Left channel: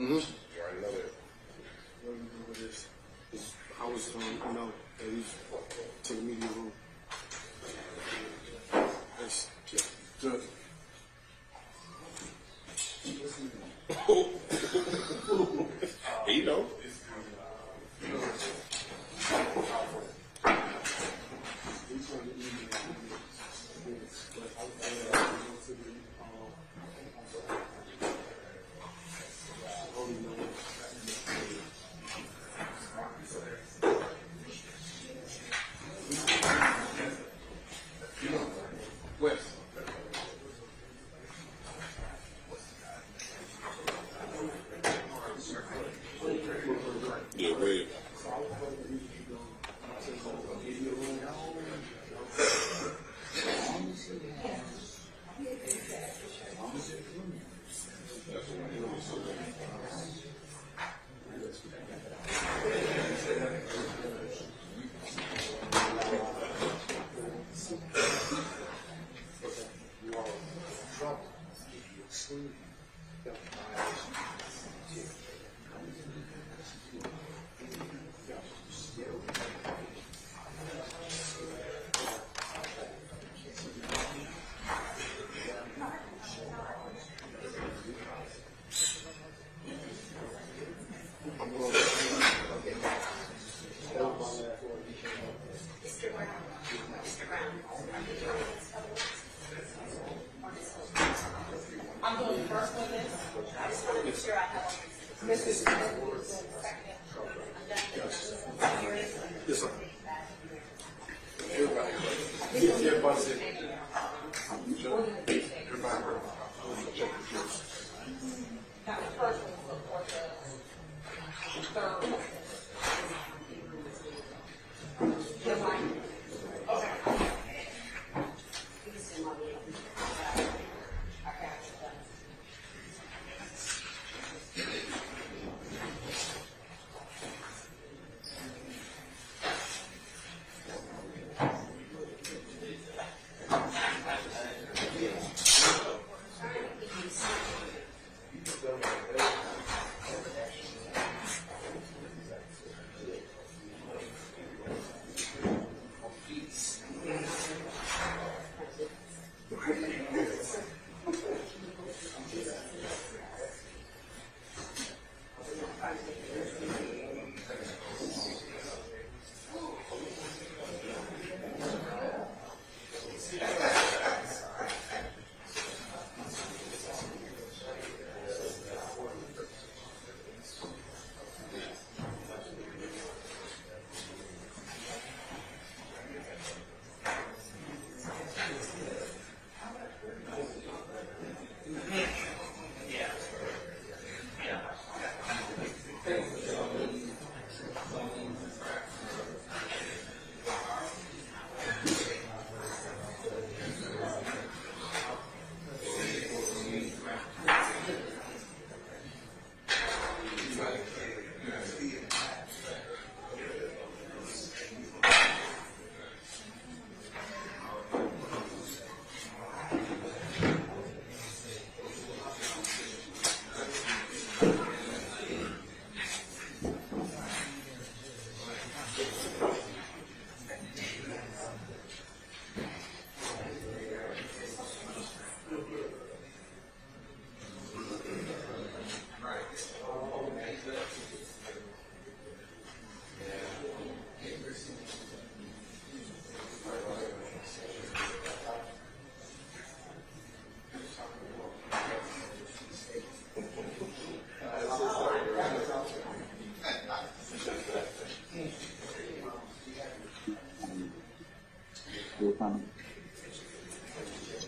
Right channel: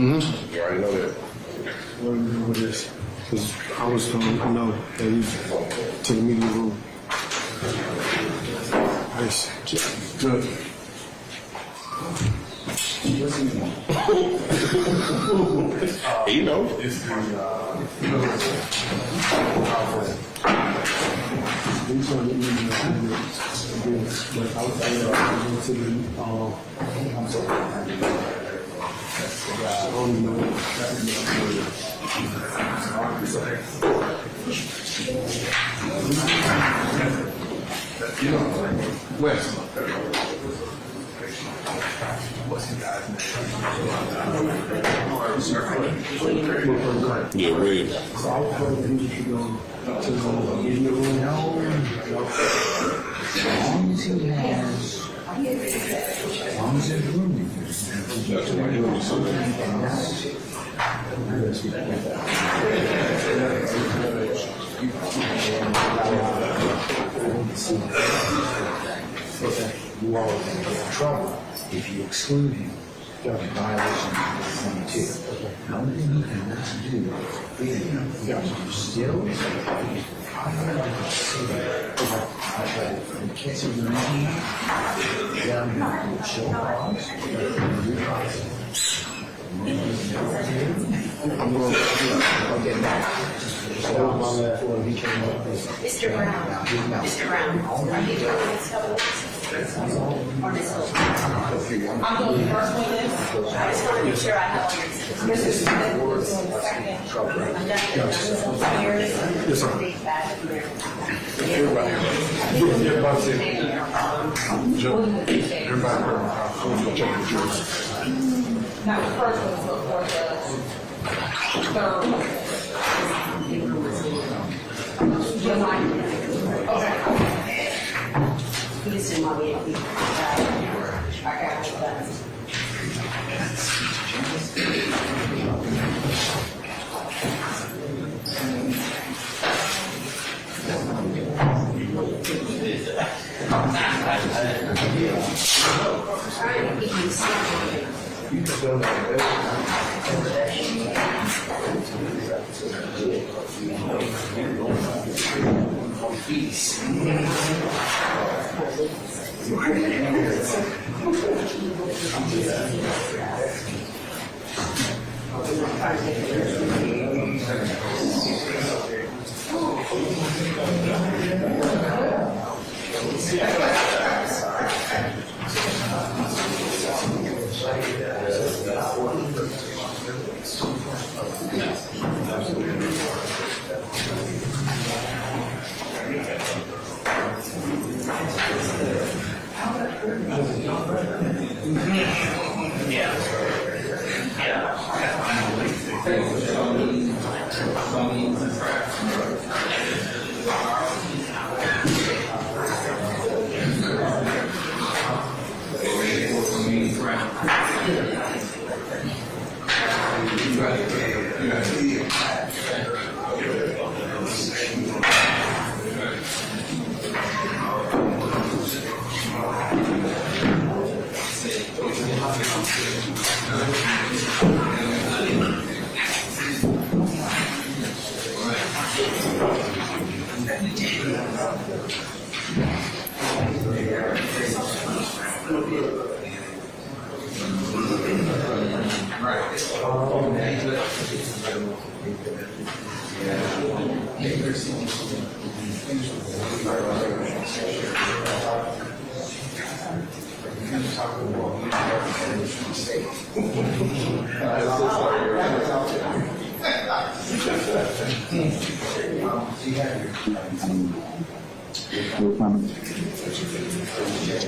Mm-hmm. You already know that. What do you know this? Because I was told, no, that he's to the media room. Nice. Good. You know. West. What's his guy's name? Yeah, Williams. So I was told that he was to go to the media room. As long as he has, as long as there's room in you all are going to get in trouble if you exclude him in violation of 22. The only thing he can do is still in case of the meeting, down to show cause, Mr. Brown, are you doing this? Or Ms. Fulton? I'm going to first one this. I just want to make sure I have all your Mr. Smith was doing the second. I'm done. Yes, sir. Everybody check the juice. Now, the first one was for the third one. Okay. He just didn't want me to be. I got it done.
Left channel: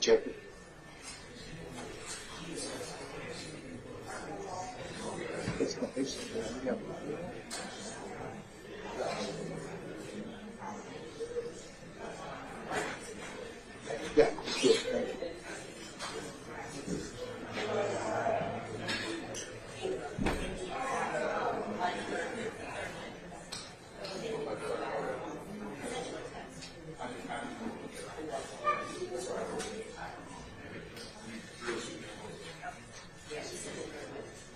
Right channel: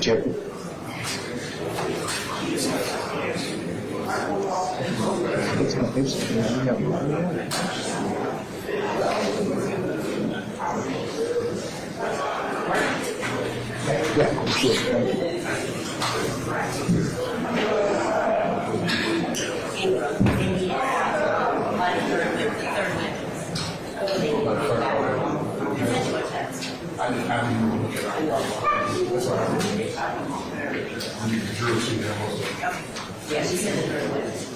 Jeffery. Yeah, she said the third witness.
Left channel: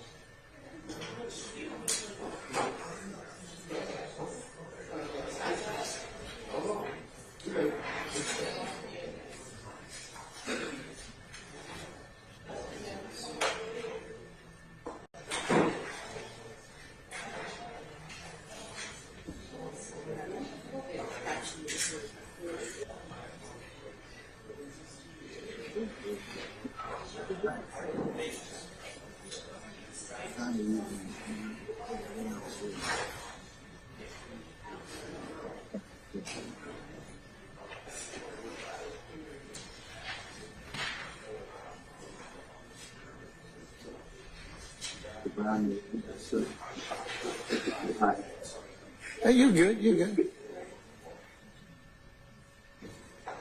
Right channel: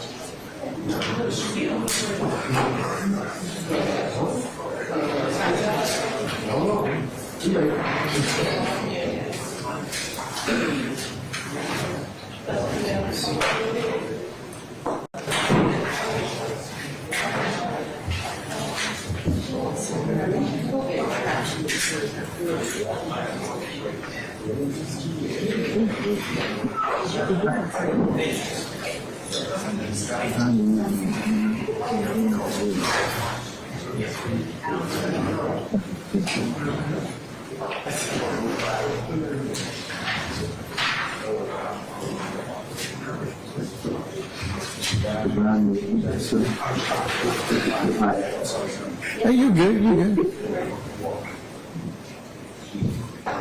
Hey, you're good, you're good.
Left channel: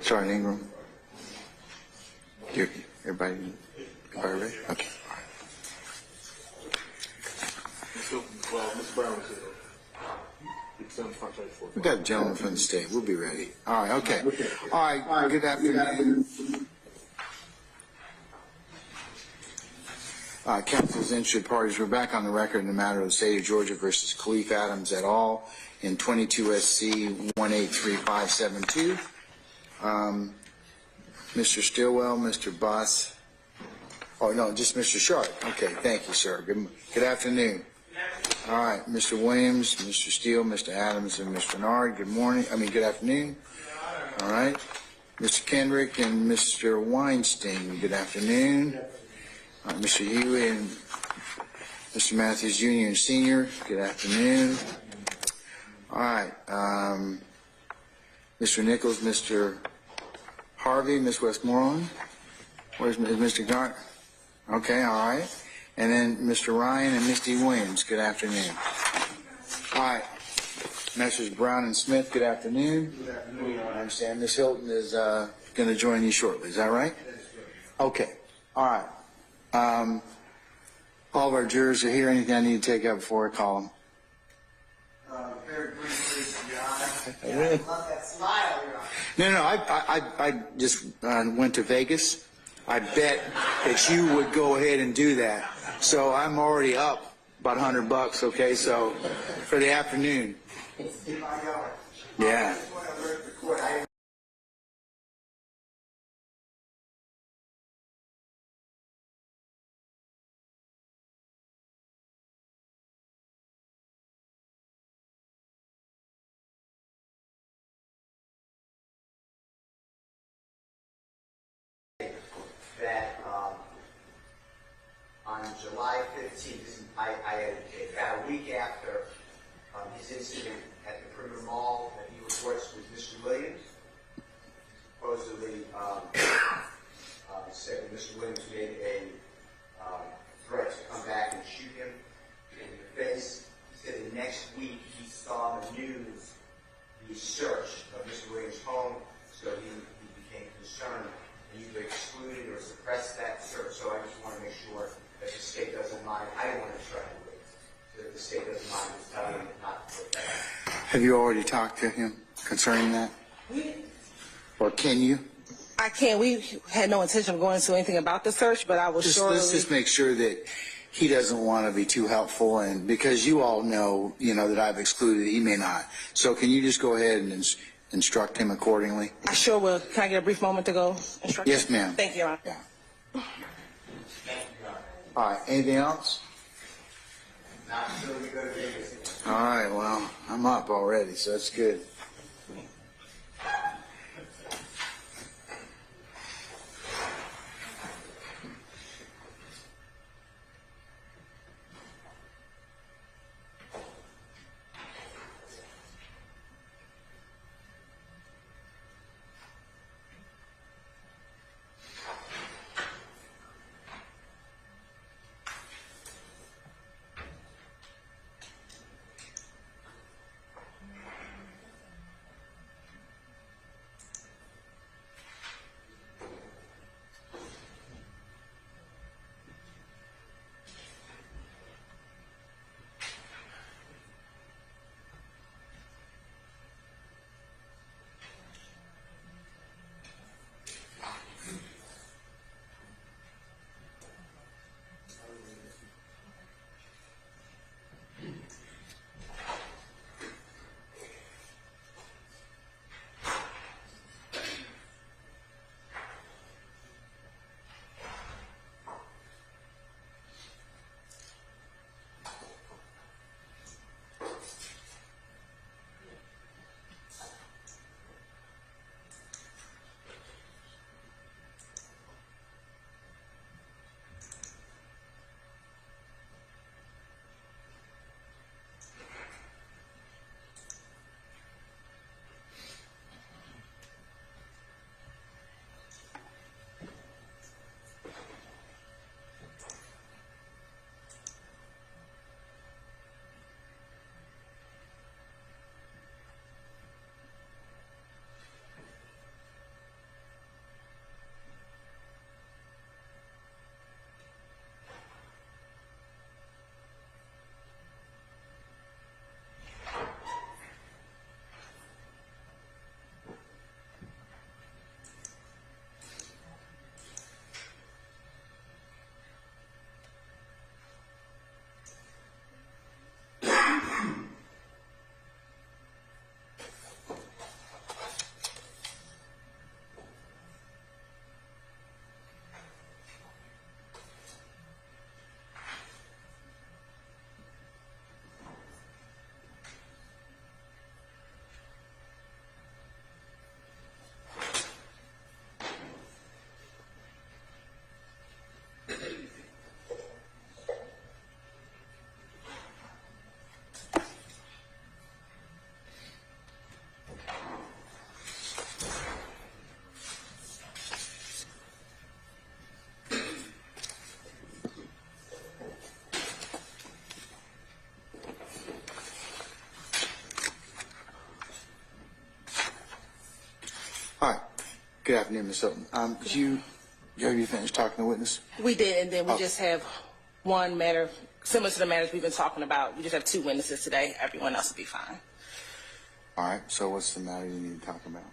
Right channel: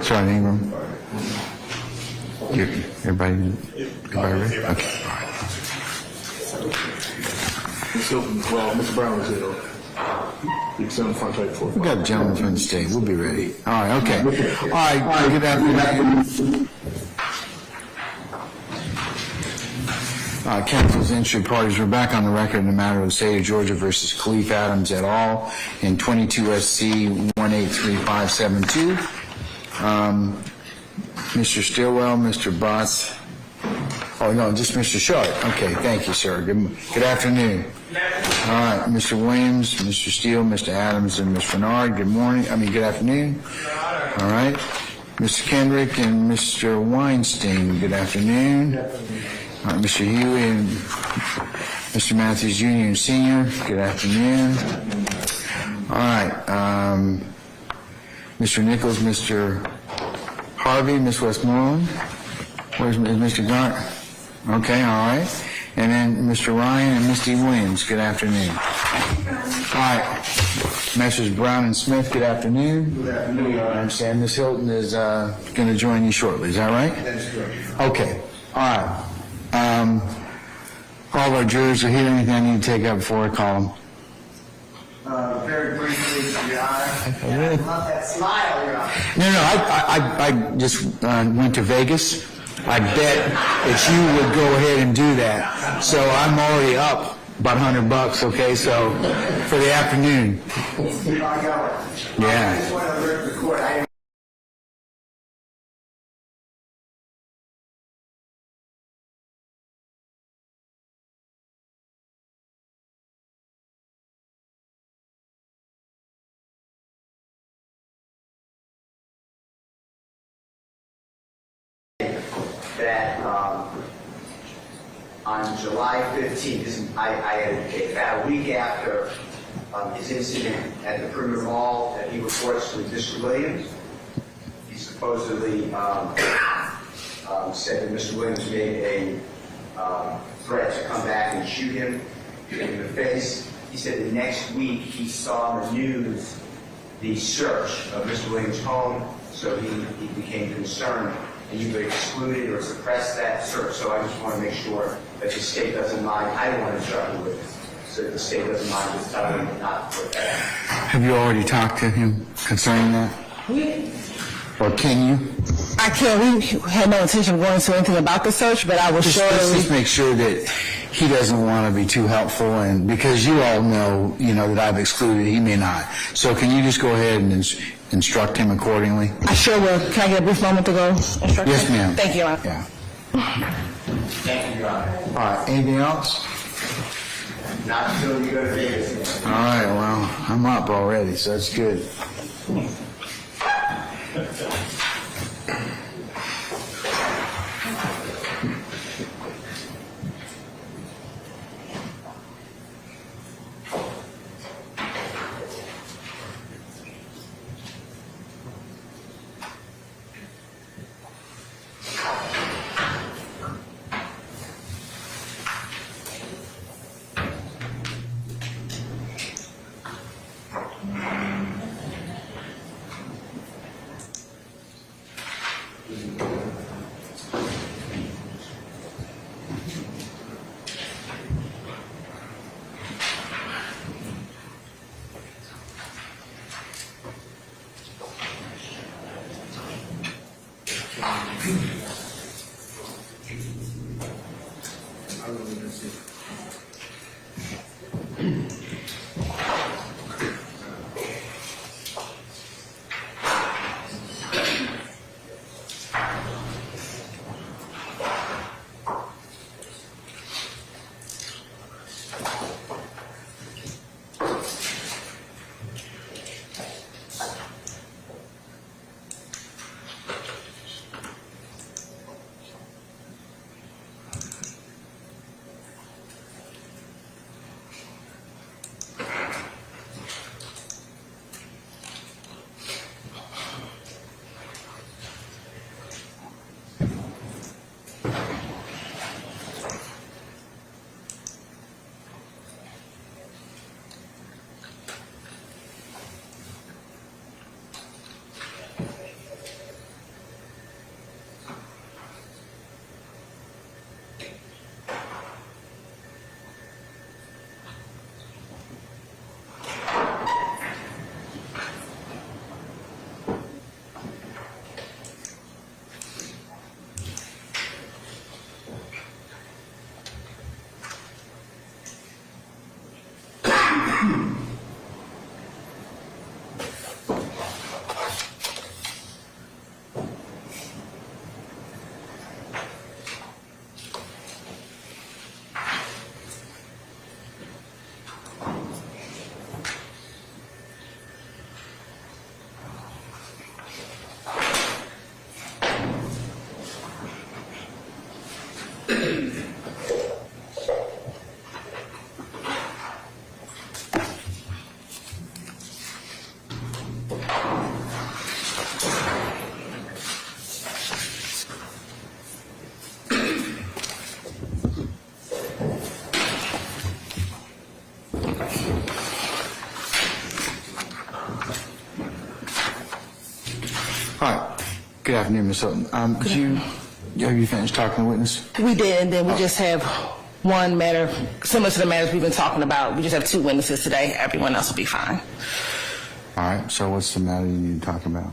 Sorry, Ingram. Everybody ready? Okay. So, well, Mr. Brown is here, though. You can sit on the front page for We got a gentleman from the state. We'll be ready. All right, okay. All right, good afternoon. Council's interested parties, we're back on the record in the matter of the state of Georgia versus Khalif Adams et al. In 22 SC 183572. Mr. Stillwell, Mr. Botts. Oh, no, just Mr. Sharp. Okay, thank you, sir. Good afternoon. All right, Mr. Williams, Mr. Steele, Mr. Adams, and Ms. Bernard, good afternoon. All right. Mr. Kendrick and Mr. Weinstein, good afternoon. All right, Mr. Huey and Mr. Matthews Jr. and Sr., good afternoon. All right, Mr. Nichols, Mr. Harvey, Ms. Westmoreland. Where's Mr. Gart? Okay, all right. And then Mr. Ryan and Misty Williams, good afternoon. All right, Messrs. Brown and Smith, good afternoon. Good afternoon. I understand Ms. Hilton is going to join you shortly, is that right? That's correct. Okay, all right. All of our jurors are here. Anything I need to take up before I call them? Very briefly, Your Honor. I love that smile, Your Honor. No, I just went to Vegas. I bet that you would go ahead and do that. So I'm already up about $100, okay? So for the afternoon. Keep on going. Yeah. I just want to alert the court. That on July 15th, I had about a week after his incident at the Perimeter Mall, that he reports to Mr. Williams. He supposedly said that Mr. Williams made a threat to come back and shoot him in the face. He said the next week he saw on the news the search of Mr. Williams' home, so he became concerned. And you would exclude it or suppress that search. So I just want to make sure that the state doesn't mind. I don't want to instruct the witness, so the state doesn't mind just telling him not to put that out. Have you already talked to him concerning that? Or can you? I can't. We had no intention of going into anything about the search, but I was sure. Let's just make sure that he doesn't want to be too helpful, and because you all know, that I've excluded, he may not. So can you just go ahead and instruct him accordingly? I sure will. Can I get a brief moment to go instruct Yes, him? ma'am. Thank you, Your Honor. Yeah. Thank you, Your Honor. All right. Anything else? Not until you go to Vegas. All right. Well, I'm up already, so that's good. All right. Good afternoon, Ms. Hilton. Have you finished talking to the witness? We did, and then we just have one matter, similar to the matters we've been talking about. We just have 2 witnesses today. Everyone else will be fine. All right. So what's the matter you need to talk about?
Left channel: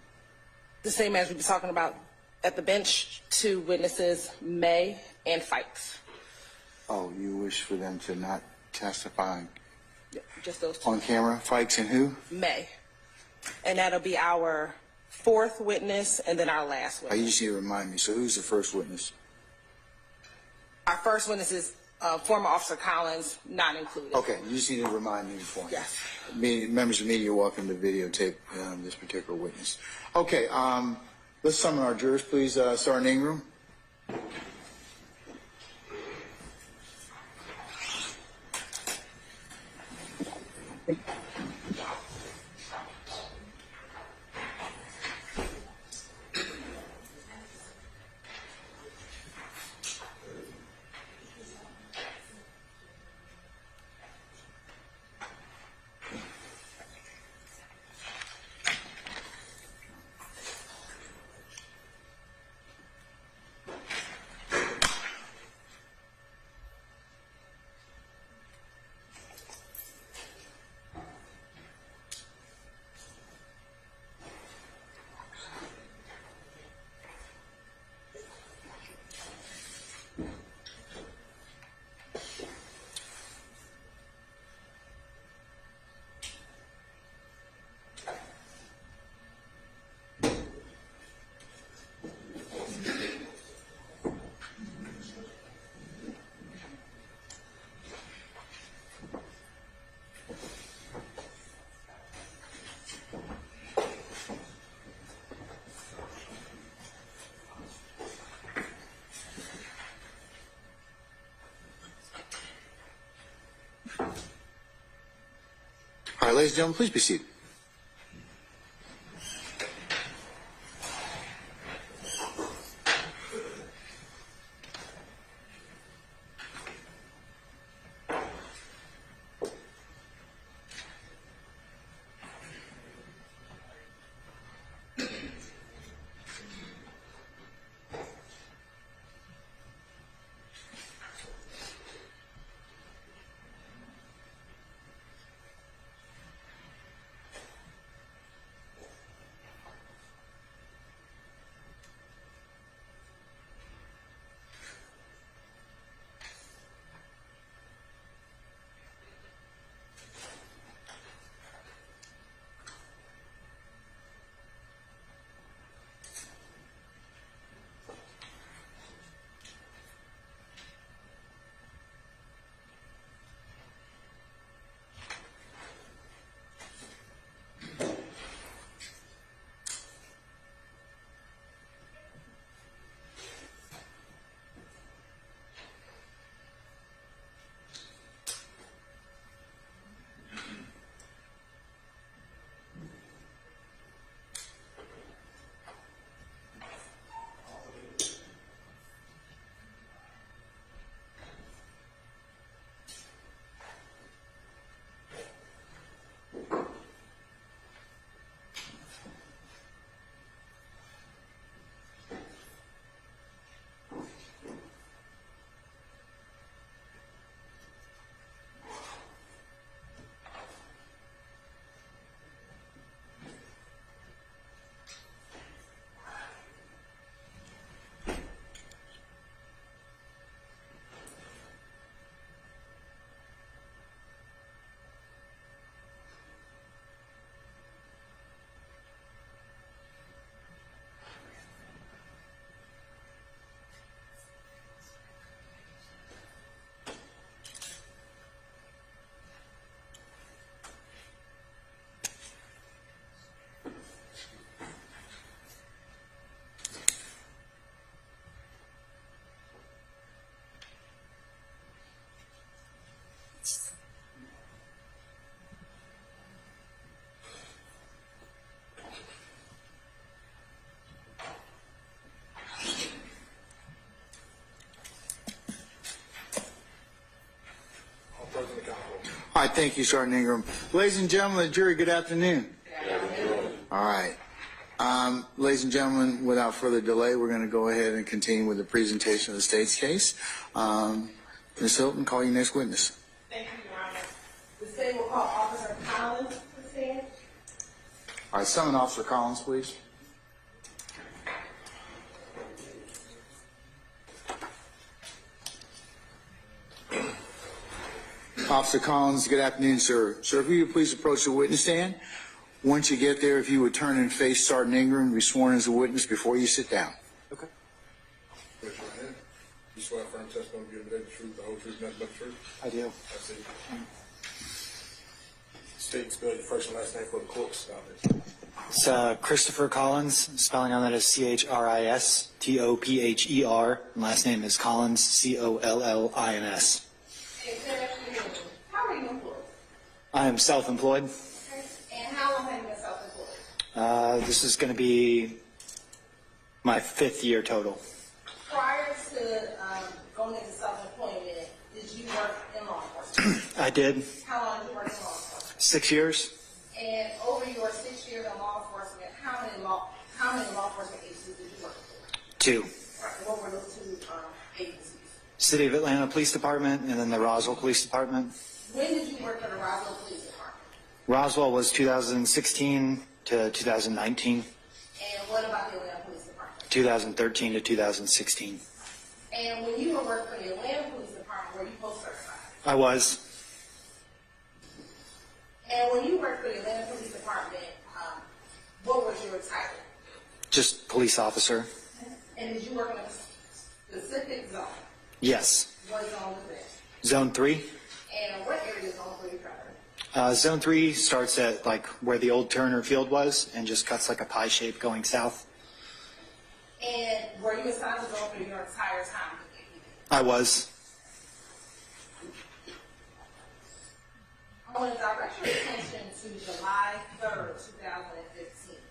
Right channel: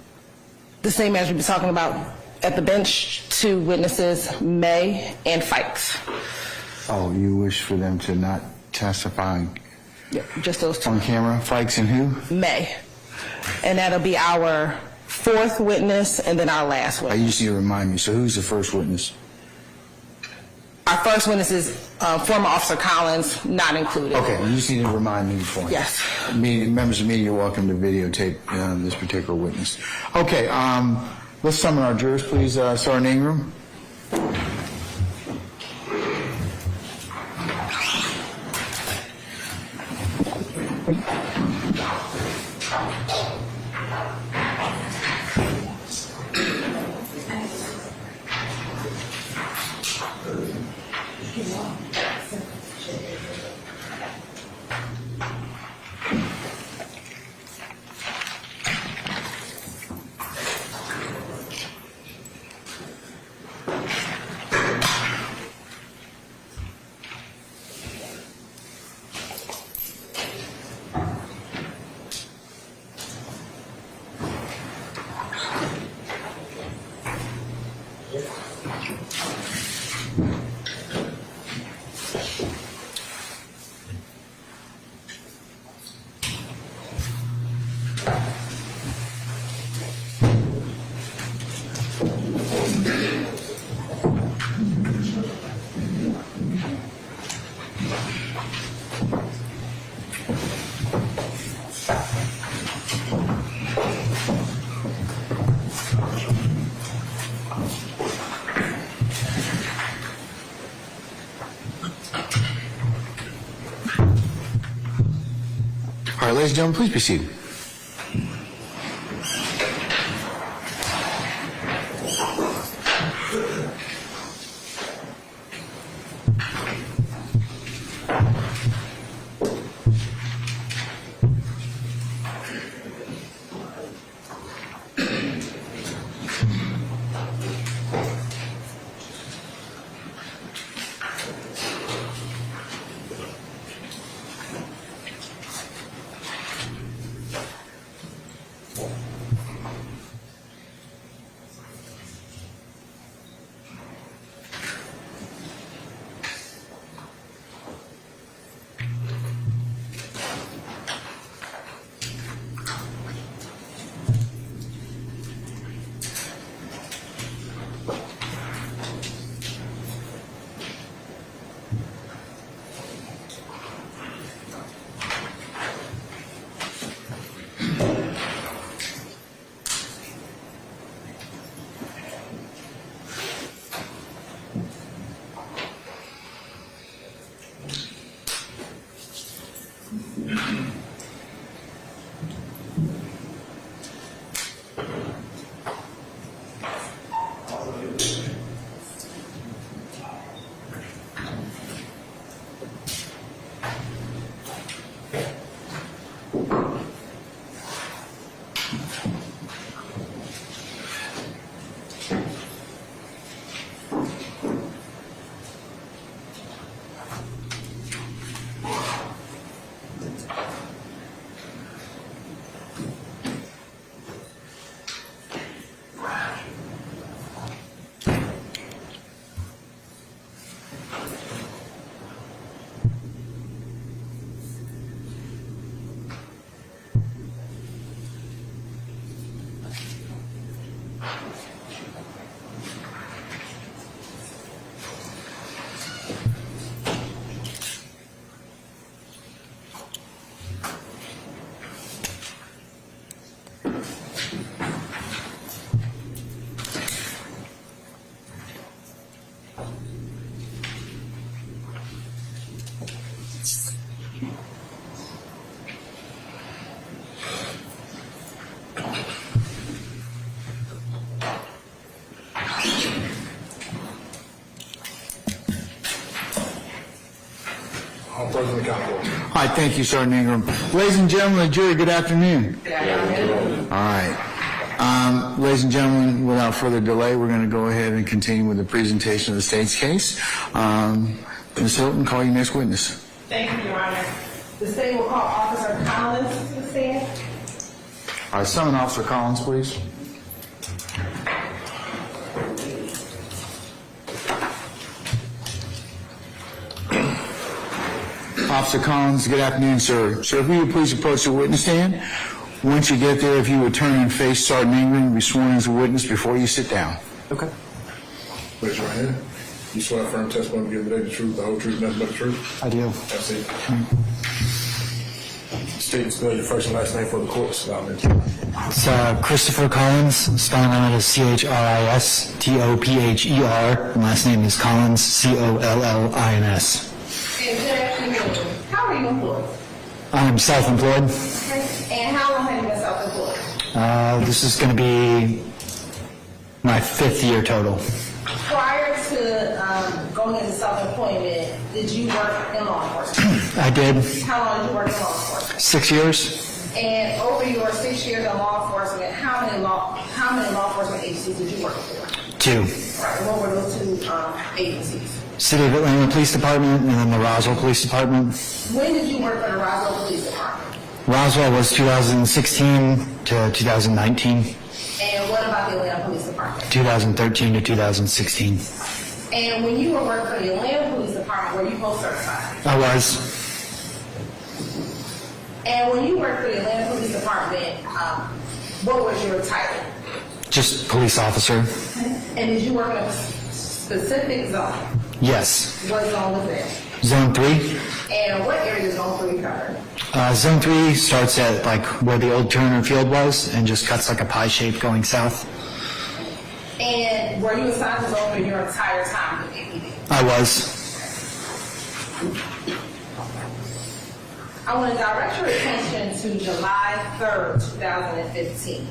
The same matters we've been talking about at the bench, 2 witnesses, May and Fikes. Oh, you wish for them to not testify Yep, just those 2. on camera? Fikes and who? May. And that'll be our 4th witness and then our last You witness. just need to remind me. So who's the first witness? Our first witness is former Officer Collins, not included. Okay, you just need to remind me before. Yes. Members of the media are welcome to videotape this particular witness. Okay, let's summon our jurors, please. Start in the room. All right, ladies and gentlemen, please be seated. President Council. All right, thank you, Sergeant Ingram. Ladies and gentlemen of the jury, good afternoon. Good afternoon. All right. Ladies and gentlemen, without further delay, we're going to go ahead and continue with the presentation of the state's case. Ms. Hilton, call your next witness. Thank you, Your Honor. The state will call Officer Collins to the stand. All right, summon Officer Collins, please. Officer Collins, good afternoon, sir. Sir, if you would please approach the witness stand. Once you get there, if you would turn and face Sergeant Ingram and be sworn as a witness before you sit down. Okay. Raise your right hand. You swear firm testimony to give today the truth, the whole truth, nothing but the truth? I do. That's it. State and spell your first and last name for the court. It's Christopher Collins, spelling on it is Christopher, and last name is Collins, Collins. And good afternoon. How are you employed? I'm self-employed. And how long have you been self-employed? This is going to be my 5th year total. Prior to going into self-employment, did you work in law enforcement? I did. How long did you work in law enforcement? 6 years. And over your 6 years in law enforcement, how many law enforcement agencies did you work for? 2. Right. What were those 2 agencies? City of Atlanta Police Department and then the Roswell Police Department. When did you work for the Roswell Police Department? Roswell was 2016 to 2019. And what about the Atlanta Police Department? 2013 to 2016. And when you were working for the Atlanta Police Department, were you post-certified? I was. And when you worked for the Atlanta Police Department, what was your title? Just police officer. And did you work in a specific zone? Yes. What zone was that? Zone 3. And what area is Zone 3 covered? Zone 3 starts at like where the old Turner Field was and just cuts like a pie shape going south. And were you assigned to Zone 3 your entire time with APD? I was. I want to direct your attention to July 3rd, 2015.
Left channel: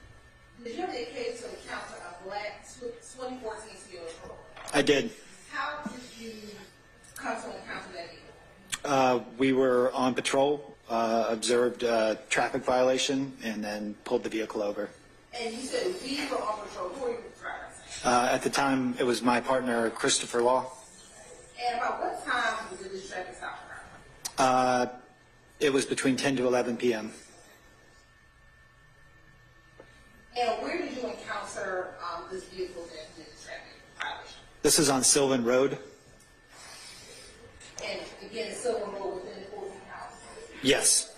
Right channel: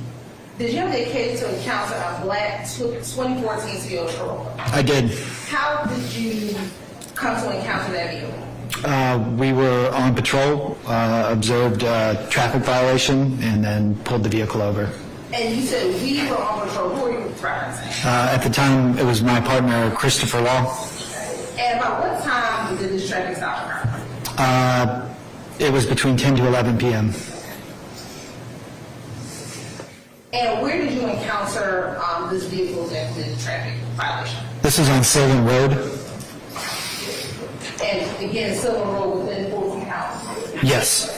Did you have the occasion to encounter a black 2014 Toyota Corolla? I did. How did you come to encounter that vehicle? We were on patrol, observed a traffic violation, and then pulled the vehicle over. And you said we were on patrol. Who are you referencing? At the time, it was my partner, Christopher Law. And about what time did this traffic stop occur? It was between 10 to 11 p.m. And where did you encounter this vehicle that did the traffic violation? This is on Sylvan Road. And again, Silver Road within Fulton County. Yes.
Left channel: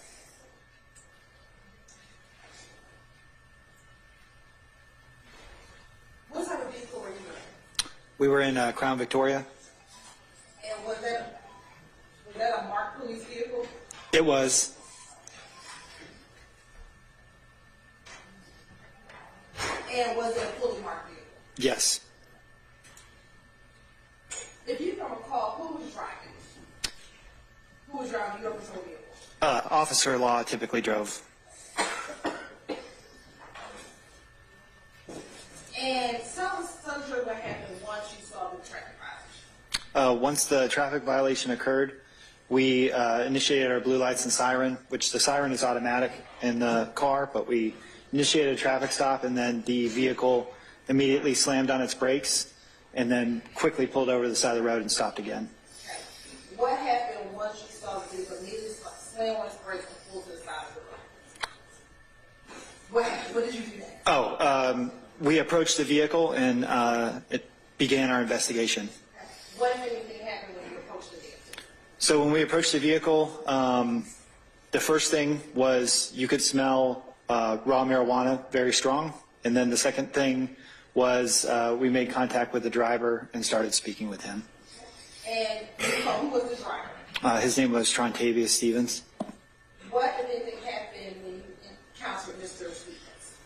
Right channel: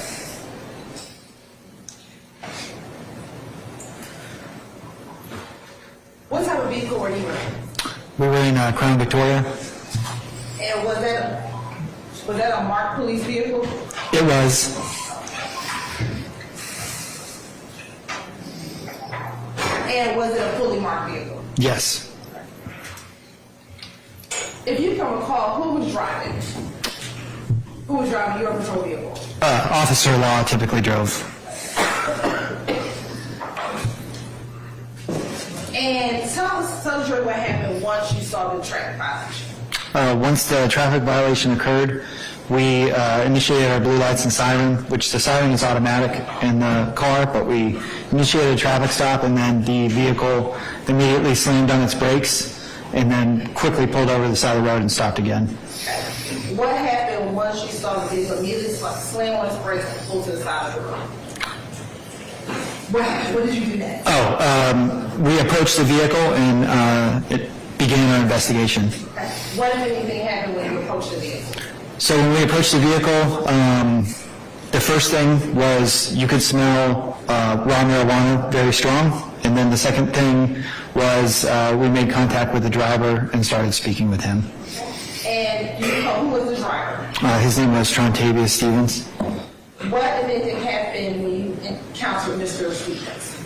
What type of vehicle were you in? We were in Crown Victoria. And was that a marked police vehicle? It was. And was it a fully marked vehicle? Yes. If you can recall, who was driving? Who was driving your patrol vehicle? Officer Law typically drove. And tell the jury what happened once you saw the traffic violation. Once the traffic violation occurred, we initiated our blue lights and siren, which the siren is automatic in the car, but we initiated a traffic stop, and then the vehicle immediately slammed on its brakes and then quickly pulled over to the side of the road and stopped again. What happened once you saw the vehicle immediately slam on its brakes and pull to the side of the road? What happened? What did you do next? We approached the vehicle and it began our investigation. What, if anything, happened when you approached the vehicle? So when we approached the vehicle, the first thing was you could smell raw marijuana very strong. And then the second thing was we made contact with the driver and started speaking with him. And you know who was the driver? His name was Trontavious Stevens. What, if anything, happened when you encountered Mr. Stevens?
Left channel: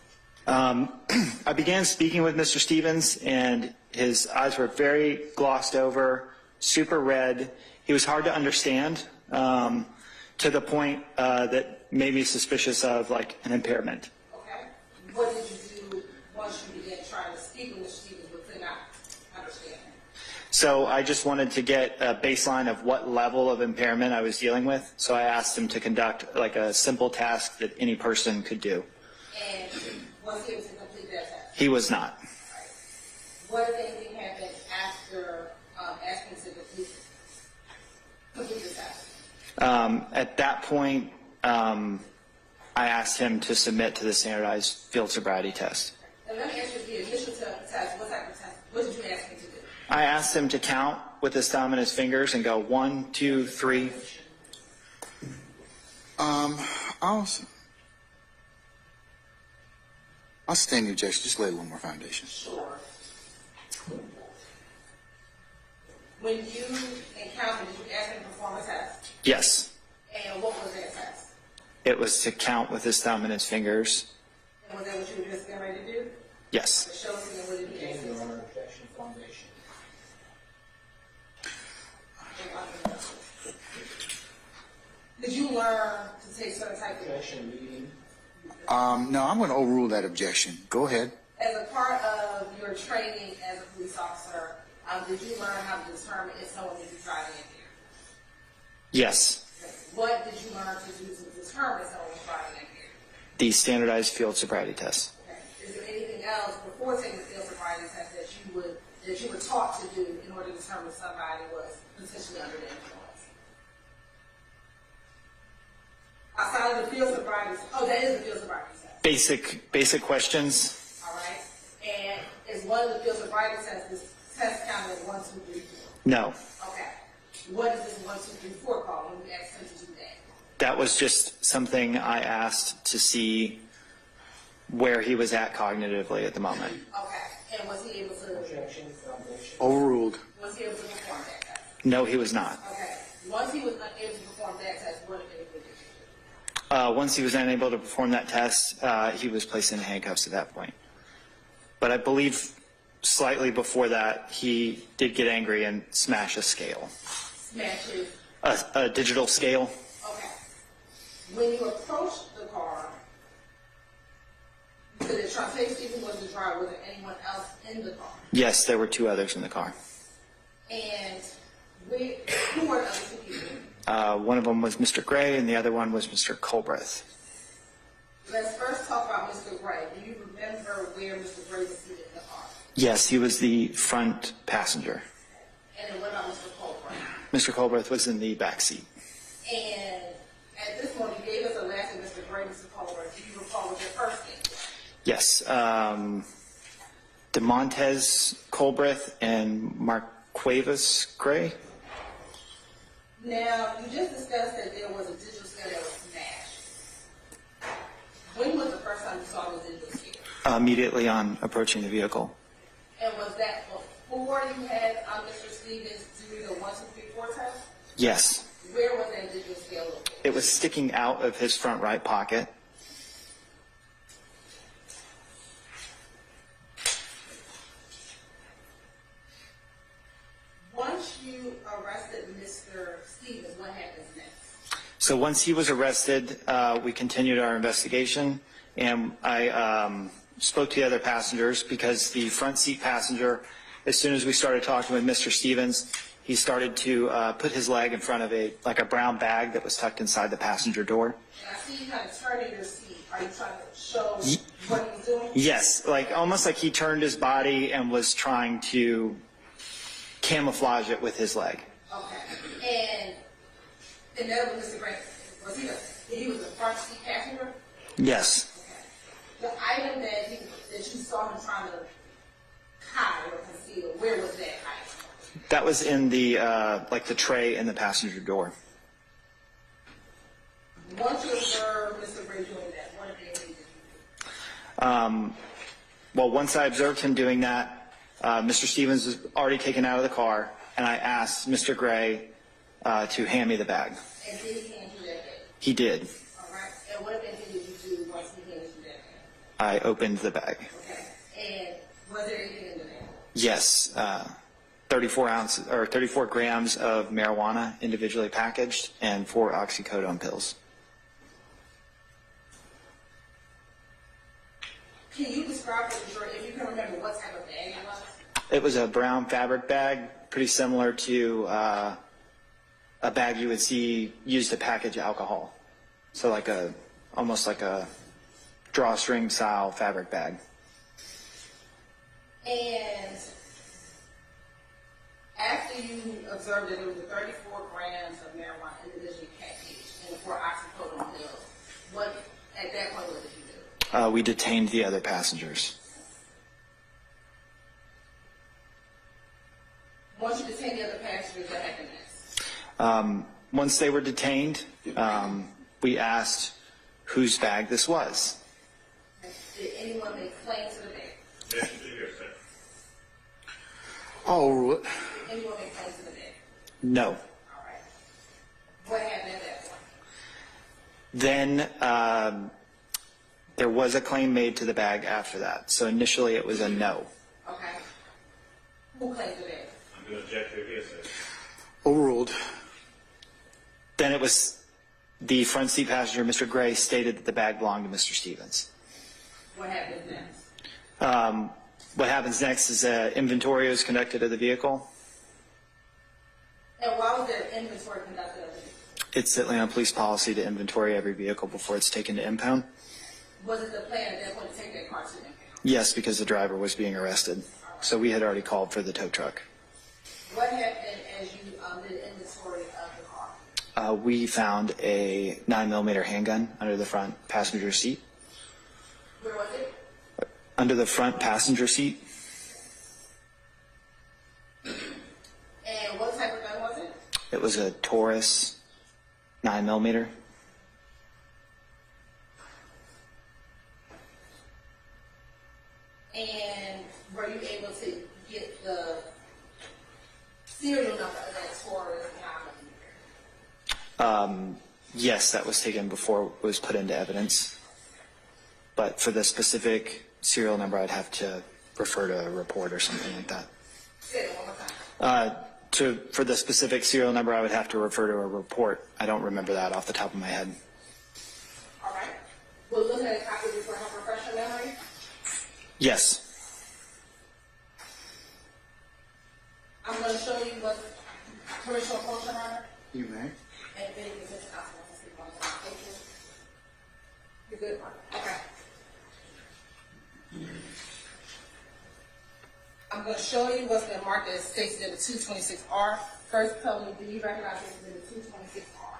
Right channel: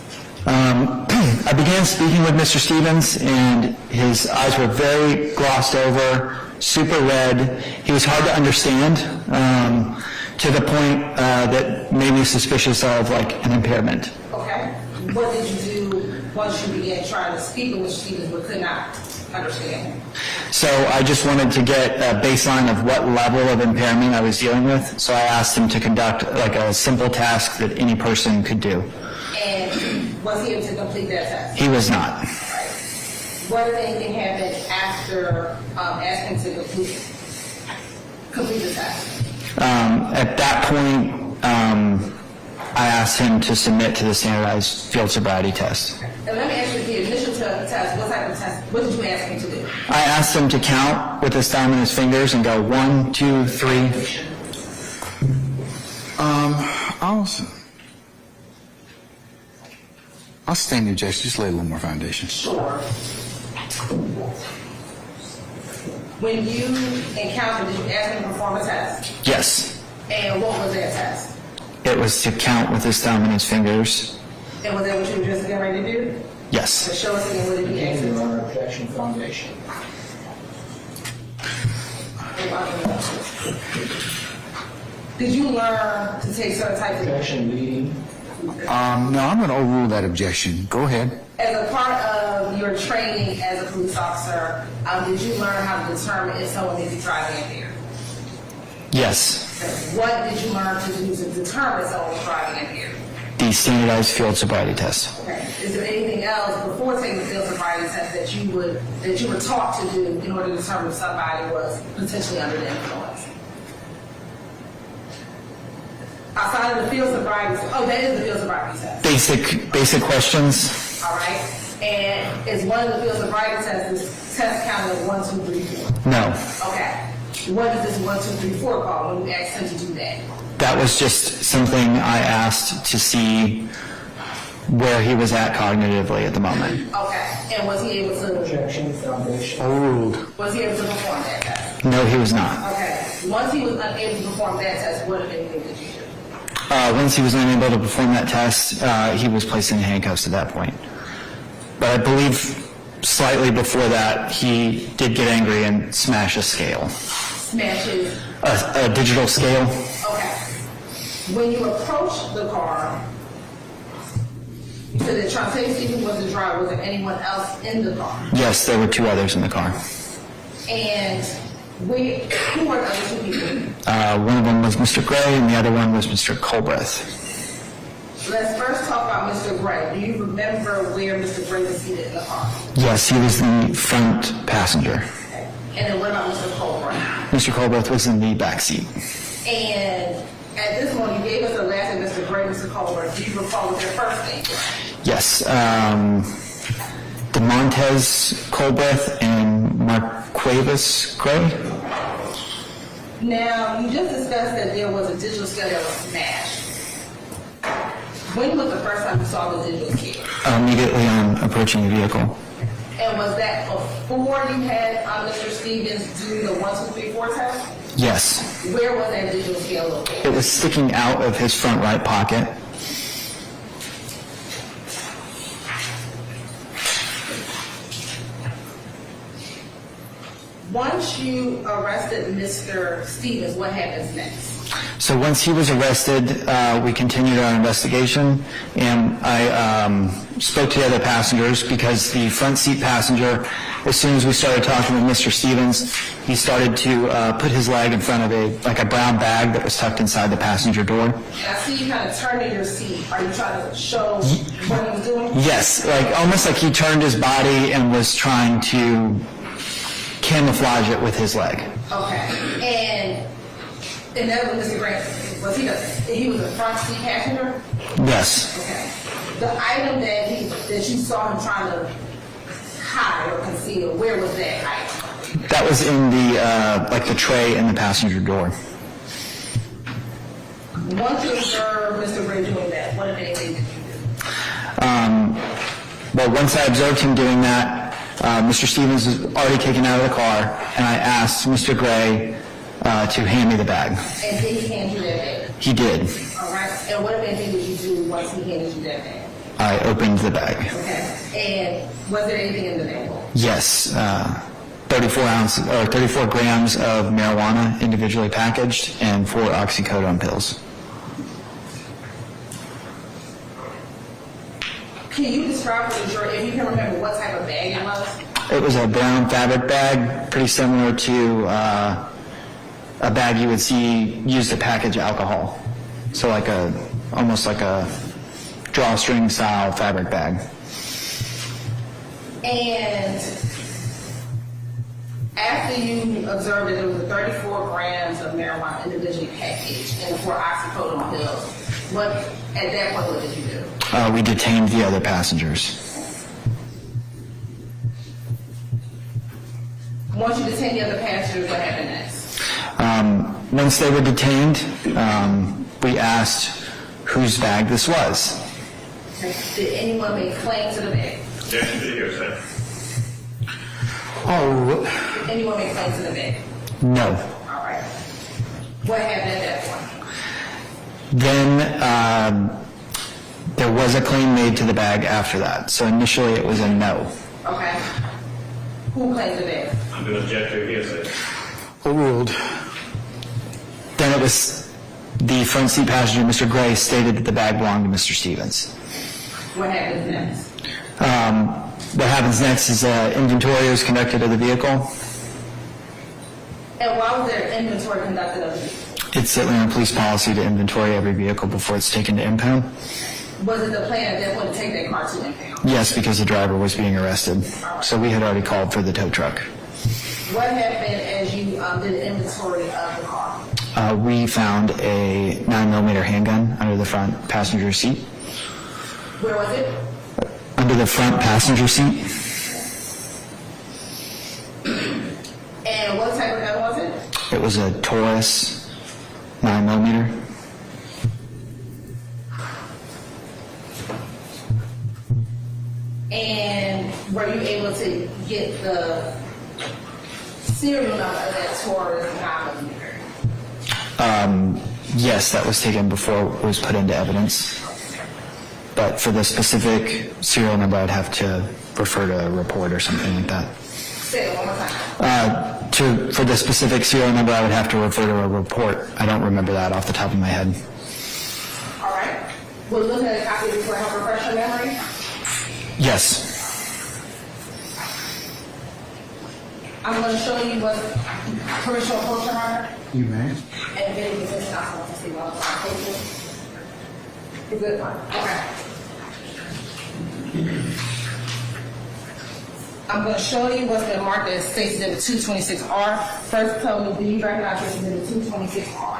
I began speaking with Mr. Stevens, and his eyes were very glossed over, super red. He was hard to understand, to the point that made me suspicious of like an impairment. Okay. What did you do once you began trying to speak with Mr. Stevens but could not? understanding? So I just wanted to get a baseline of what level of impairment I was dealing with. So I asked him to conduct like a simple task that any person could do. And was he able to complete that test? He was not. Right. What if anything happened after asking to complete the test? At that point, I asked him to submit to the standardized field sobriety test. And let me ask you, the initial test, what type of test, what did you ask him to do? I asked him to count with his thumb and his fingers and go 1, 2, 3. I'll stand the objection. Just lay a little more foundation. Sure. When you encountered, did you ask him to perform a test? Yes. And what was that test? It was to count with his thumb and his fingers. And was that what you were just getting ready to do? Yes. So show us again what did he ask you? Your Honor, objection foundation. Did you learn to take certain types of... Objection leading. No, I'm going to overrule that objection. Go ahead. As a part of your training as a police officer, did you learn how to determine if someone is driving impaired? Yes. What did you learn to do to determine if someone was driving impaired? The standardized field sobriety test. Okay. Is there anything else before taking the field sobriety test that you were taught to do in order to determine if somebody was potentially under the influence? Outside of the field sobriety, that is the field sobriety test. Basic questions. All right. And is one of the field sobriety tests test counted 1, 2, 3, 4? No. Okay. What is this 1, 2, 3, 4 called when you asked him to do that? That was just something I asked to see where he was at cognitively at the moment. Okay. And was he able to? Objection foundation. Overruled. Was he able to perform that test? No, he was not. Okay. Once he was unable to perform that test, what if anything did you do? Once he was unable to perform that test, he was placed in handcuffs at that point. But I believe slightly before that, he did get angry and smash a scale. Smashes. A digital scale. Okay. When you approached the car, you said that Trante Stephen was the driver. Was there anyone else in the car? Yes, there were 2 others in the car. And who were the other 2 people? One of them was Mr. Gray, and the other one was Mr. Colbreth. Let's first talk about Mr. Gray. Do you remember where Mr. Gray was seated in the car? Yes, he was the front passenger. Okay. And then what about Mr. Colbert? Mr. Colbreth was in the back seat. And at this moment, you gave us the last name, Mr. Gray, Mr. Colbert. Do you recall what their first name was? Yes, DeMontez Colbreth and Marquavis Gray. Now, you just discussed that there was a digital scale that was smashed. When was the first time you saw the digital scale? Immediately on approaching the vehicle. And was that before you had Mr. Stevens do the 1, 2, 3, 4 test? Yes. Where was that digital scale located? It was sticking out of his front right pocket. Once you arrested Mr. Stevens, what happens next? So once he was arrested, we continued our investigation, and I spoke to the other passengers because the front seat passenger, as soon as we started talking with Mr. Stevens, he started to put his leg in front of a brown bag that was tucked inside the passenger door. And I see you kind of turn in your seat. Are you trying to show what he was doing? Yes, almost like he turned his body and was trying to camouflage it with his leg. Okay. And that was Mr. Grant. He was a front seat passenger? Yes. Okay. The item that you saw him trying to hide or conceal, where was that item? That was in the tray in the passenger door. Once you observed Mr. Gray doing that, what if anything did you do? Well, once I observed him doing that, Mr. Stevens was already taken out of the car, and I asked Mr. Gray to hand me the bag. And did he hand you that bag? He did. All right. And what if anything did you do once he handed you that bag? I opened the bag. Okay. And was there anything in the bag? Yes, 34 grams of marijuana individually packaged and 4 oxycodone pills. Can you describe to the jury, if you can remember, what type of bag it was? It was a brown fabric bag, pretty similar to a bag you would see used to package alcohol. So almost like a drawstring style fabric bag. And after you observed that there was 34 grams of marijuana individually packaged and the 4 oxycodone pills, at that point, what did you do? We detained the other passengers. Once you detained the other passengers, what happened next? Once they were detained, we asked whose bag this was. Did anyone make claim to the bag? Yes, you did hear, sir. Oh, Did anyone make claim to the bag? no. All right. What happened at that point? Then there was a claim made to the bag after that. So initially it was a no. Okay. Who claimed the bag? I'm going to object to your hearsay. Overruled. Then it was the front seat passenger, Mr. Gray, stated that the bag belonged to Mr. Stevens. What happens next? What happens next is inventory was conducted of the vehicle. And why was there inventory conducted of it? It's certainly our police policy to inventory every vehicle before it's taken to impound. Was it the plan at that point to take that car to impound? Yes, because the driver was being arrested. So we had already called for the tow truck. What happened as you did an inventory of the car? We found a 9mm handgun under the front passenger seat. Where was it? Under the front passenger seat. And what type of gun was it? It was a Taurus 9mm. And were you able to get the serial number of that Taurus 9mm? Yes, that was taken before it was put into evidence. But for the specific serial number, I'd have to refer to a report or something like that. Say it one more time. For the specific serial number, I would have to refer to a report. I don't remember that off the top of my head. All right. We're looking at a copy of this for help refresh your memory. Yes. I'm going to show you what permission to approach your honor. You may. And if any defense counsel wants to see what I'm taking. Is it fine? Okay. I'm going to show you what's been marked as State's Exhibit 226R. First, tell me, do you recognize this Exhibit 226R?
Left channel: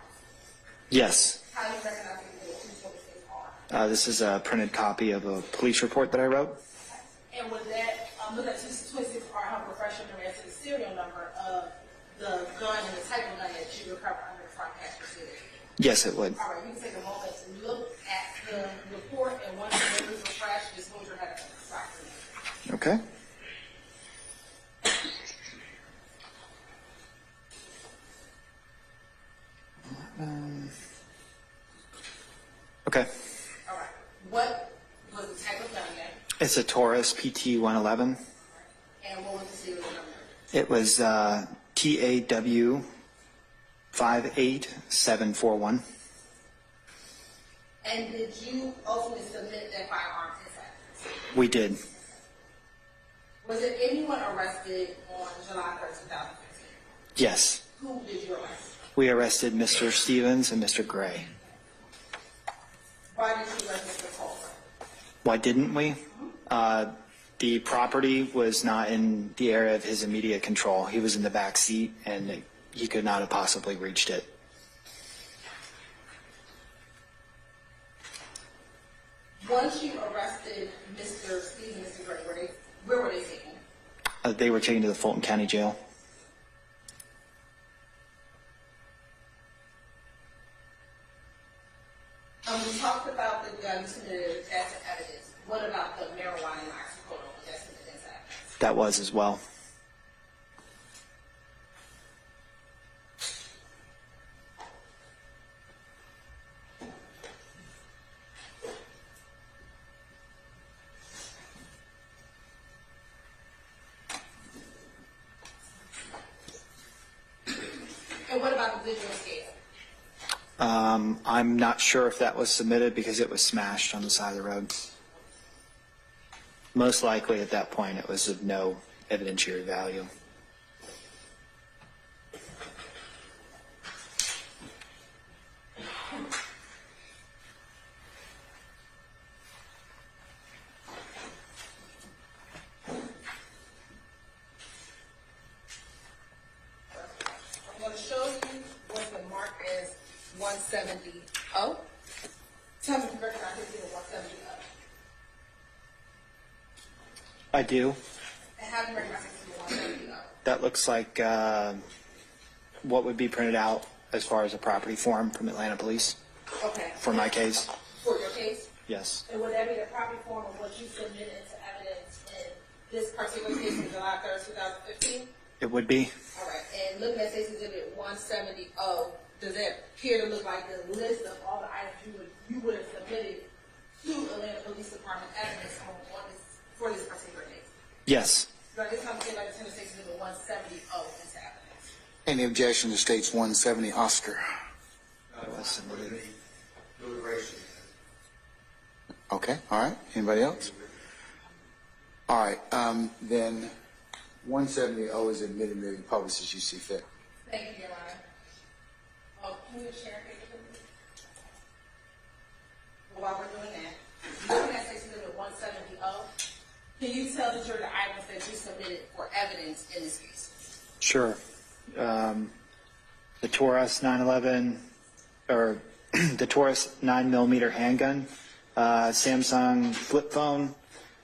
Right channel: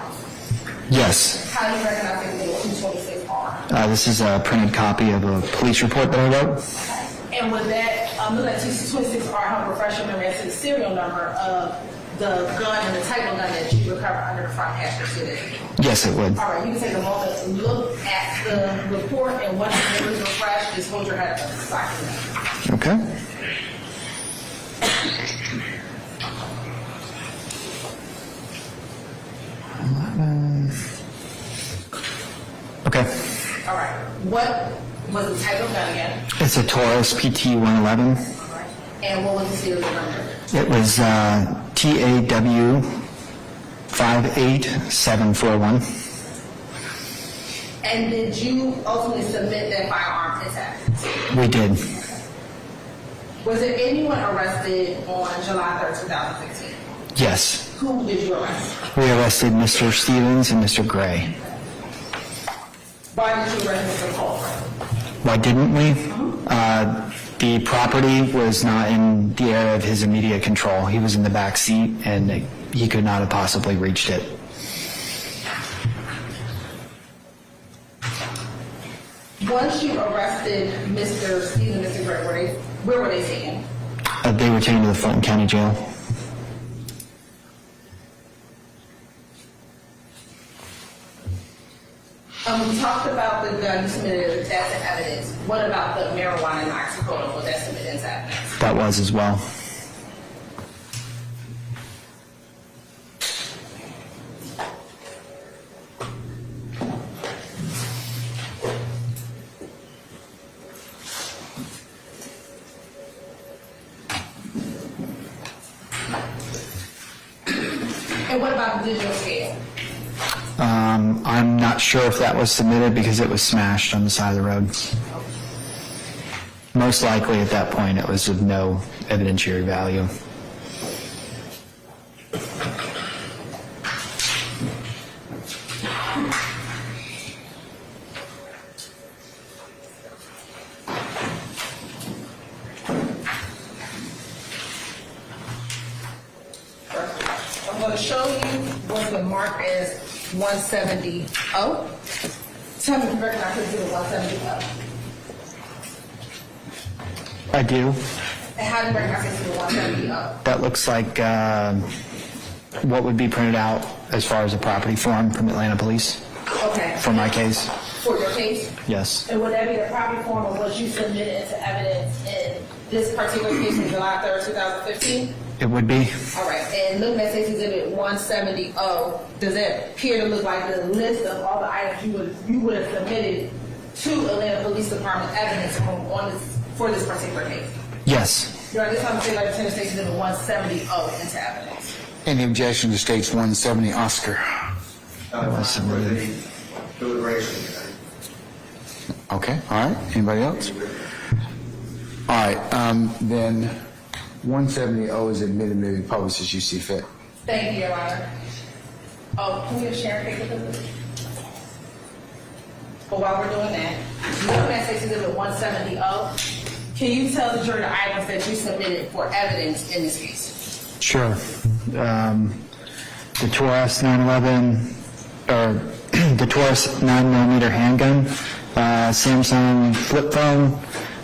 Yes. How do you recognize this Exhibit 226R? This is a printed copy of a police report that I wrote. And with that, look at 226R, help refresh your memory as to the serial number of the gun and the type of gun that you recovered under the front passenger seat. Yes, it would. All right, you can take a moment to look at the report, and once the memory is refreshed, just hold your head up to the side. Okay. Okay. All right, what was the type of gun again? It's a Taurus PT 111. All right. And what was the serial number? It was TAW 58741. And did you ultimately submit that firearm intact? We did. Was there anyone arrested on July 3rd, 2016? Yes. Who did you arrest? We arrested Mr. Stevens and Mr. Gray. Why did you arrest Mr. Culver? Why didn't we? The property was not in the area of his immediate control. He was in the back seat, and he could not have possibly reached it. Once you arrested Mr. Stevens and Mr. Gray, where were they taken? They were taken to the Fulton County Jail. We talked about the gun you submitted as evidence. What about the marijuana and oxycodone? Was that submitted as evidence? That was as well. And what about the digital scale? I'm not sure if that was submitted because it was smashed on the side of the road. Most likely at that point, it was of no evidentiary value. I'm going to show you what's been marked as 170-0. Tell me if you recognize this as 170-0. I do. And how do you recognize this as 170-0? That looks like what would be printed out as far as a property form from Atlanta Police Okay. for my case. For your case? Yes. And would that be the property form of what you submitted into evidence in this particular case on July 3rd, 2015? It would be. All right, and looking at State's Exhibit 170-0, does it appear to look like the list of all the items you would have submitted to Atlanta Police Department evidence for this particular case? Yes. During this time, say like State's Exhibit 170-0 into evidence. Any objection to State's 170, Oscar? For the deliberation. Okay, all right. Anybody else? All right, then 170 is admitted, may be published as you see fit. Thank you, Your Honor. Oh, can we have Sharon take a look? But while we're doing that, looking at State's Exhibit 170-0, can you tell the jury the items that you submitted for evidence in this case? Sure. The Taurus 911, or the Taurus 9mm handgun, Samsung flip phone,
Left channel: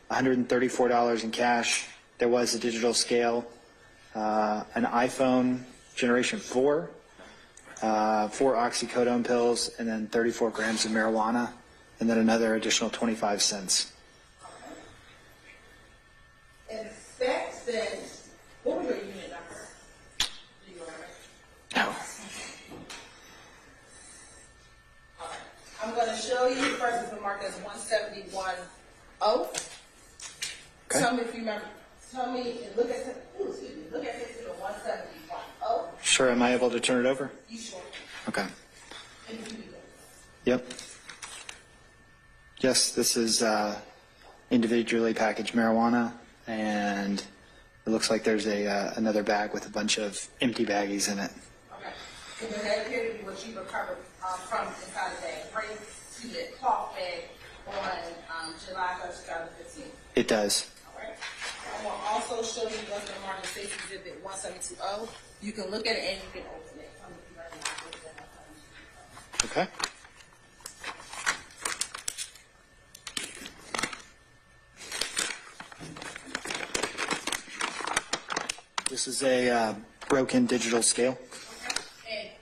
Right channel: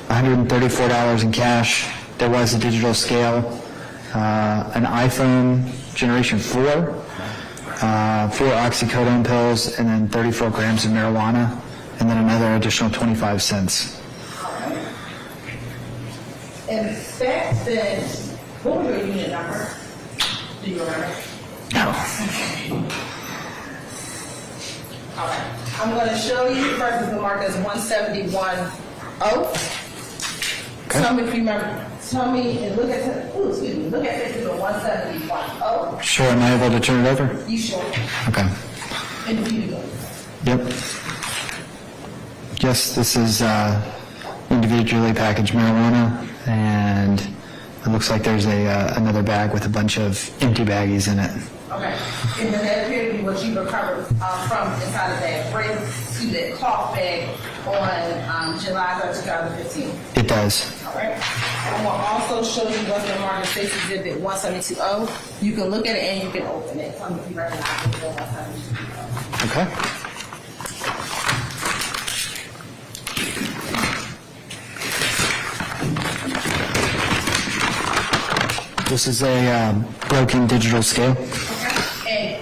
$134 in cash. There was a digital scale, an iPhone Generation 4, 4 oxycodone pills, and then 34 grams of marijuana, and then another additional 25 cents. In fact, then, what was your unit number? Do you remember? No. All right. I'm going to show you first is the mark as 171-0. Tell me if you remember. Tell me and look at look at this is a 171-0. Sure, am I able to turn it over? You sure? Okay. And if you do. Yep. Yes, this is individually packaged marijuana, and it looks like there's another bag with a bunch of empty baggies in it. Okay. And then that appeared to be what you recovered from inside of that red suited cloth bag on July 3rd, 2015. It does. All right. I will also show you what's been marked in State's Exhibit 172-0. You can look at it and you can open it. Tell me if you recognize it as 172-0. Okay. This is a broken digital scale. And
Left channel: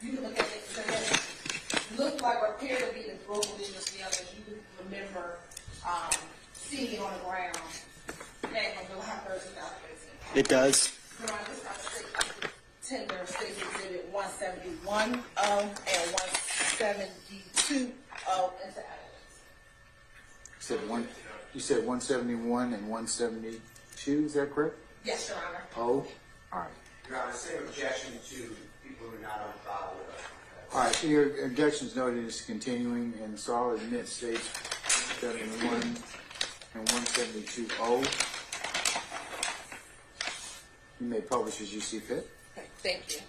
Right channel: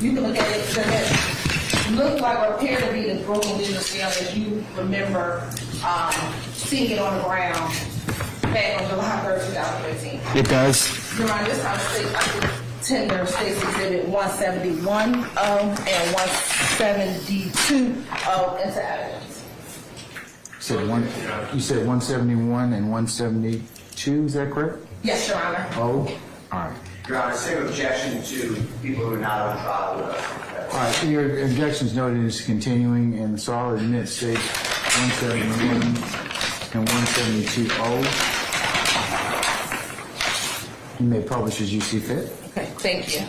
you can look at it. Does it look like or appear to be the broken digital scale as you remember seeing it on the ground back on July 3rd, 2015? It does. Your Honor, this time tender State's Exhibit 171-0 and 172-0 into evidence. You said 171 and 172, is that correct? Yes, Your Honor. Oh, all right. Your Honor, same objection to people who are not on trial with us. All right, so your objection's noted is continuing, and so I'll admit States 171 and 172-0. You may publish as you see fit. Okay, thank you.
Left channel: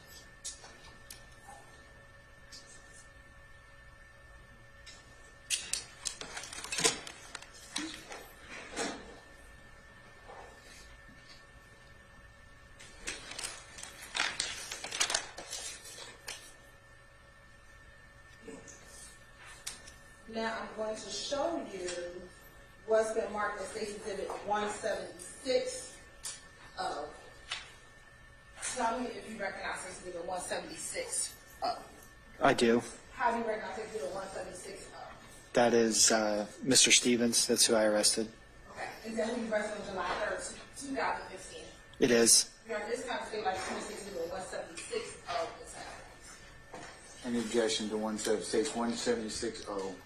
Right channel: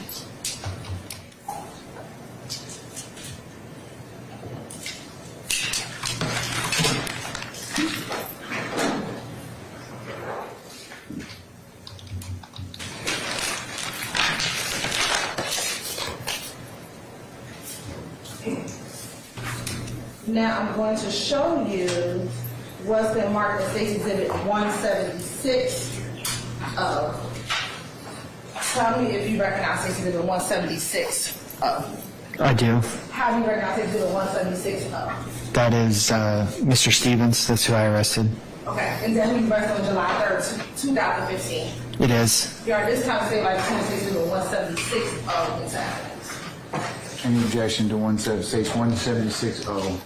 Now I'm going to show you what's been marked in State's Exhibit 176. Tell me if you recognize State's Exhibit 176. I do. How do you recognize State's Exhibit 176? That is Mr. Stevens. That's who I arrested. Okay, and then we arrested on July 3rd, 2015. It is. You are this time say like State's Exhibit 176 into evidence. Any objection to States 176-0?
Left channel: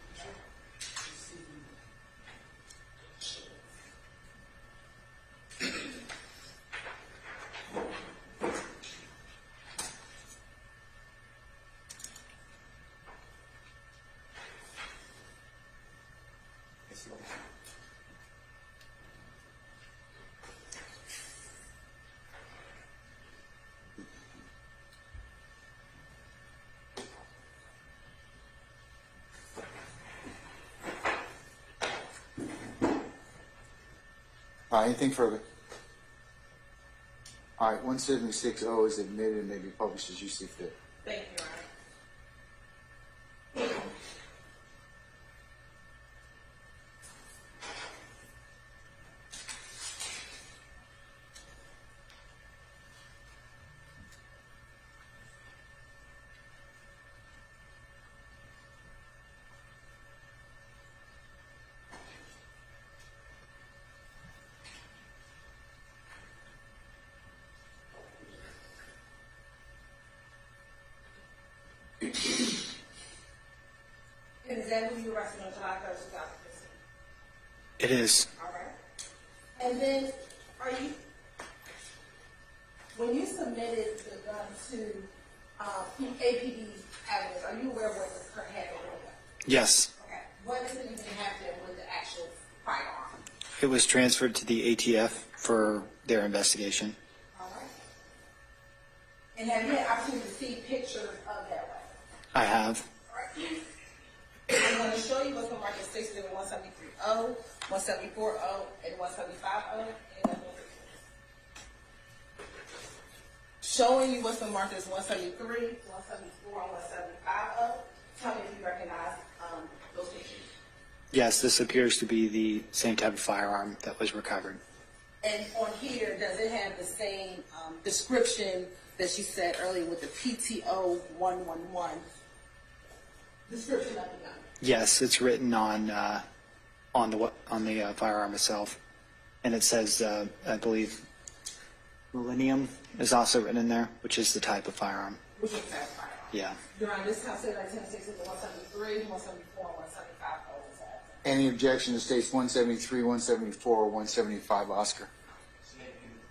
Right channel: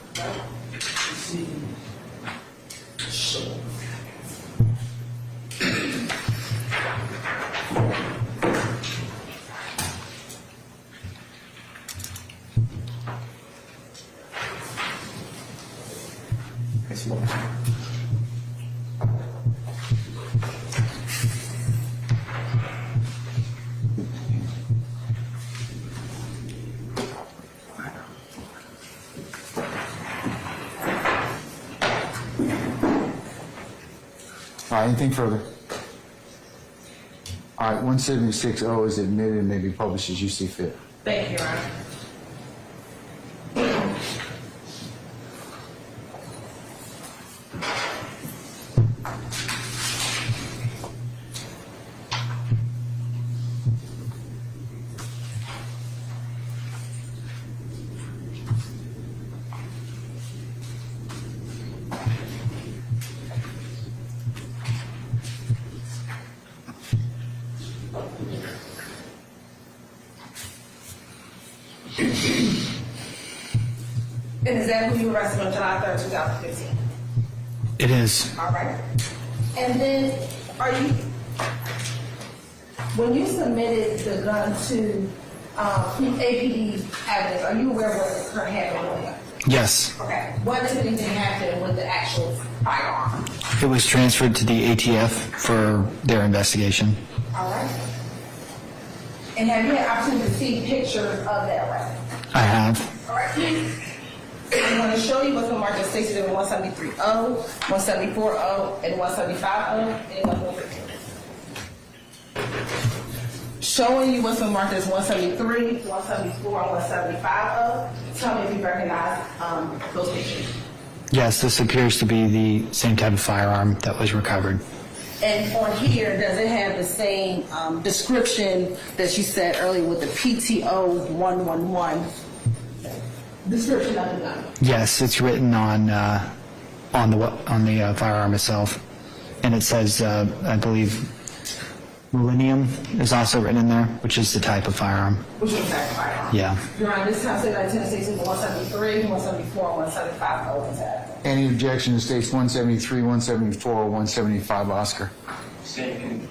All right, anything further? All right, 176-0 is admitted and may be published as you see fit. Thank you, Your Honor. And is that who you arrested on July 3rd, 2015? It is. All right. And then, when you submitted the gun to APD evidence, are you aware of what the current happened with it? Yes. Okay. What, if anything, happened with the actual firearm? It was transferred to the ATF for their investigation. All right. And have you had opportunity to see pictures of that weapon? I have. All right. I'm going to show you what's been marked as stated in 173-0, 174-0, and 175-0. Anyone who wants it? Showing you what's been marked as 173, 174, and 175-0. Tell me if you recognize those pictures. Yes, this appears to be the same type of firearm that was recovered. And on here, does it have the same description that you said earlier with the PTO 111 description of the gun? Yes, it's written on the firearm itself, and it says, I believe, Millennium is also written in there, which is the type of firearm. Which is the type of firearm? Yeah. Your Honor, this time say like Tennessee 173, 174, and 175 over that. Any objection to states 173, 174, or 175, Oscar? Same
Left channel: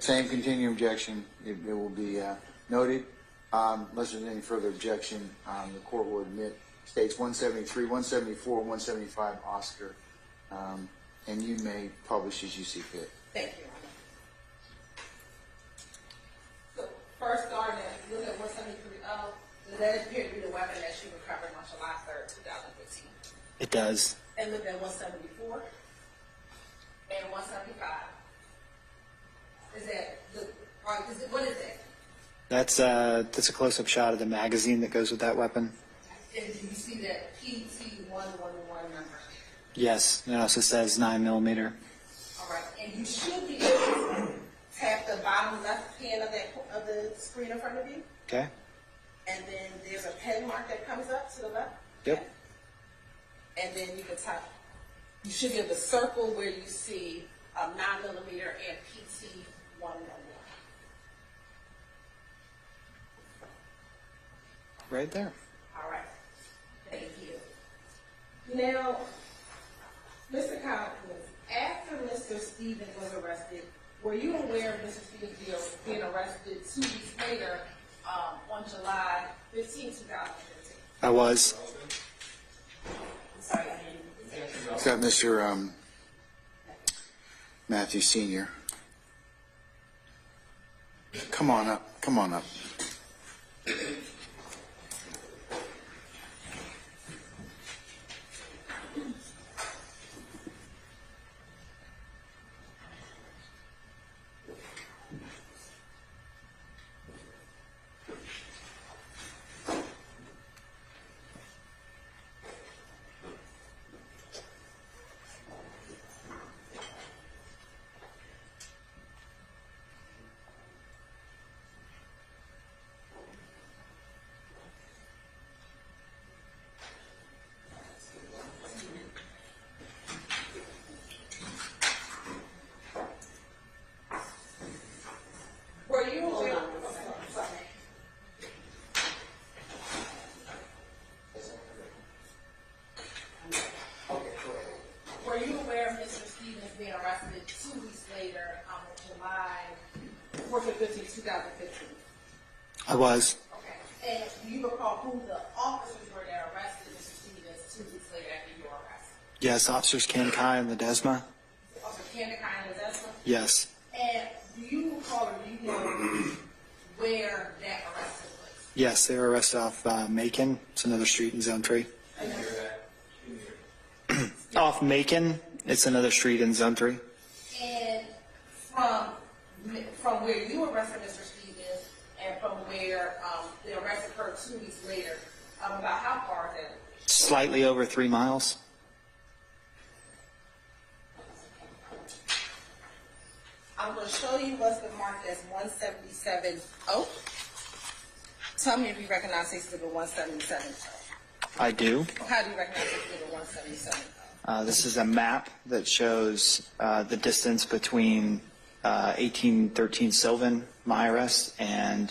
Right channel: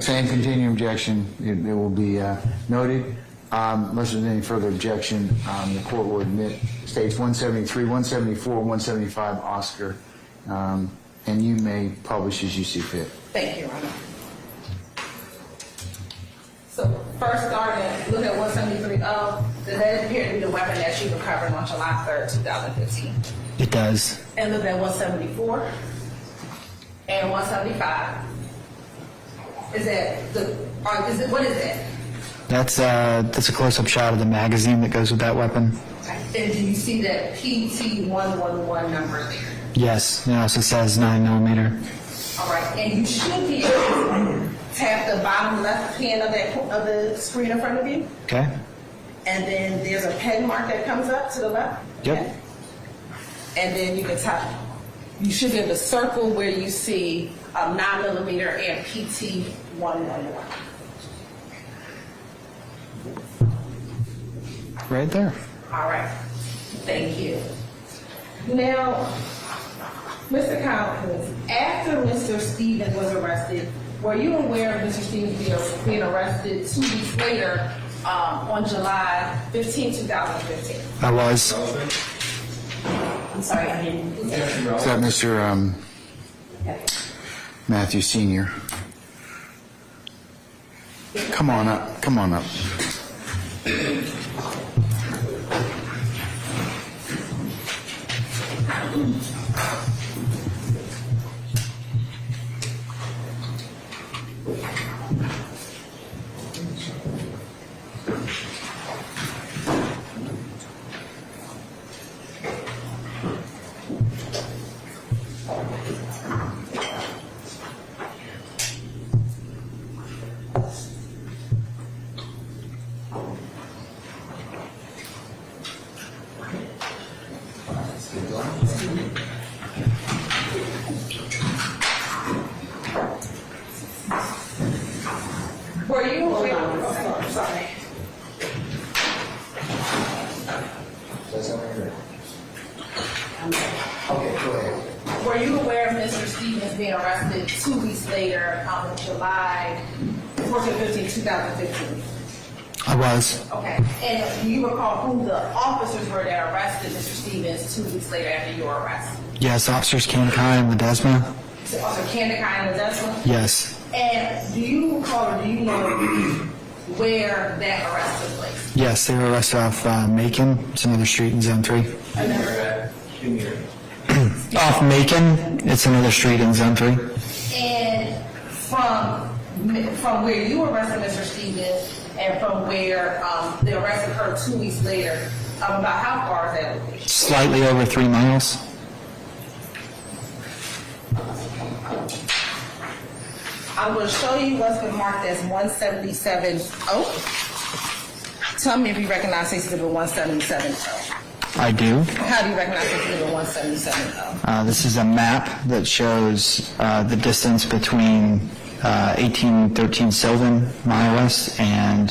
continuing objection. It will be noted. Unless there's any further objection, the court will admit states 173, 174, 175, Oscar, and you may publish as you see fit. Thank you, Your Honor. So first starting, look at 173. Does that appear to be the weapon that she recovered on July 3rd, 2015? It does. And look at 174 and 175. What is that? That's a close-up shot of the magazine that goes with that weapon. And do you see that PT111 number there? Yes, it also says 9mm. All right, and you should be able to tap the bottom left hand of the screen in front of you. Okay. And then there's a pen mark that comes up to the left. Yep. Okay. And then you can tap. You should be able to circle where you see 9mm and PT111. Right there. All right. Thank you. Now, Mr. Collins, after Mr. Stevens was arrested, were you aware of Mr. Stevens being arrested 2 weeks later on July 15, 2015? I was. I'm sorry, I didn't. Is that Mr. Matthew Sr.? Come on up. Come on up. Were you aware? Oh, sorry. Okay, go ahead. Were you aware of Mr. Stevens being arrested 2 weeks later on July 14, 15, 2015? I was. Okay. And do you recall who the officers were that arrested Mr. Stevens 2 weeks later after your arrest? Yes, Officers Kanekai and Ledesma. So Officer Kandakai and Ledesma? Yes. And do you recall or do you know where that arrest took place? Yes, they were arrested off Macon. It's another street in Zone 3. Off Macon, it's another street in Zone 3. And from where you arrested Mr. Stevens and from where the arrest occurred 2 weeks later, about how far is that location? Slightly over 3 miles. I'm going to show you what's been marked as 177. Oh, tell me if you recognize Stacy Exhibit 177. I do. How do you recognize Stacy Exhibit 177? This is a map that shows the distance between 1813 Sylvan, my arrest, and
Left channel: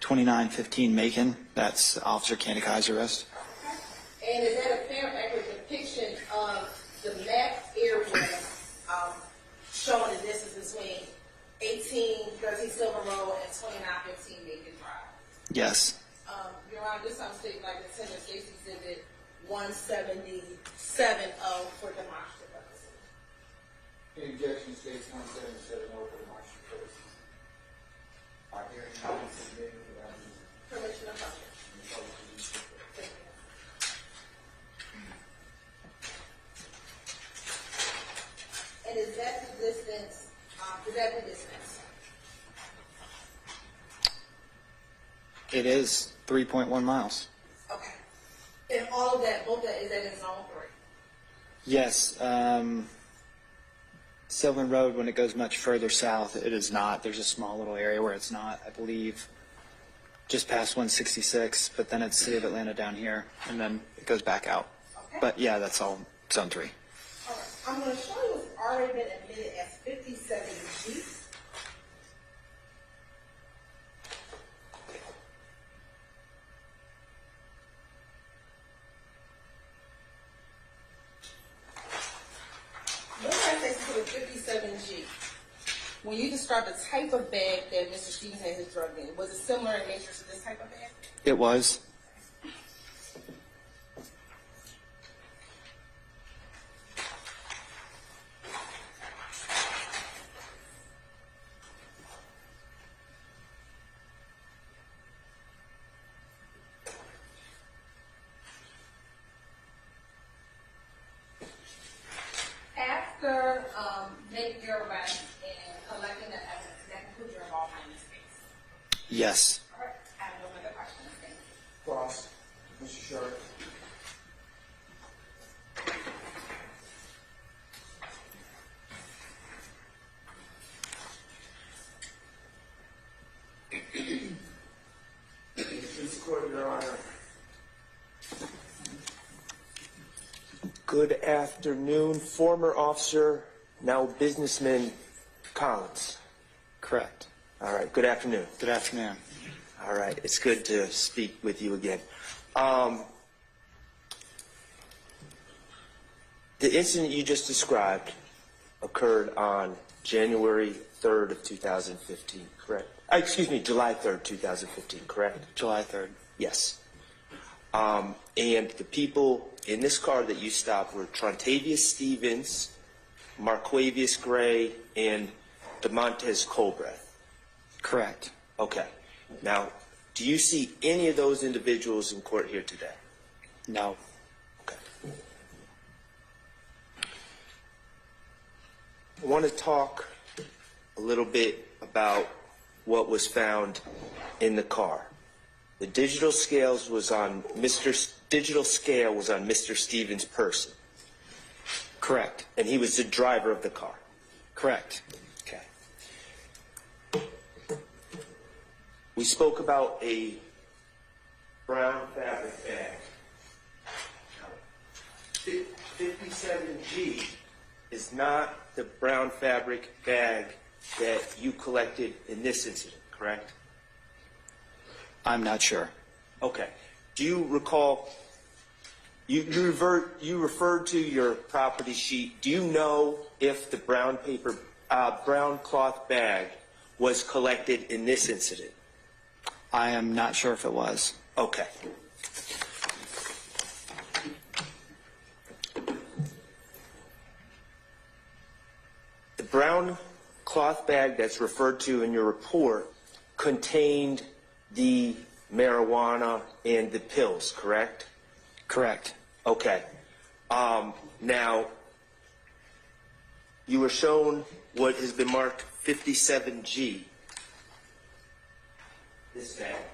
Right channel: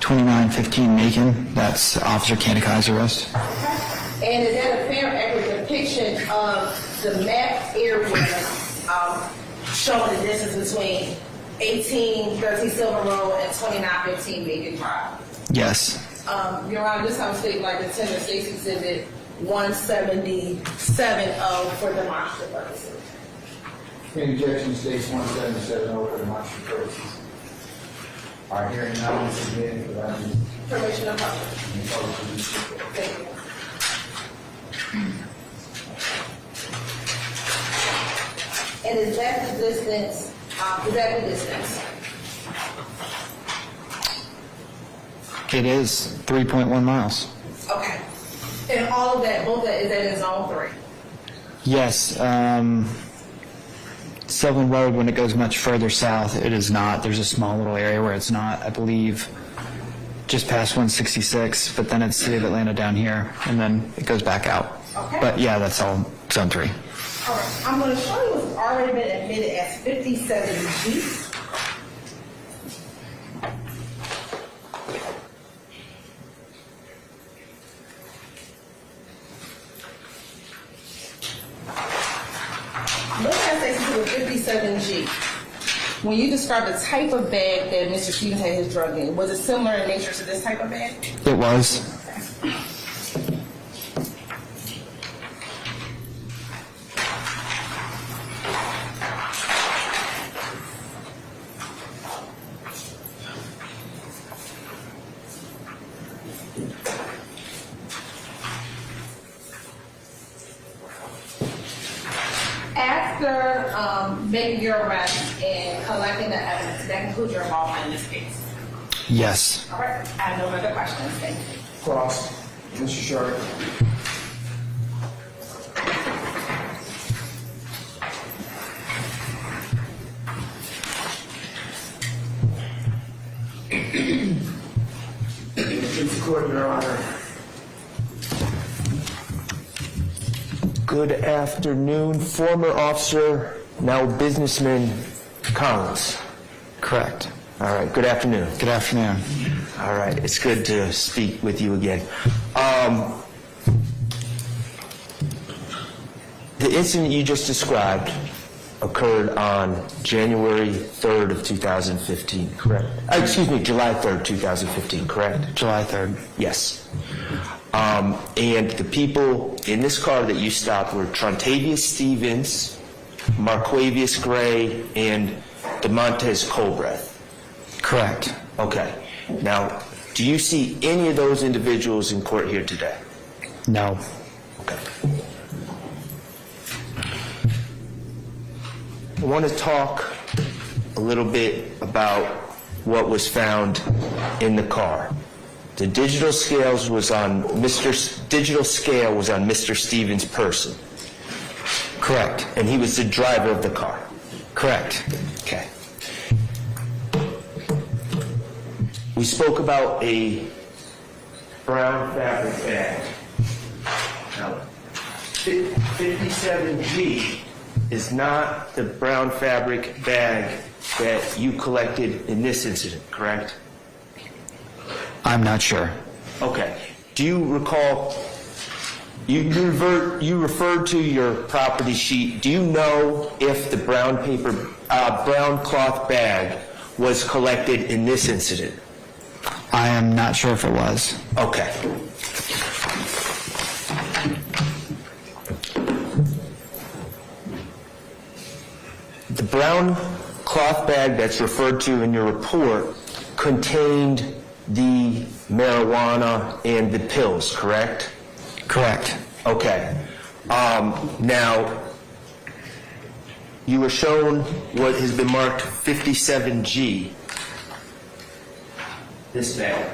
2915 Macon. That's Officer Candice's arrest. And is that a fair, accurate depiction of the map area showing the distance between 1813 Sylvan Road and 2915 Macon Drive? Yes. Your Honor, this time state like the Tender States Exhibit 177 for demonstrative purposes. Any objection states 177 over demonstrative purposes. Our hearing now is submitted for that. Permission of public. Thank you. And is that the distance, It is 3.1 miles. Okay. And all of that, both that, is that in zone 3? Yes. Sylvan Road, when it goes much further south, it is not. There's a small little area where it's not, I believe, just past 166, but then it's City of Atlanta down here, and then it goes back out. Okay. But yeah, that's all zone 3. All right. I'm going to show you what's already been admitted as 57G. Look at Stacy to the 57G. When you describe the type of bag that Mr. Stevens had his drug in, was it similar in nature to this type of bag? It was. After making your arrest and collecting the evidence, that concludes your involvement in this case. Yes. All right. I have no further questions. Thank you. Cross. Mr. Sharp. Please court, Your Honor. Good afternoon, former officer, now businessman Collins. Correct. All right, good afternoon. Good afternoon. All right, it's good to speak with you again. The incident you just described occurred on January 3rd of 2015, correct? Excuse me, July 3rd, 2015, correct? July 3rd. Yes. And the people in this car that you stopped were Trontavious Stevens, Marquavius Gray, and DeMontez Colbreth. Correct. Okay. Now, do you see any of those individuals in court here today? No. Okay. I want to talk a little bit about what was found in the car. The digital scale was on Mr. Stevens' person. Correct. And he was the driver of the car. Correct. Okay. We spoke about a brown fabric bag. Now, 57G is not the brown fabric bag that you collected in this incident, correct? I'm not sure. Okay. Do you recall, you referred to your property sheet. Do you know if the brown cloth bag was collected in this incident? I am not sure if it was. Okay. The brown cloth bag that's referred to in your report contained the marijuana and the pills, correct? Correct. Okay. Now, you were shown what has been marked 57G, this bag,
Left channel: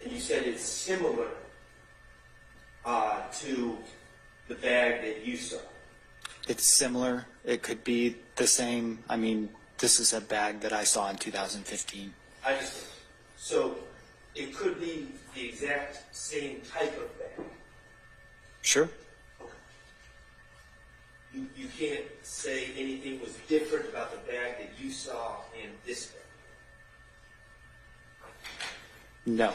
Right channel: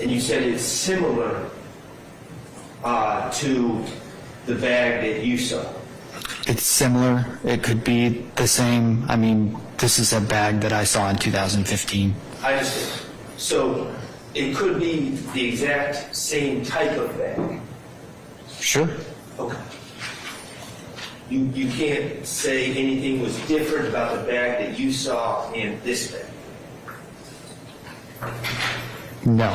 and you said it's similar to the bag that you saw. It's similar. It could be the same. I mean, this is a bag that I saw in 2015. I understand. So it could be the exact same type of bag. Sure. Okay. You can't say anything was different about the bag that you saw in this bag. No.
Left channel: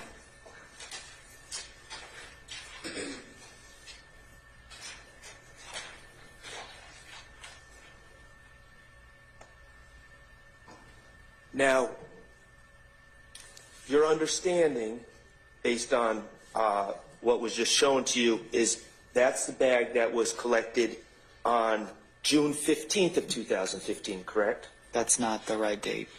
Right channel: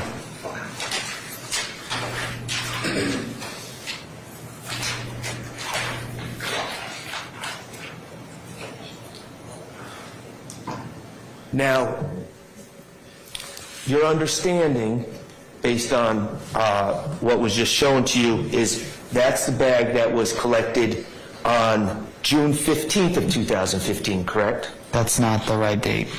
Now, your understanding, based on what was just shown to you, is that's the bag that was collected on June 15th of 2015, correct? That's not the right date.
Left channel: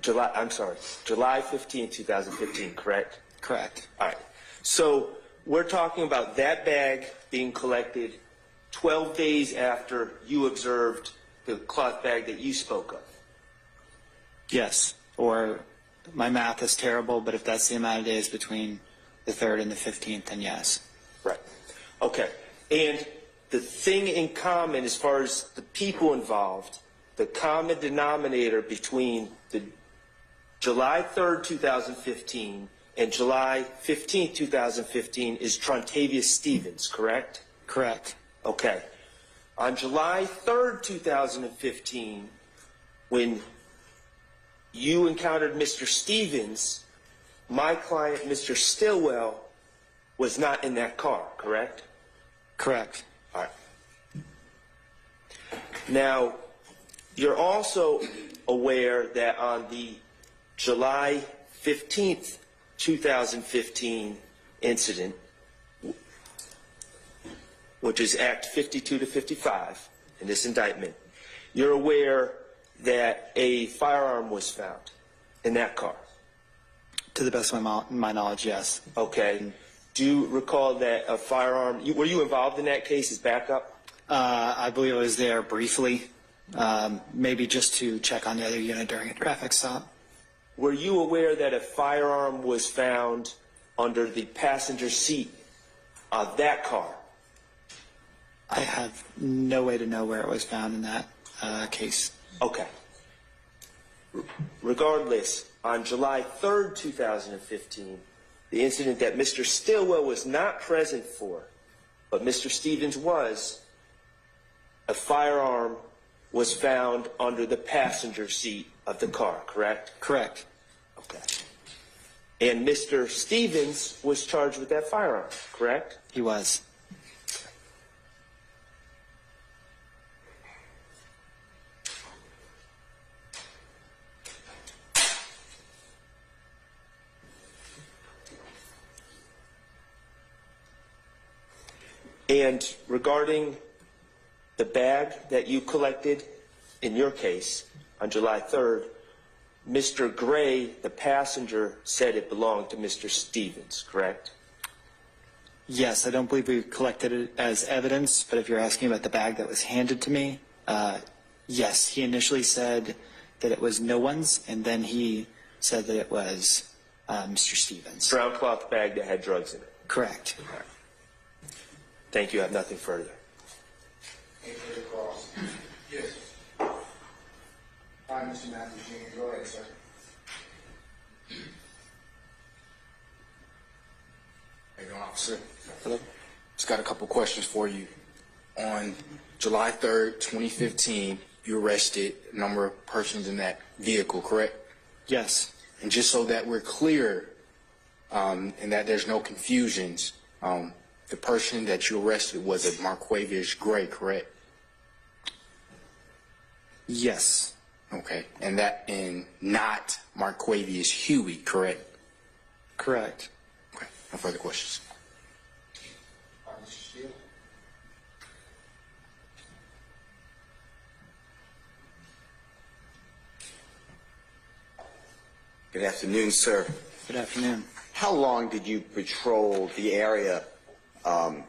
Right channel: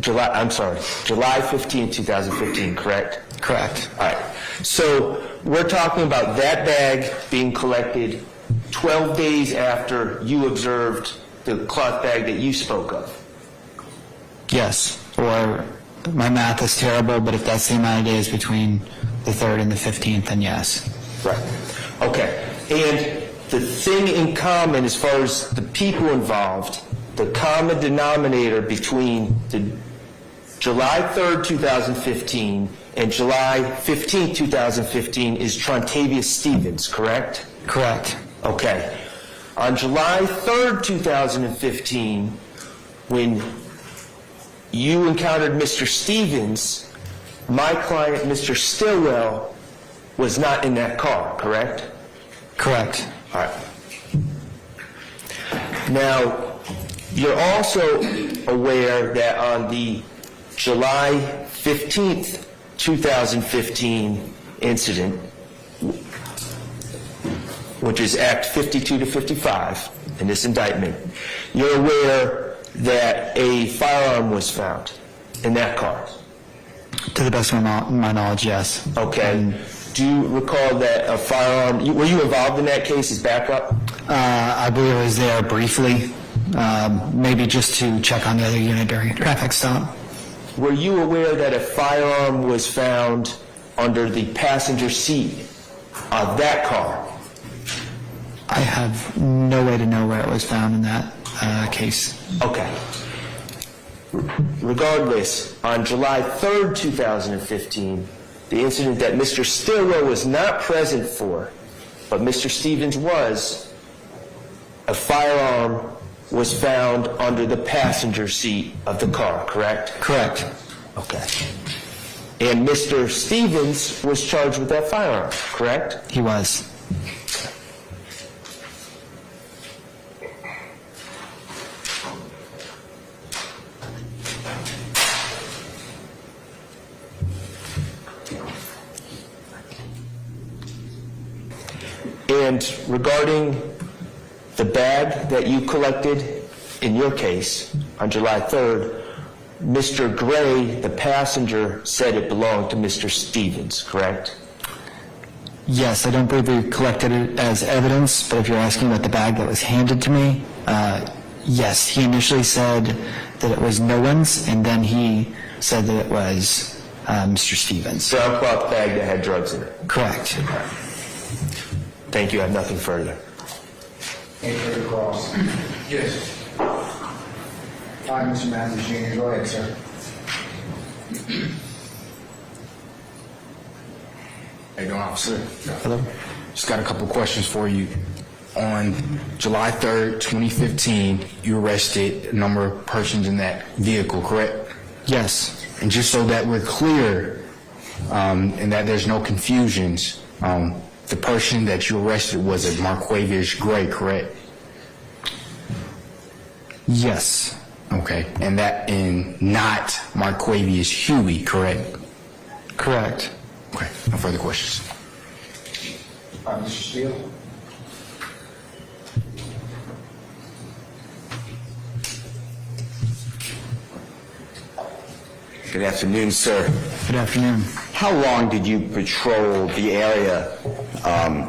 July 15th, 2015, correct? Correct. All right. So we're talking about that bag being collected 12 days after you observed the cloth bag that you spoke of. Yes. Or my math is terrible, but if that's the amount of days between the 3rd and the 15th, then yes. Right. Okay. And the thing in common as far as the people involved, the common denominator between the July 3rd, 2015 and July 15th, 2015 is Trontavious Stevens, correct? Correct. Okay. On July 3rd, 2015, when you encountered Mr. Stevens, my client, Mr. Stillwell, was not in that car, correct? Correct. All right. Now, you're also aware that on the July 15th, 2015 incident, which is Act 52 to 55 in this indictment, you're aware that a firearm was found in that car? To the best of my knowledge, yes. Okay. Do you recall that a firearm, were you involved in that case as backup? I believe I was there briefly, maybe just to check on the other unit during a traffic stop. Were you aware that a firearm was found under the passenger seat of that car? I have no way to know where it was found in that case. Okay. Regardless, on July 3rd, 2015, the incident that Mr. Stillwell was not present for, but Mr. Stevens was, a firearm was found under the passenger seat of the car, correct? Correct. Okay. And Mr. Stevens was charged with that firearm, correct? He was. And regarding the bag that you collected in your case on July 3rd, Mr. Gray, the passenger, said it belonged to Mr. Stevens, correct? Yes, I don't believe we collected it as evidence, but if you're asking about the bag that was handed to me, yes, he initially said that it was no one's, and then he said that it was Mr. Stevens. Brown cloth bag that had drugs in it. Correct. Thank you. I have nothing further. Any further calls? Yes. Hi, Mr. Matthews Jr., go ahead, sir. How you doing, officer? Hello. Just got a couple questions for you. On July 3rd, 2015, you arrested a number of persons in that vehicle, correct? Yes. And just so that we're clear and that there's no confusions, the person that you arrested was a Marquavius Gray, correct? Yes. Okay. And not Marquavius Huey, correct? Correct. Okay. No further questions. Mr. Steele? Good afternoon, sir. Good afternoon. How long did you patrol the area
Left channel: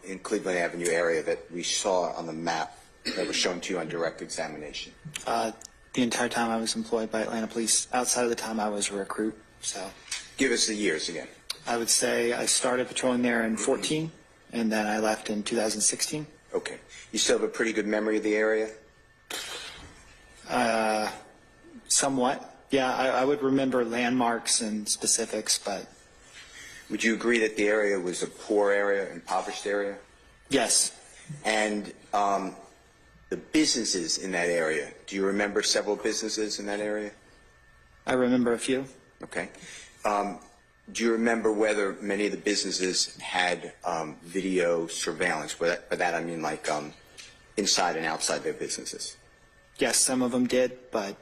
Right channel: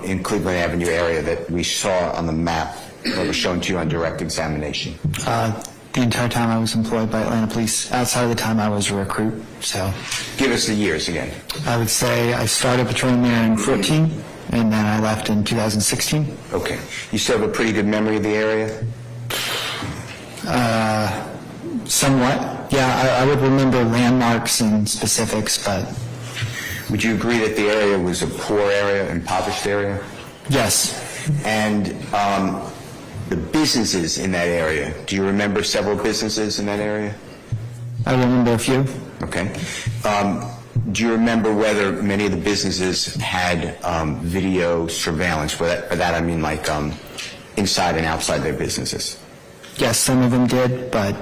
in Cleveland Avenue area that we saw on the map that was shown to you on direct examination? The entire time I was employed by Atlanta Police, outside of the time I was a recruit, so Give us the years again. I would say I started patrolling there in 14, and then I left in 2016. Okay. You still have a pretty good memory of the area? Somewhat. Yeah, I would remember landmarks and specifics, but Would you agree that the area was a poor area, impoverished area? yes. And the businesses in that area, do you remember several businesses in that area? I remember a few. Okay. Do you remember whether many of the businesses had video surveillance? By that I mean like inside and outside their businesses. Yes, some of them did, but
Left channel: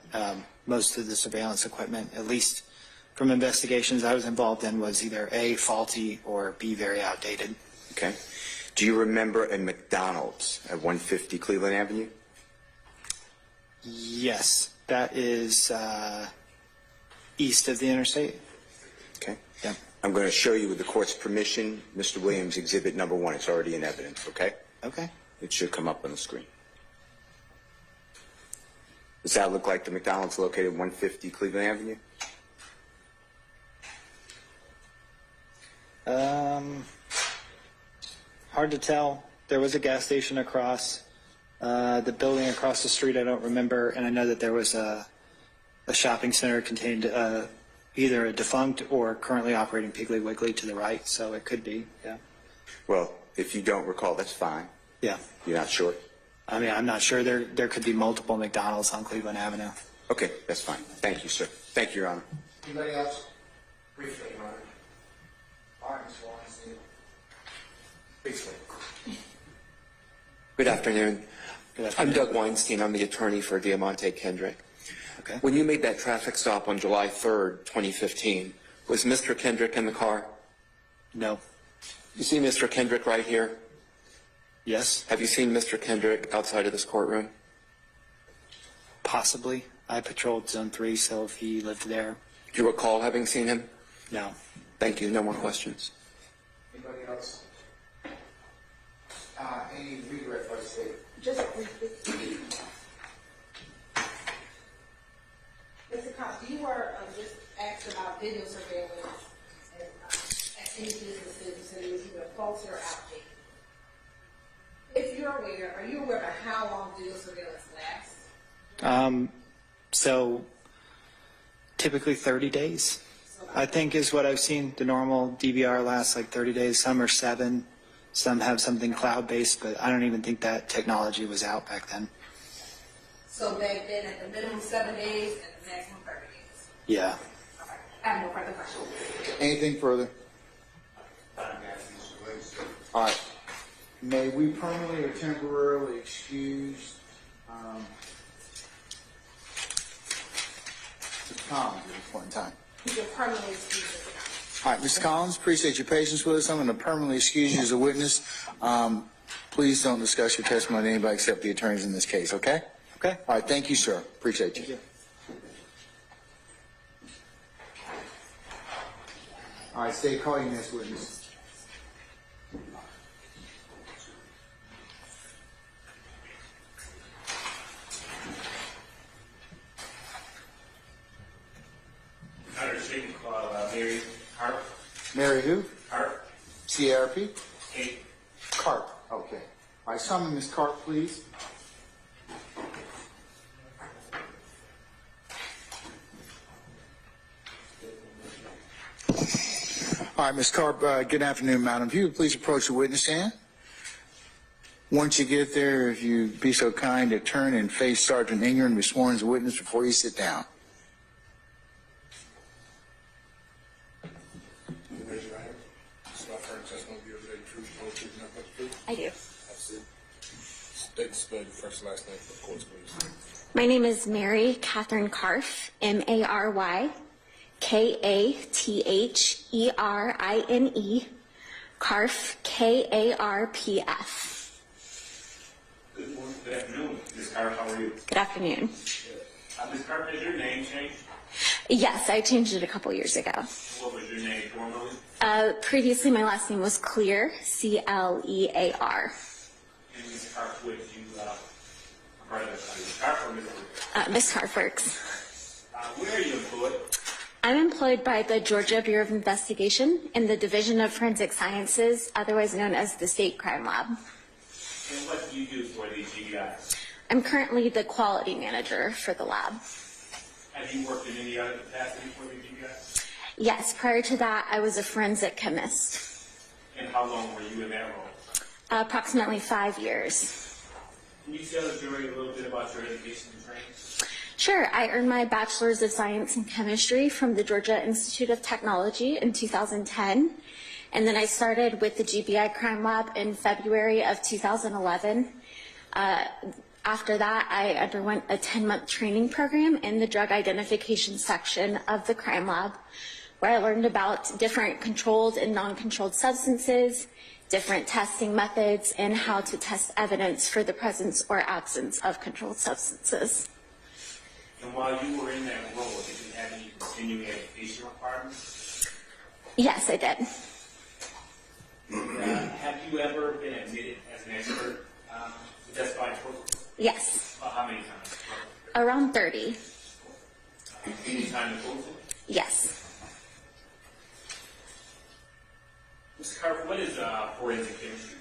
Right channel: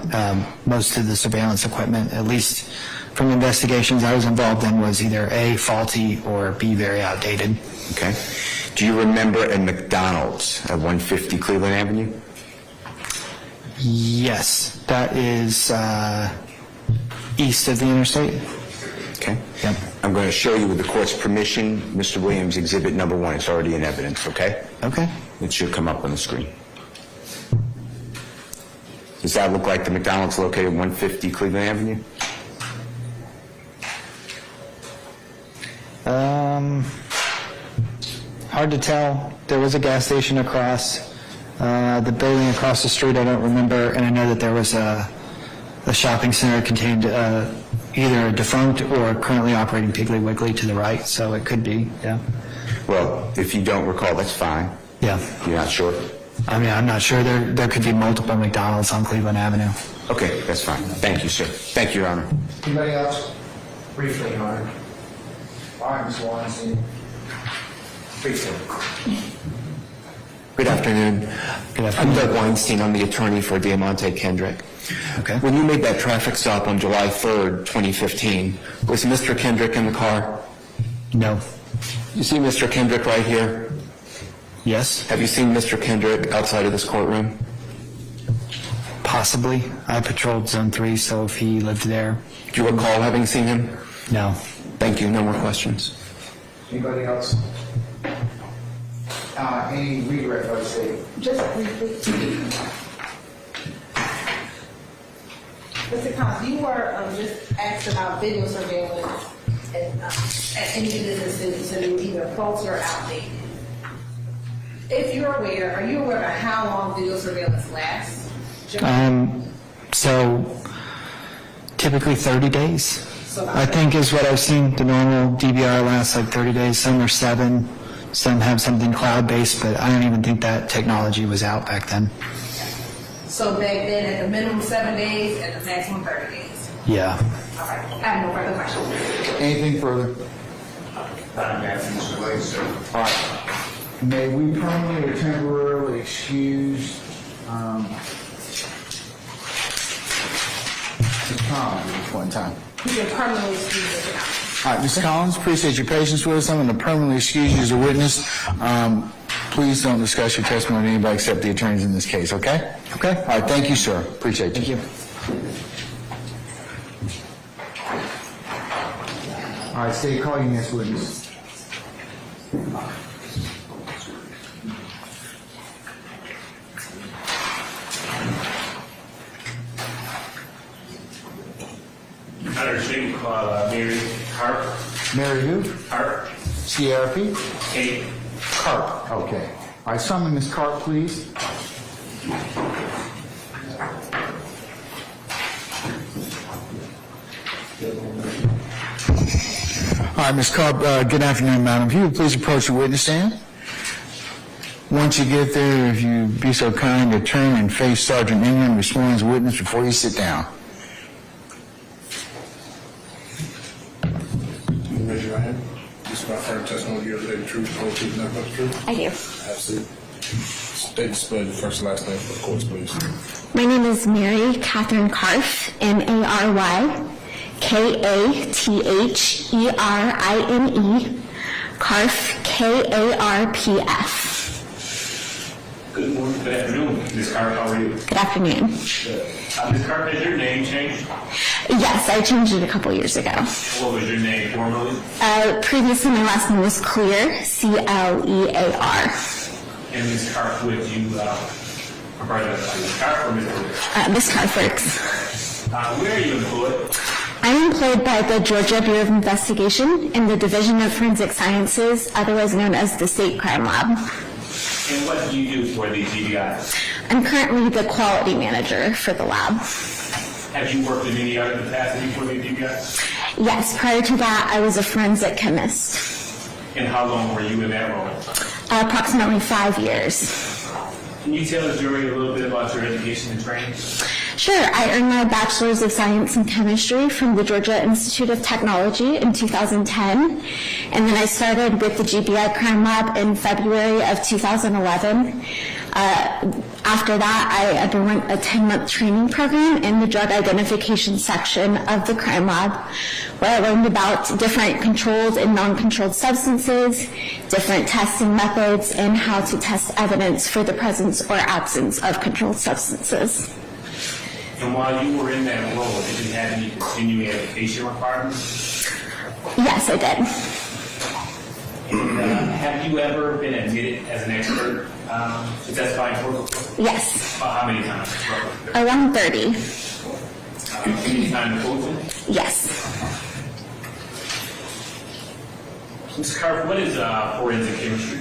most of the surveillance equipment, at least from investigations I was involved in, was either A, faulty, or B, very outdated. Okay. Do you remember a McDonald's at 150 Cleveland Avenue? Yes, that is east of the interstate. Okay. Yep. I'm going to show you with the court's permission, Mr. Williams, exhibit number 1. It's already in evidence, okay? Okay. It should come up on the screen. Does that look like the McDonald's located at 150 Cleveland Avenue? Hard to tell. There was a gas station across. The building across the street I don't remember, and I know that there was a shopping center contained either a defunct or currently operating Piggly Wiggly to the right, so it could be, yeah. Well, if you don't recall, that's fine. Yeah. You're not sure? I mean, I'm not sure. There could be multiple McDonald's on Cleveland Avenue. Okay, that's fine. Thank you, sir. Thank you, Your Honor. Anybody else? Briefly, Your Honor. All right, Ms. Weinstein. Briefly. Good afternoon. Good afternoon. I'm Doug Weinstein. I'm the attorney for Diamante Kendrick. Okay. When you made that traffic stop on July 3rd, 2015, was Mr. Kendrick in the car? No. You see Mr. Kendrick right here? Yes? Have you seen Mr. Kendrick outside of this courtroom? Possibly. I patrolled Zone 3, so if he lived there. Do you recall having seen him? No. Thank you. No more questions. Anybody else? Any redirect by the state? Just briefly. Mr. Collins, you were just asked about video surveillance at any businesses, and they were either faulty or outdated. If you're aware, are you aware of how long video surveillance lasts? So typically 30 days. I think is what I've seen. The normal DVR lasts like 30 days. Some are 7. Some have something cloud-based, but I don't even think that technology was out back then. So back then, at the minimum 7 days, at the maximum 30 days. Yeah. All right. I have no further questions. Anything further? All right. May we permanently or temporarily excuse Ms. Collins at this point in time? You can permanently excuse Mr. Collins. All right, Ms. Collins, appreciate your patience with us. I'm going to permanently excuse you as a witness. Please don't discuss your testimony with anybody except the attorneys in this case, okay? Okay. All right, thank you, sir. Appreciate you. Thank you. All right, state, call your next witness. Understand, Mary Carp. Mary who? Carp. CRP? Kate. Carp. Okay. All right, summon Ms. Carp, please. All right, Ms. Carp, good afternoon, madam. If you would please approach the witness stand. Once you get there, if you'd be so kind to turn and face Sergeant Ingram, be sworn as a witness before you sit down. Raise your hand. This is my first testimony. You have the truth, the whole truth, nothing but the truth. I do. Absolutely. State and spell your first and last name for the courts, please. My name is Mary Catherine Carp, Mary Katherne, Carp, Karpf. Good morning, good afternoon. Ms. Carp, how are you? Good afternoon. Ms. Carp, has your name changed? Yes, I changed it a couple years ago. What was your name formerly? Previously, my last name was Clear, Clear. And Ms. Carp, would you I'm sorry, Ms. Carp or Ms. Williams? Ms. Carp works. Where are you employed? I'm employed by the Georgia Bureau of Investigation in the Division of Forensic Sciences, otherwise known as the State Crime Lab. And what do you do for the GBI? I'm currently the quality manager for the lab. Have you worked in any other capacity for the GBI? Yes, prior to that, I was a forensic chemist. And how long were you in that role? Approximately 5 years. Can you tell the jury a little bit about your education and training? Sure, I earned my Bachelor's of Science in Chemistry from the Georgia Institute of Technology in 2010, and then I started with the GBI Crime Lab in February of 2011. After that, I underwent a 10-month training program in the drug identification section of the crime lab, where I learned about different controlled and non-controlled substances, different testing methods, and how to test evidence for the presence or absence of controlled substances. And while you were in that role, did you have any continuing education requirements? Yes, I did. And have you ever been admitted as an expert to testify in court? Yes. How many times? Around 30. Any time in Fulton? Yes. Ms. Carp, what is forensic chemistry?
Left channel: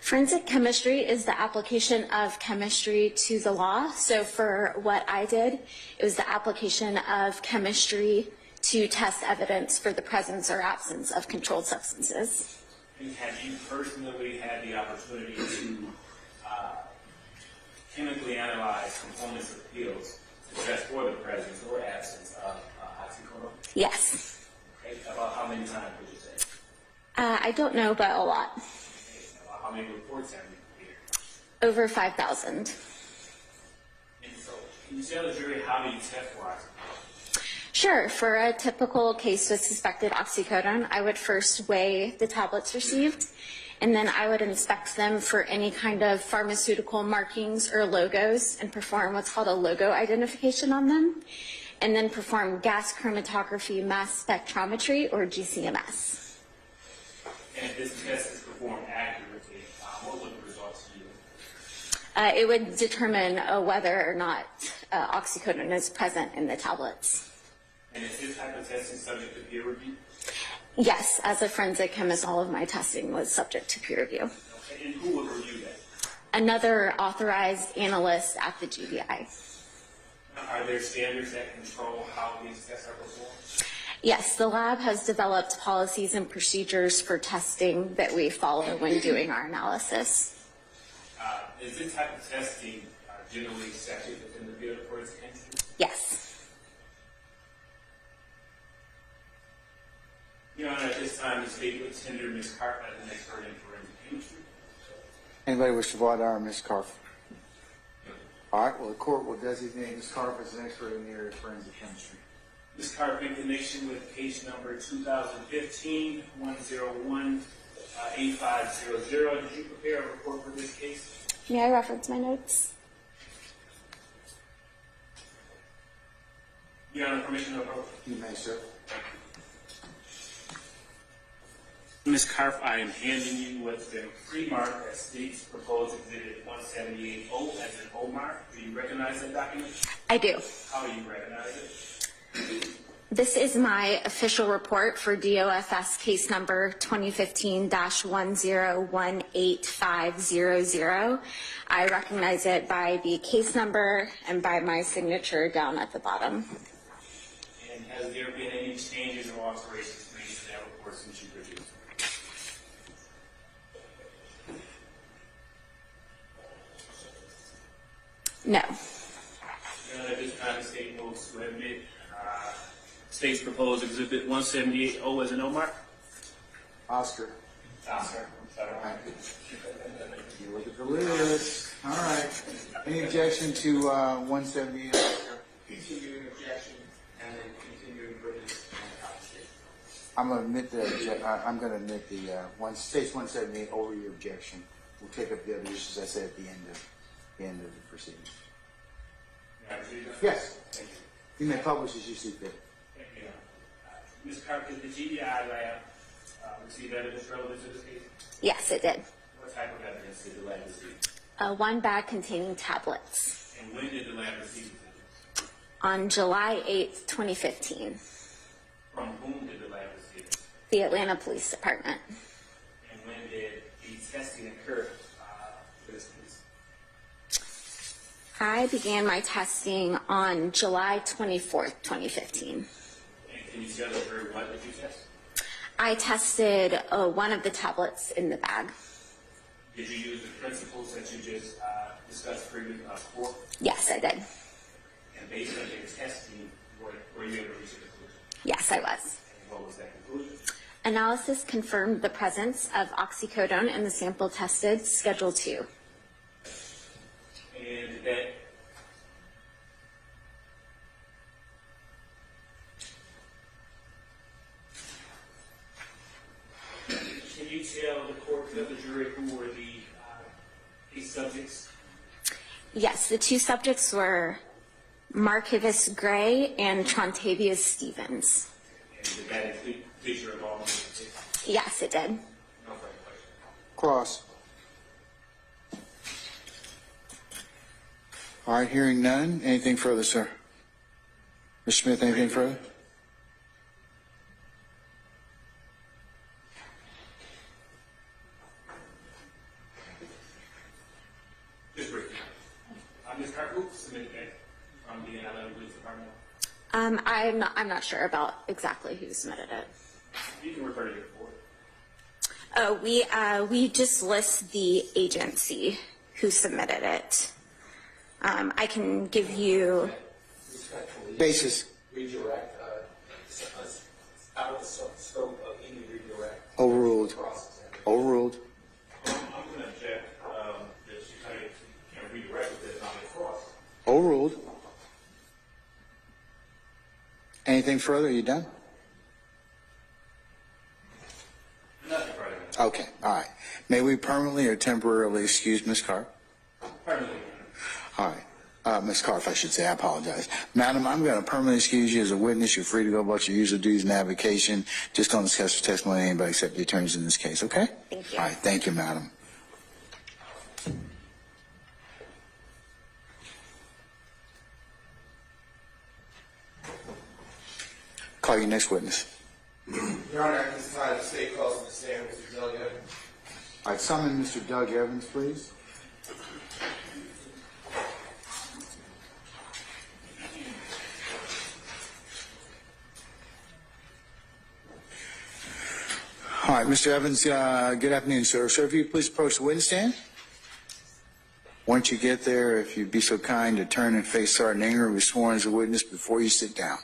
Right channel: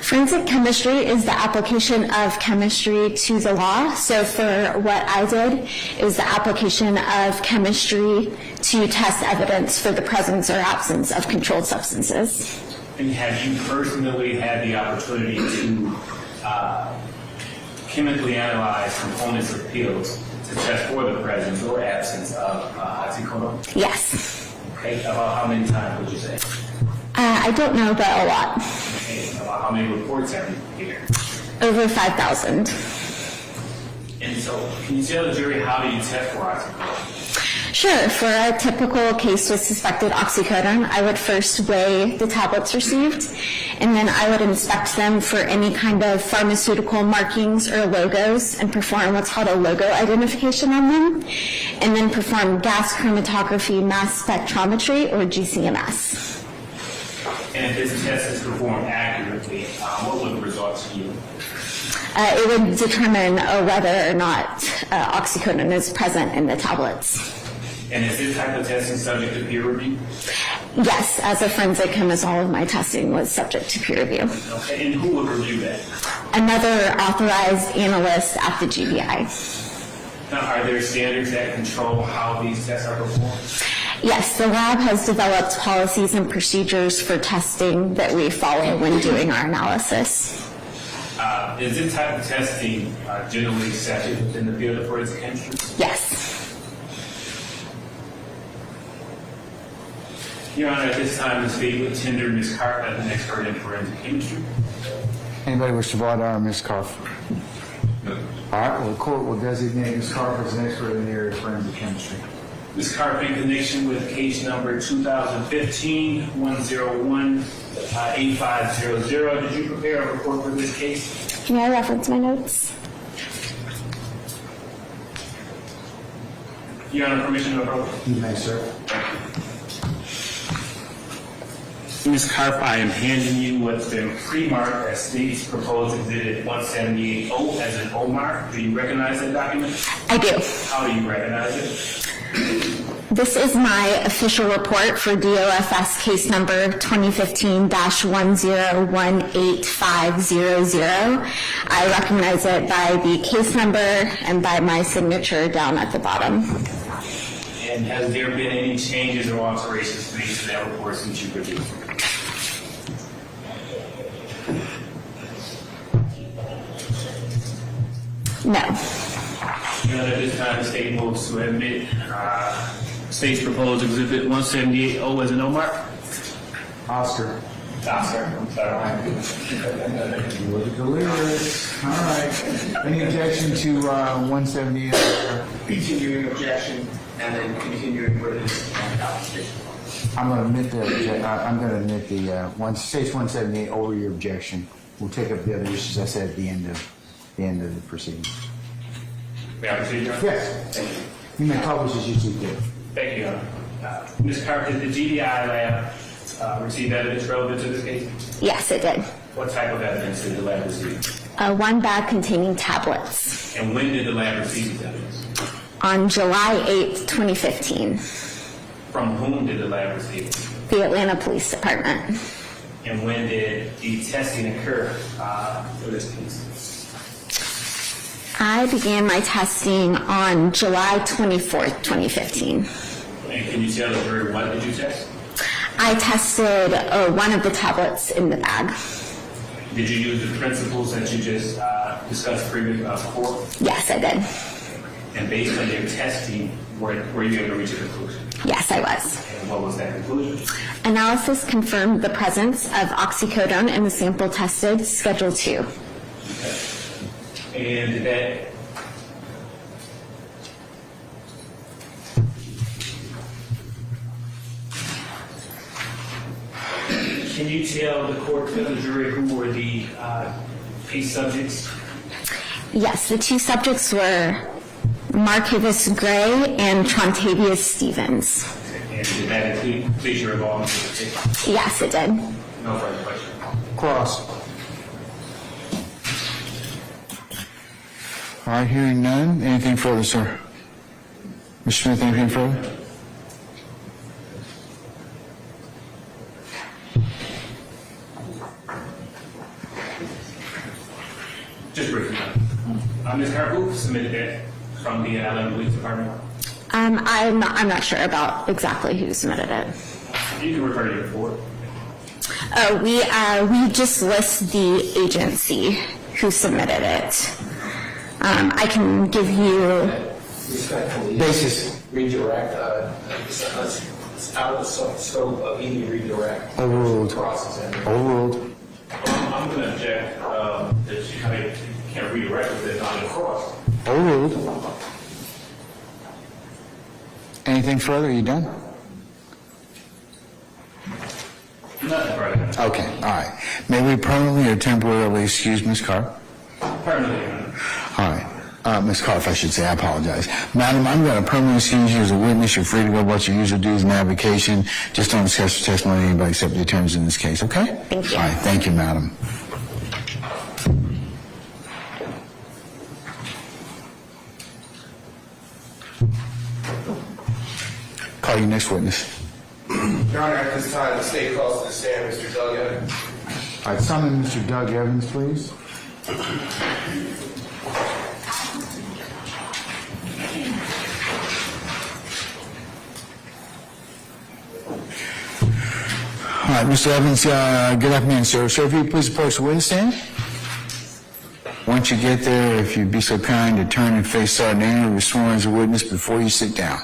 Forensic chemistry is the application of chemistry to the law. So for what I did, it was the application of chemistry to test evidence for the presence or absence of controlled substances. And have you personally had the opportunity to chemically analyze components of pills to test for the presence or absence of oxycodone? Yes. Okay, about how many times would you say? I don't know, but a lot. Okay, about how many reports have you given? Over 5,000. And so, can you tell the jury how do you test for oxycodone? Sure. For a typical case with suspected oxycodone, I would first weigh the tablets received, and then I would inspect them for any kind of pharmaceutical markings or logos and perform what's called a logo identification on them, and then perform gas chromatography mass spectrometry, or GCMS. And if this test is performed accurately, what would the results yield? It would determine whether or not oxycodone is present in the tablets. And is this type of testing subject to peer review? Yes, as a forensic chemist, all of my testing was subject to peer review. Okay, and who would review that? Another authorized analyst at the GBI. Now, are there standards that control how these tests are performed? Yes, the lab has developed policies and procedures for testing that we follow when doing our analysis. Is this type of testing generally accepted within the field of forensic chemistry? Yes. Your Honor, at this time, the state would tender Ms. Carp as an expert in forensic chemistry. Anybody wish to voir dire Ms. Carp? All right, well, the court will designate Ms. Carp as an expert in the area of forensic chemistry. Ms. Carp, in connection with case number 2015-101-8500, did you prepare a report for this case? May I reference my notes? Your Honor, permission to approach? You may, sir. Ms. Carp, I am handing you what's been pre-marked as state's proposed exhibit 178O as an O mark. Do you recognize that document? I do. How do you recognize it? This is my official report for DOFS case number 2015-1018500. I recognize it by the case number and by my signature down at the bottom. And has there been any changes or alterations made to that report since you produced it? No. Your Honor, at this time, the state moves to admit state's proposed exhibit 178O as an O mark. Oscar. Oscar, I'm sorry. You were delirious. All right. Any objection to 178? Continuing objection, and then continuing with this application. I'm going to admit the state's 178 over your objection. We'll take up the other issues I said at the end of the proceedings. May I proceed, Your Honor? Yes. Thank you. You may publish as you see fit. Thank you, Your Honor. Ms. Carp, did the GDI lab receive evidence relevant to this case? Yes, it did. What type of evidence did the lab receive? One bag containing tablets. And when did the lab receive the tablets? On July 8th, 2015, From whom did the lab receive it? the Atlanta Police Department. And when did the testing occur for this case? I began my testing on July 24th, 2015. And can you tell the jury what did you test? I tested one of the tablets in the bag. Did you use the principles that you just discussed previously before? Yes, I did. And based on your testing, were you able to reach a conclusion? Yes, I was. And what was that conclusion? Analysis confirmed the presence of oxycodone in the sample tested, Schedule 2. And did that can you tell the court, tell the jury who were the case subjects? Yes, the two subjects were Markavis Gray and Trontavious Stevens. And did that include your involvement in the case? Yes, it did. No further questions. Cross. All right, hearing none. Anything further, sir? Mr. Smith, anything further? Just briefly. Ms. Carp, who submitted that from the Atlanta Police Department? I'm not sure about exactly who submitted it. You can refer to your report. Oh, we just list the agency who submitted it. I can give you. Respectfully. Basis. Redirect, it's out of the scope of any redirect. Overruled. Process. Overruled. I'm going to object that you can't redirect it, it's not in cross. Overruled. Anything further? Are you done? Nothing further. Okay, all right. May we permanently or temporarily excuse Ms. Carp? Permanently, Your Honor. All right. Ms. Carp, I should say, I apologize. Madam, I'm going to permanently excuse you as a witness. You're free to go about your usual duties and avocation. Just don't discuss your testimony with anybody except the attorneys in this case, okay? Thank you. All right, thank you, madam. Call your next witness. Your Honor, at this time, the state calls to the stand Mr. Doug Evans. All right, summon Mr. Doug Evans, please. All right, Mr. Evans, good afternoon, sir. Sir, if you please approach the witness stand. Once you get there, if you'd be so kind to turn and face Sergeant Ingram, who's sworn as a witness, before you sit down.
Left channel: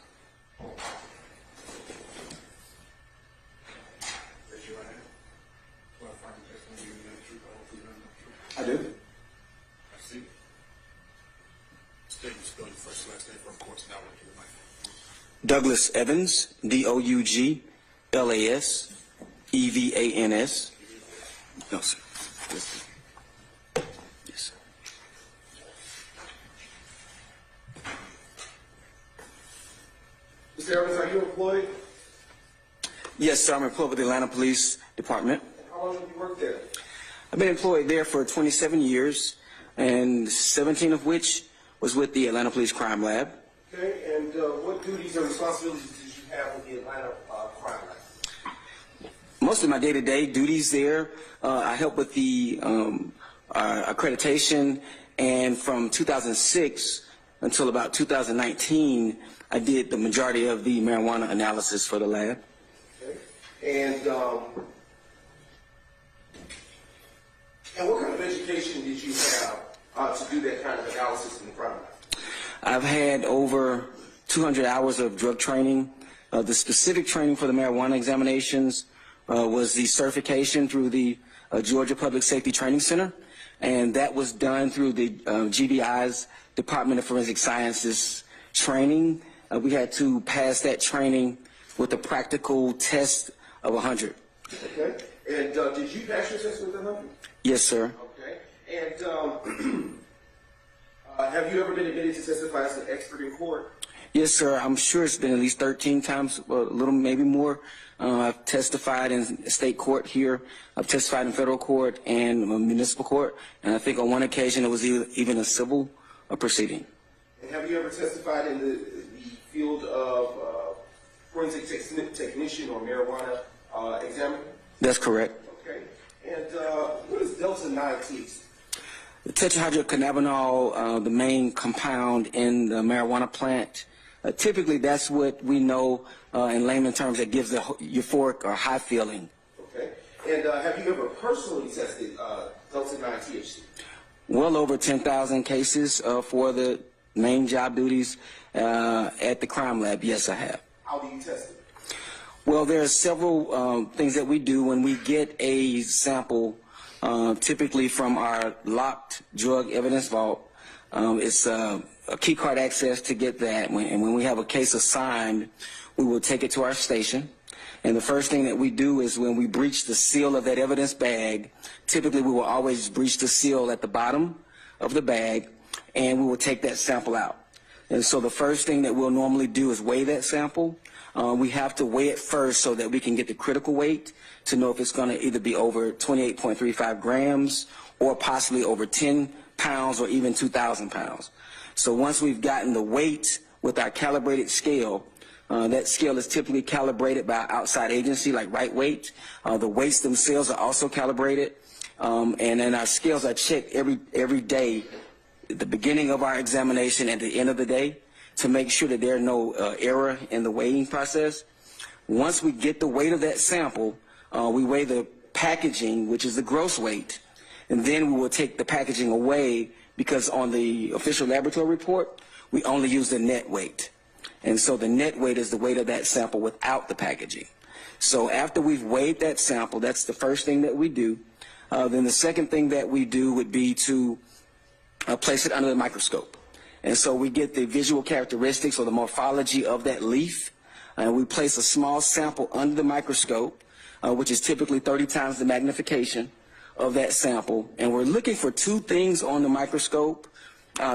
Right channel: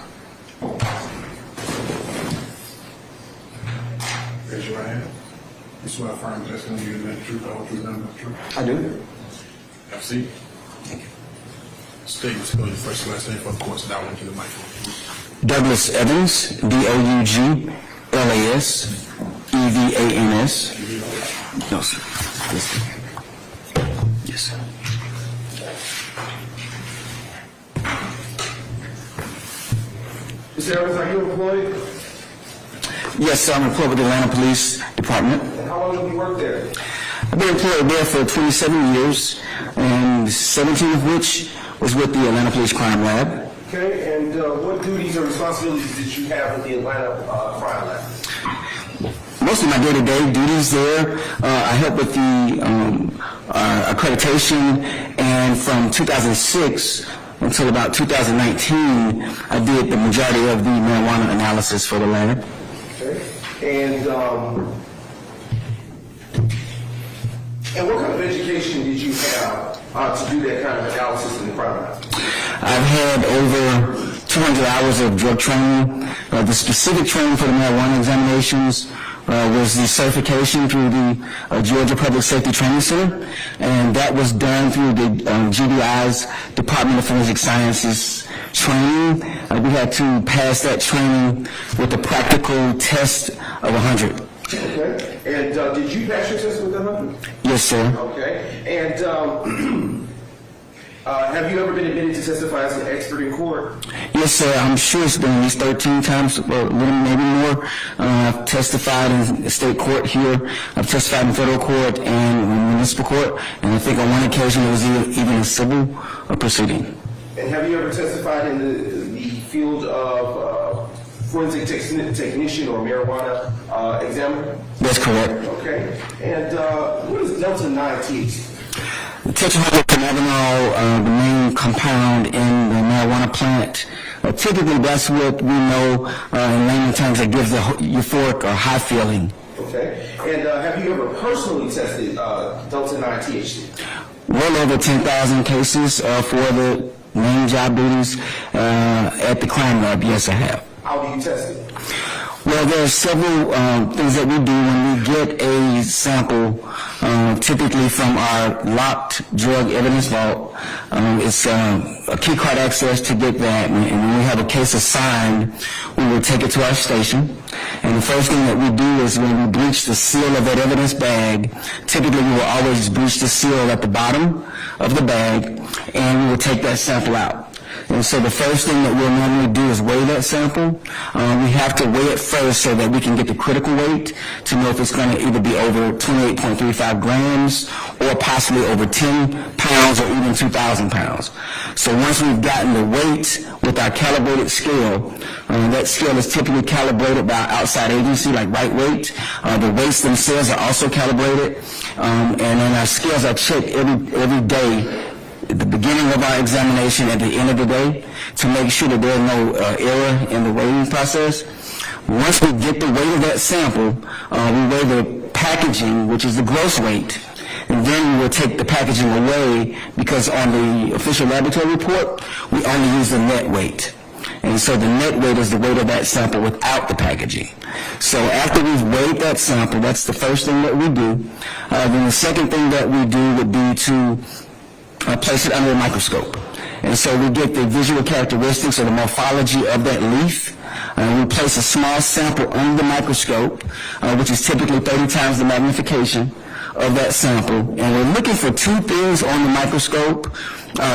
Raise your right hand. You swear affirm testimony you admit the truth, the whole truth, nothing but the truth. I do. Have a seat. State and spell your first and last name for the court's down into the microphone. Douglas Evans, D-O-U-G-L-A-S-E-V-A-N-S. No, sir. Yes, sir. Mr. Evans, are you employed? Yes, sir. I'm employed with the Atlanta Police Department. And how long have you worked there? I've been employed there for 27 years, and 17 of which was with the Atlanta Police Crime Lab. Okay, and what duties or responsibilities did you have with the Atlanta Crime Lab? Most of my day-to-day duties there, I help with the accreditation, and from 2006 until about 2019, I did the majority of the marijuana analysis for the lab. Okay, and what kind of education did you have to do that kind of analysis in the crime lab? I've had over 200 hours of drug training. The specific training for the marijuana examinations was the certification through the Georgia Public Safety Training Center, and that was done through the GBI's Department of Forensic Sciences training. We had to pass that training with a practical test of 100. Okay, and did you pass your test with 100? Yes, sir. Okay, and have you ever been admitted to testify as an expert in court? Yes, sir. I'm sure it's been at least 13 times, or a little maybe more. I've testified in state court here. I've testified in federal court, and when municipal court, and I think on one occasion it was even a civil proceeding. And have you ever testified in the field of forensic technician or marijuana examiner? That's correct. Okay. And what is Delta-9 THC? The tetrahydrocannabinol, the main compound in the marijuana plant, typically that's what we know in layman terms that gives the euphoric or high feeling. Okay. And have you ever personally tested Delta-9 THC? Well over 10,000 cases for the main job duties at the crime lab. Yes, I have. How do you test it? Well, there are several things that we do when we get a sample, typically from our locked drug evidence vault. It's a key card access to get that, and when we have a case assigned, we will take it to our station. And the first thing that we do is when we breach the seal of that evidence bag, typically we will always breach the seal at the bottom of the bag, and we will take that sample out. And so the first thing that we'll normally do is weigh that sample. We have to weigh it first so that we can get the critical weight to know if it's going to either be over 28.35 grams or possibly over 10 pounds or even 2,000 pounds. So once we've gotten the weight with our calibrated scale, that scale is typically calibrated by an outside agency like Right Weight. The weights themselves are also calibrated, and then our scales are checked every day at the beginning of our examination, at the end of the day, to make sure that there's no error in the weighing process. Once we get the weight of that sample, we weigh the packaging, which is the gross weight, and then we will take the packaging away because on the official laboratory report, we only use the net weight. And so the net weight is the weight of that sample without the packaging. So after we've weighed that sample, that's the first thing that we do. Then the second thing that we do would be to place it under a microscope. And so we get the visual characteristics or the morphology of that leaf. We place a small sample under the microscope, which is typically 30 times the magnification of that sample. And we're looking for two things on the microscope.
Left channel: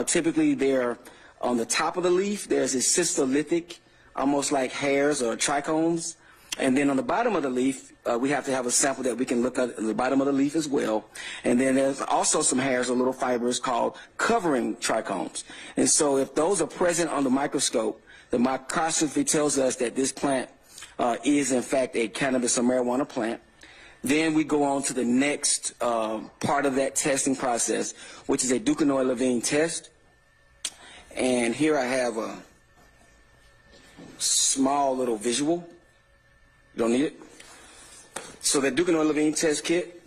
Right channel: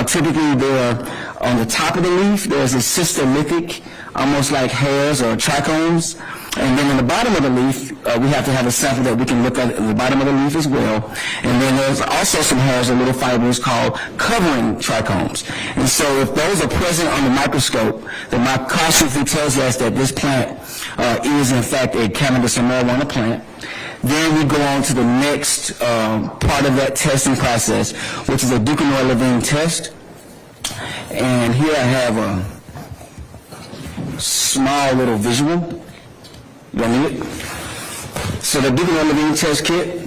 Typically there on the top of the leaf, there's a cystolithic, almost like hairs or trichomes. And then on the bottom of the leaf, we have to have a sample that we can look at the bottom of the leaf as well. And then there's also some hairs or little fibers called covering trichomes. And so if those are present on the microscope, the microscopy tells us that this plant is in fact a cannabis or marijuana plant. Then we go on to the next part of that testing process, which is a Duquesnoy-Levine test. And here I have a small little visual. You don't need it? So the Duquesnoy-Levine test kit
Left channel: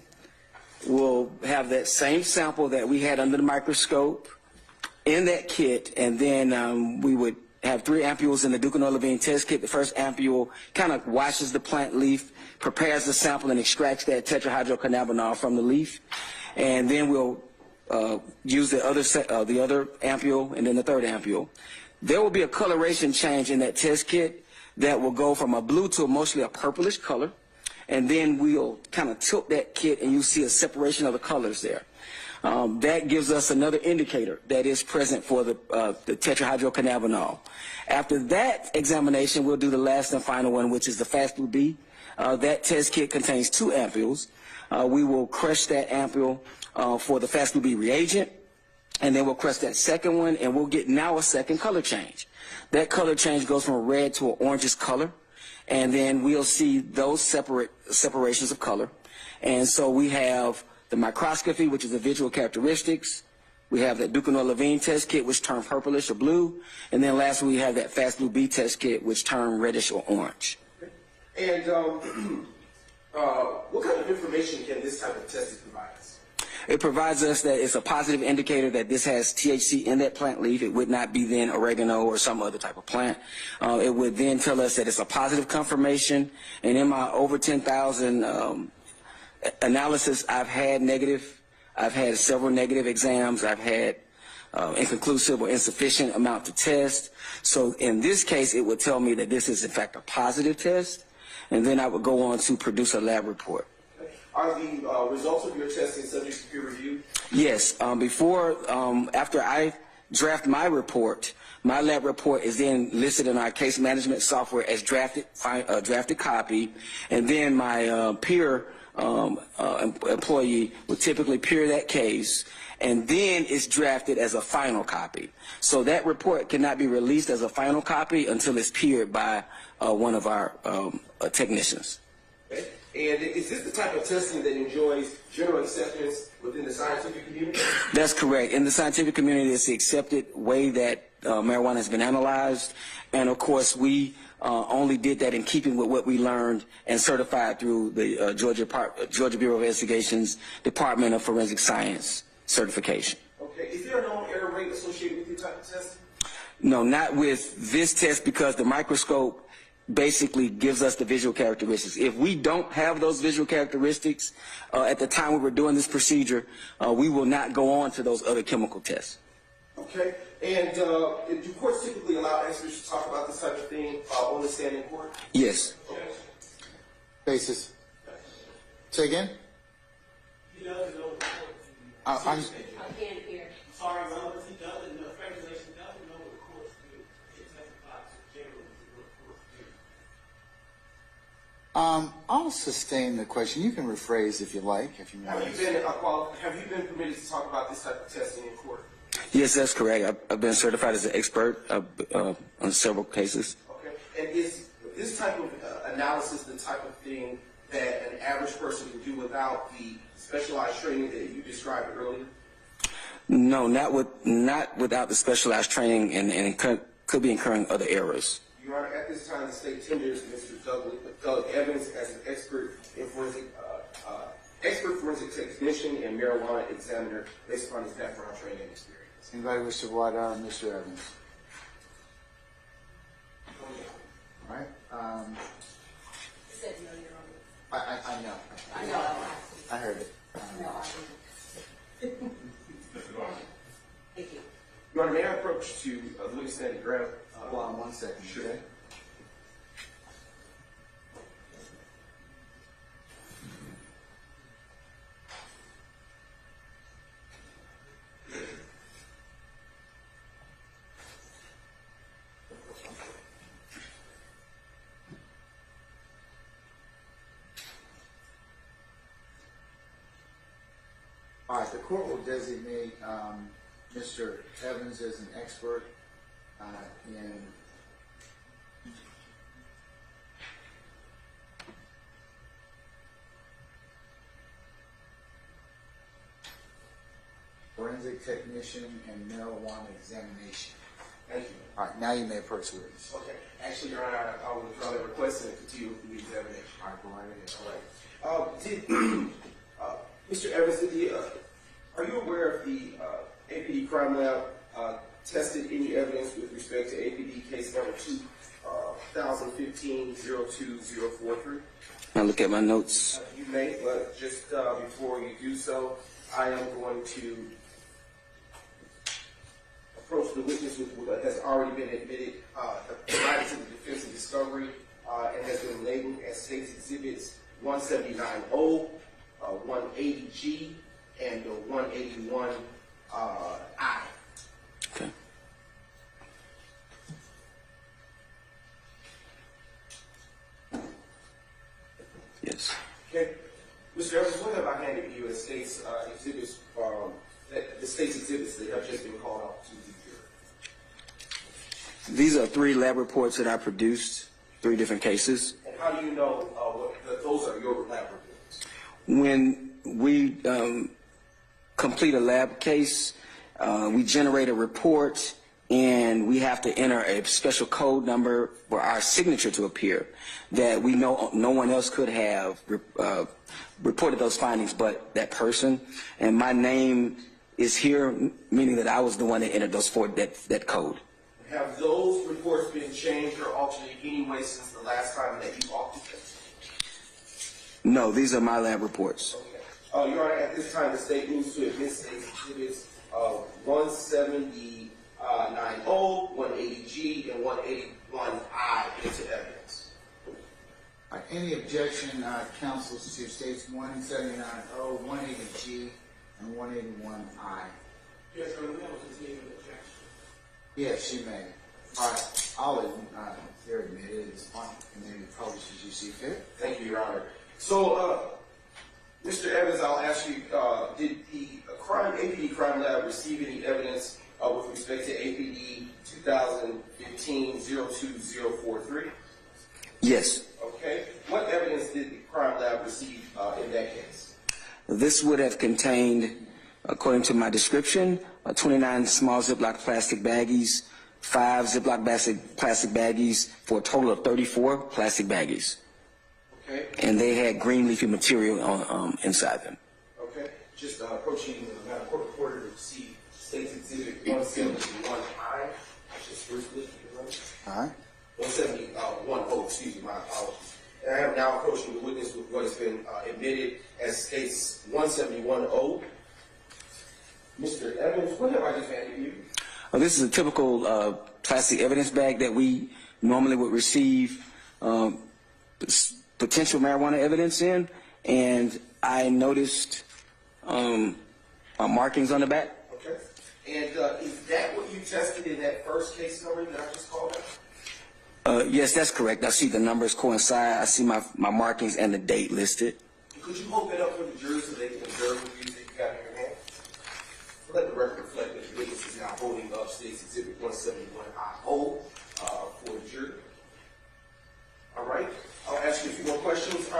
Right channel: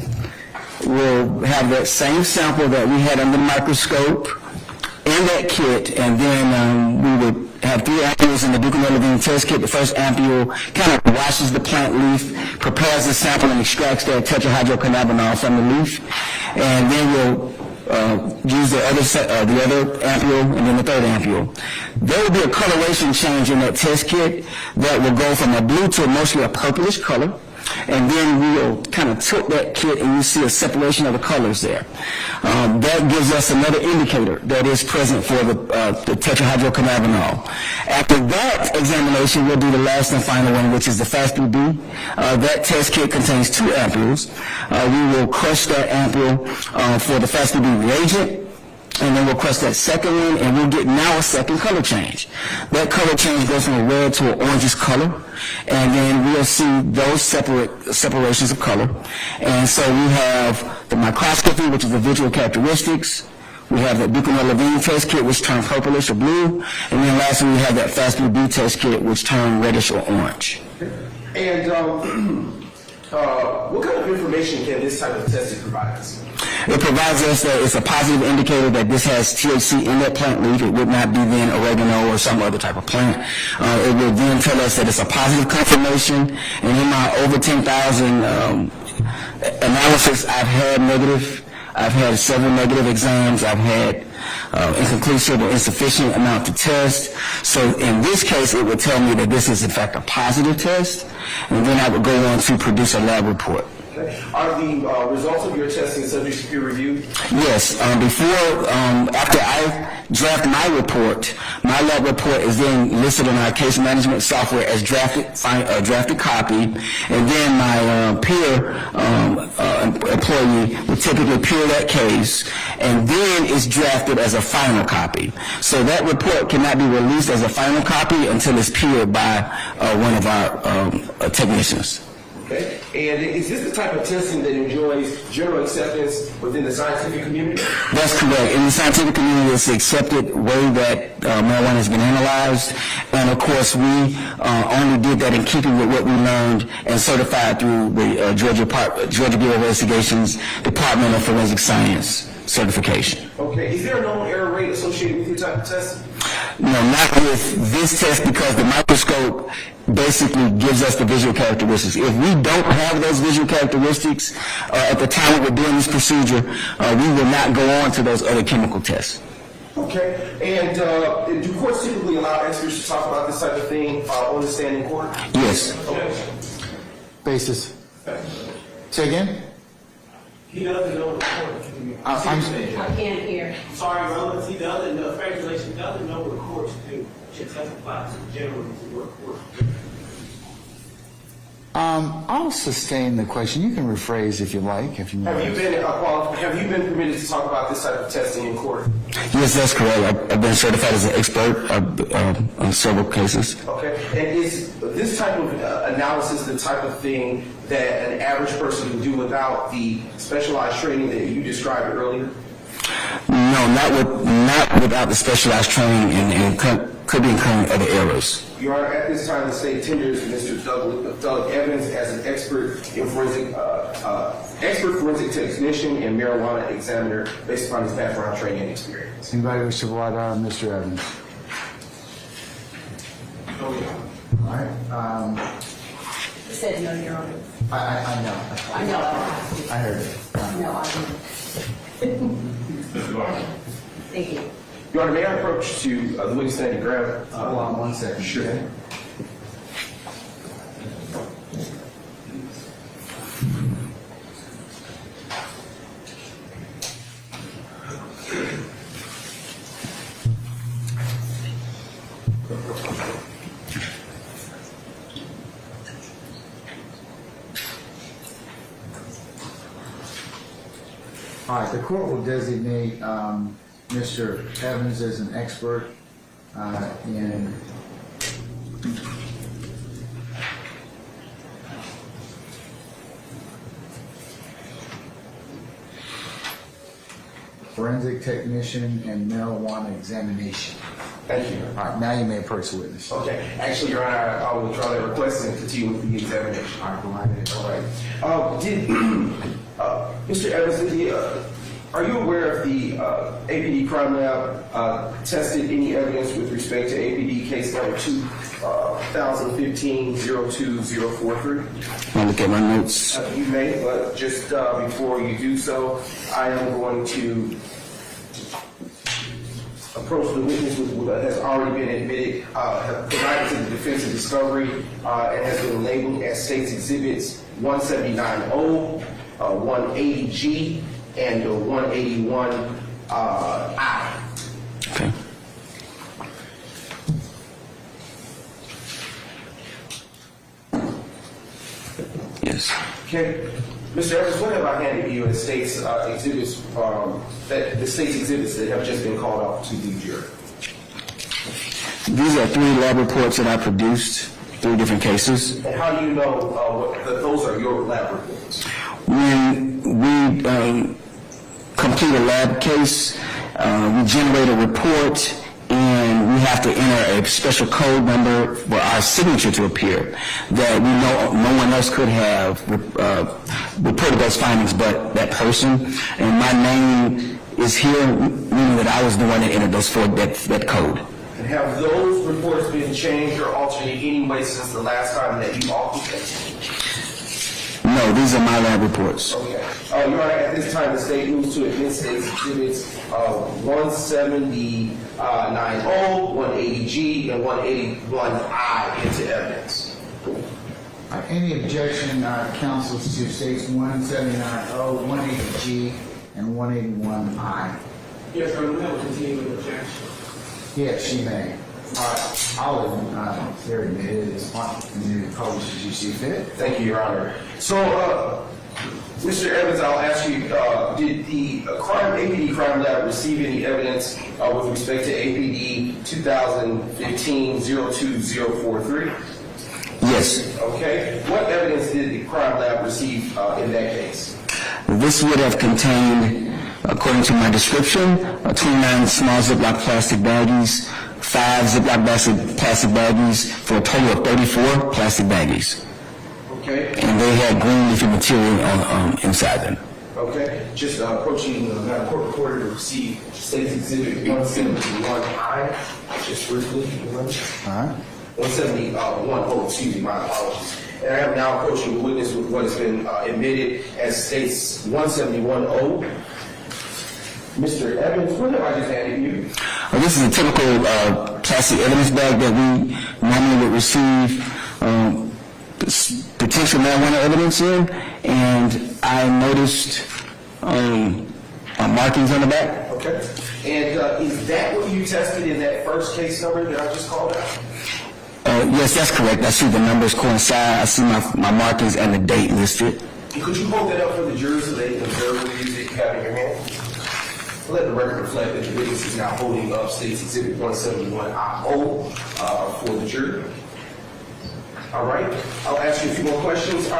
will have that same sample that we had under the microscope in that kit, and then we would have 3 ampules in the Duquesnoy-Levine test kit. The first ampule kind of washes the plant leaf, prepares the sample, and extracts that tetrahydrocannabinol from the leaf, and then we'll use the other ampule and then the third ampule. There will be a coloration change in that test kit that will go from a blue to mostly a purplish color, and then we'll kind of tilt that kit and you see a separation of the colors there. That gives us another indicator that is present for the tetrahydrocannabinol. After that examination, we'll do the last and final one, which is the FAST-BB. That test kit contains 2 ampules. We will crush that ampule for the FAST-BB reagent, and then we'll crush that second one, and we'll get now a second color change. That color change goes from a red to an orangish color, and then we'll see those separations of color. And so we have the microscopy, which is the visual characteristics. We have that Duquesnoy-Levine test kit, which turned purplish or blue, and then lastly we have that FAST-BB test kit, which turned reddish or orange. And what kind of information can this type of testing provide us? It provides us that it's a positive indicator that this has THC in that plant leaf. It would not be then oregano or some other type of plant. It would then tell us that it's a positive confirmation. And in my over 10,000 analysis, I've had several negative exams. I've had inconclusive or insufficient amount to test. So in this case, it would tell me that this is in fact a positive test, and then I would go on to produce a lab report. Okay. Are the results of your testing subject to peer review? Yes. After I draft my report, my lab report is then listed in our case management software as drafted copy, and then my peer employee would typically appear that case, and then it's drafted as a final copy. So that report cannot be released as a final copy until it's peered by one of our technicians. Okay. And is this the type of testing that enjoys general acceptance within the scientific community? That's correct. In the scientific community, it's the accepted way that marijuana has been analyzed. And of course, we only did that in keeping with what we learned and certified through the Georgia Bureau of Investigations Department of Forensic Science certification. Okay. Is there a known error rate associated with your type of testing? No, not with this test, because the microscope basically gives us the visual characteristics. If we don't have those visual characteristics at the time we're doing this procedure, we will not go on to those other chemical tests. Okay. And do courts typically allow experts to talk about this type of thing on the stand in court? Yes. Okay. Basis. Say again? He doesn't know the court. I'm I can't hear. Sorry, brothers, he doesn't know, regulation doesn't know what courts do. Should testify to generally to what courts do. I'll sustain the question. You can rephrase if you like, if you want. Have you been permitted to talk about this type of testing in court? Yes, that's correct. I've been certified as an expert on several cases. Okay. And is this type of analysis the type of thing that an average person can do without the specialized training that you described earlier? No, not without the specialized training, and could be incurring other errors. Your Honor, at this time, the state tenders Mr. Doug Evans as an expert forensic technician and marijuana examiner based upon his background, training, and experience. Anybody wish to voir dire Mr. Evans? All right. He said no, Your Honor. I know. I know. I heard it. No, I didn't. Thank you. Your Honor, may I approach to the witness stand and grab? Hold on 1 second. Sure. Okay. All right, the court will designate Mr. Evans as an expert in forensic technician and marijuana examination. Thank you. All right, now you may approach the witness. Okay. Actually, Your Honor, I will withdraw that request and continue with the examination. All right, go ahead. All right. Mr. Evans, are you aware of the APD crime lab tested any evidence with respect to APD case number 2015-02043? I'll look at my notes. You may, but just before you do so, I am going to approach the witness that has already been admitted, have provided to the defense of discovery, and has been labeled as State's Exhibits 179O, 180G, and 181I. Okay. Yes. Okay. Mr. Evans, what have I handed you as State's exhibits, the State's exhibits that have just been called out to the jury? These are 3 lab reports that I produced, 3 different cases. And how do you know that those are your lab reports? When we complete a lab case, we generate a report, and we have to enter a special code number for our signature to appear that we know no one else could have reported those findings but that person. And my name is here, meaning that I was the one that entered that code. And have those reports been changed or altered in any way since the last time that you authored them? No, these are my lab reports. Okay. Your Honor, at this time, the State moves to admit State's Exhibits 170-90, 180G, and 181I into evidence. Any objection, counsels, to States 179O, 180G, and 181I? Yes, sir, we have a continuing objection. Yes, she may. All right, I'll admit it is published as you see fit. Thank you, Your Honor. So, Mr. Evans, I'll ask you, did the APD crime lab receive any evidence with respect to APD 2015-02043? Yes. Okay. What evidence did the crime lab receive in that case? This would have contained, according to my description, 29 small Ziploc plastic baggies, 5 Ziploc plastic baggies, for a total of 34 plastic baggies. Okay. And they had green leafy material on inside them. Okay. Just approaching Madam Court Reporter to receive State's Exhibit 171I. Just briefly. All right. 171, oh, excuse me, my apologies. And I am now approaching the witness with what has been admitted as State's 171O. Mr. Evans, what have I just handed you? This is a typical plastic evidence bag that we normally would receive potential marijuana evidence in, and I noticed markings on the back. Okay. And is that what you tested in that first case number that I just called out? Yes, that's correct. I see the numbers coincide. I see my markings and the date listed. Could you hold that up for the jurors so they can observe what it is that you have in your hand? Let the record reflect that the witness is now holding up State's Exhibit 171I-O for the jury. All right. I'll ask you a few more questions.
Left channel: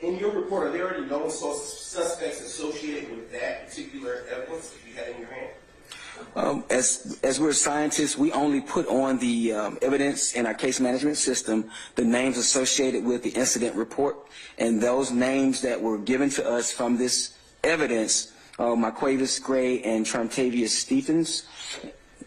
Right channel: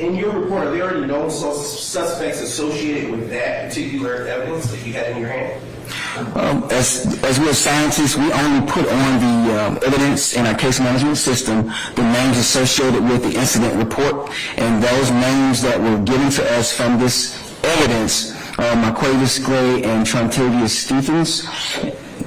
In your report, are there any known suspects associated with that particular evidence that you had in your hand? As we're scientists, we only put on the evidence in our case management system the names associated with the incident report, and those names that were given to us from this evidence, Marquavis Gray and Trontavious Stephens.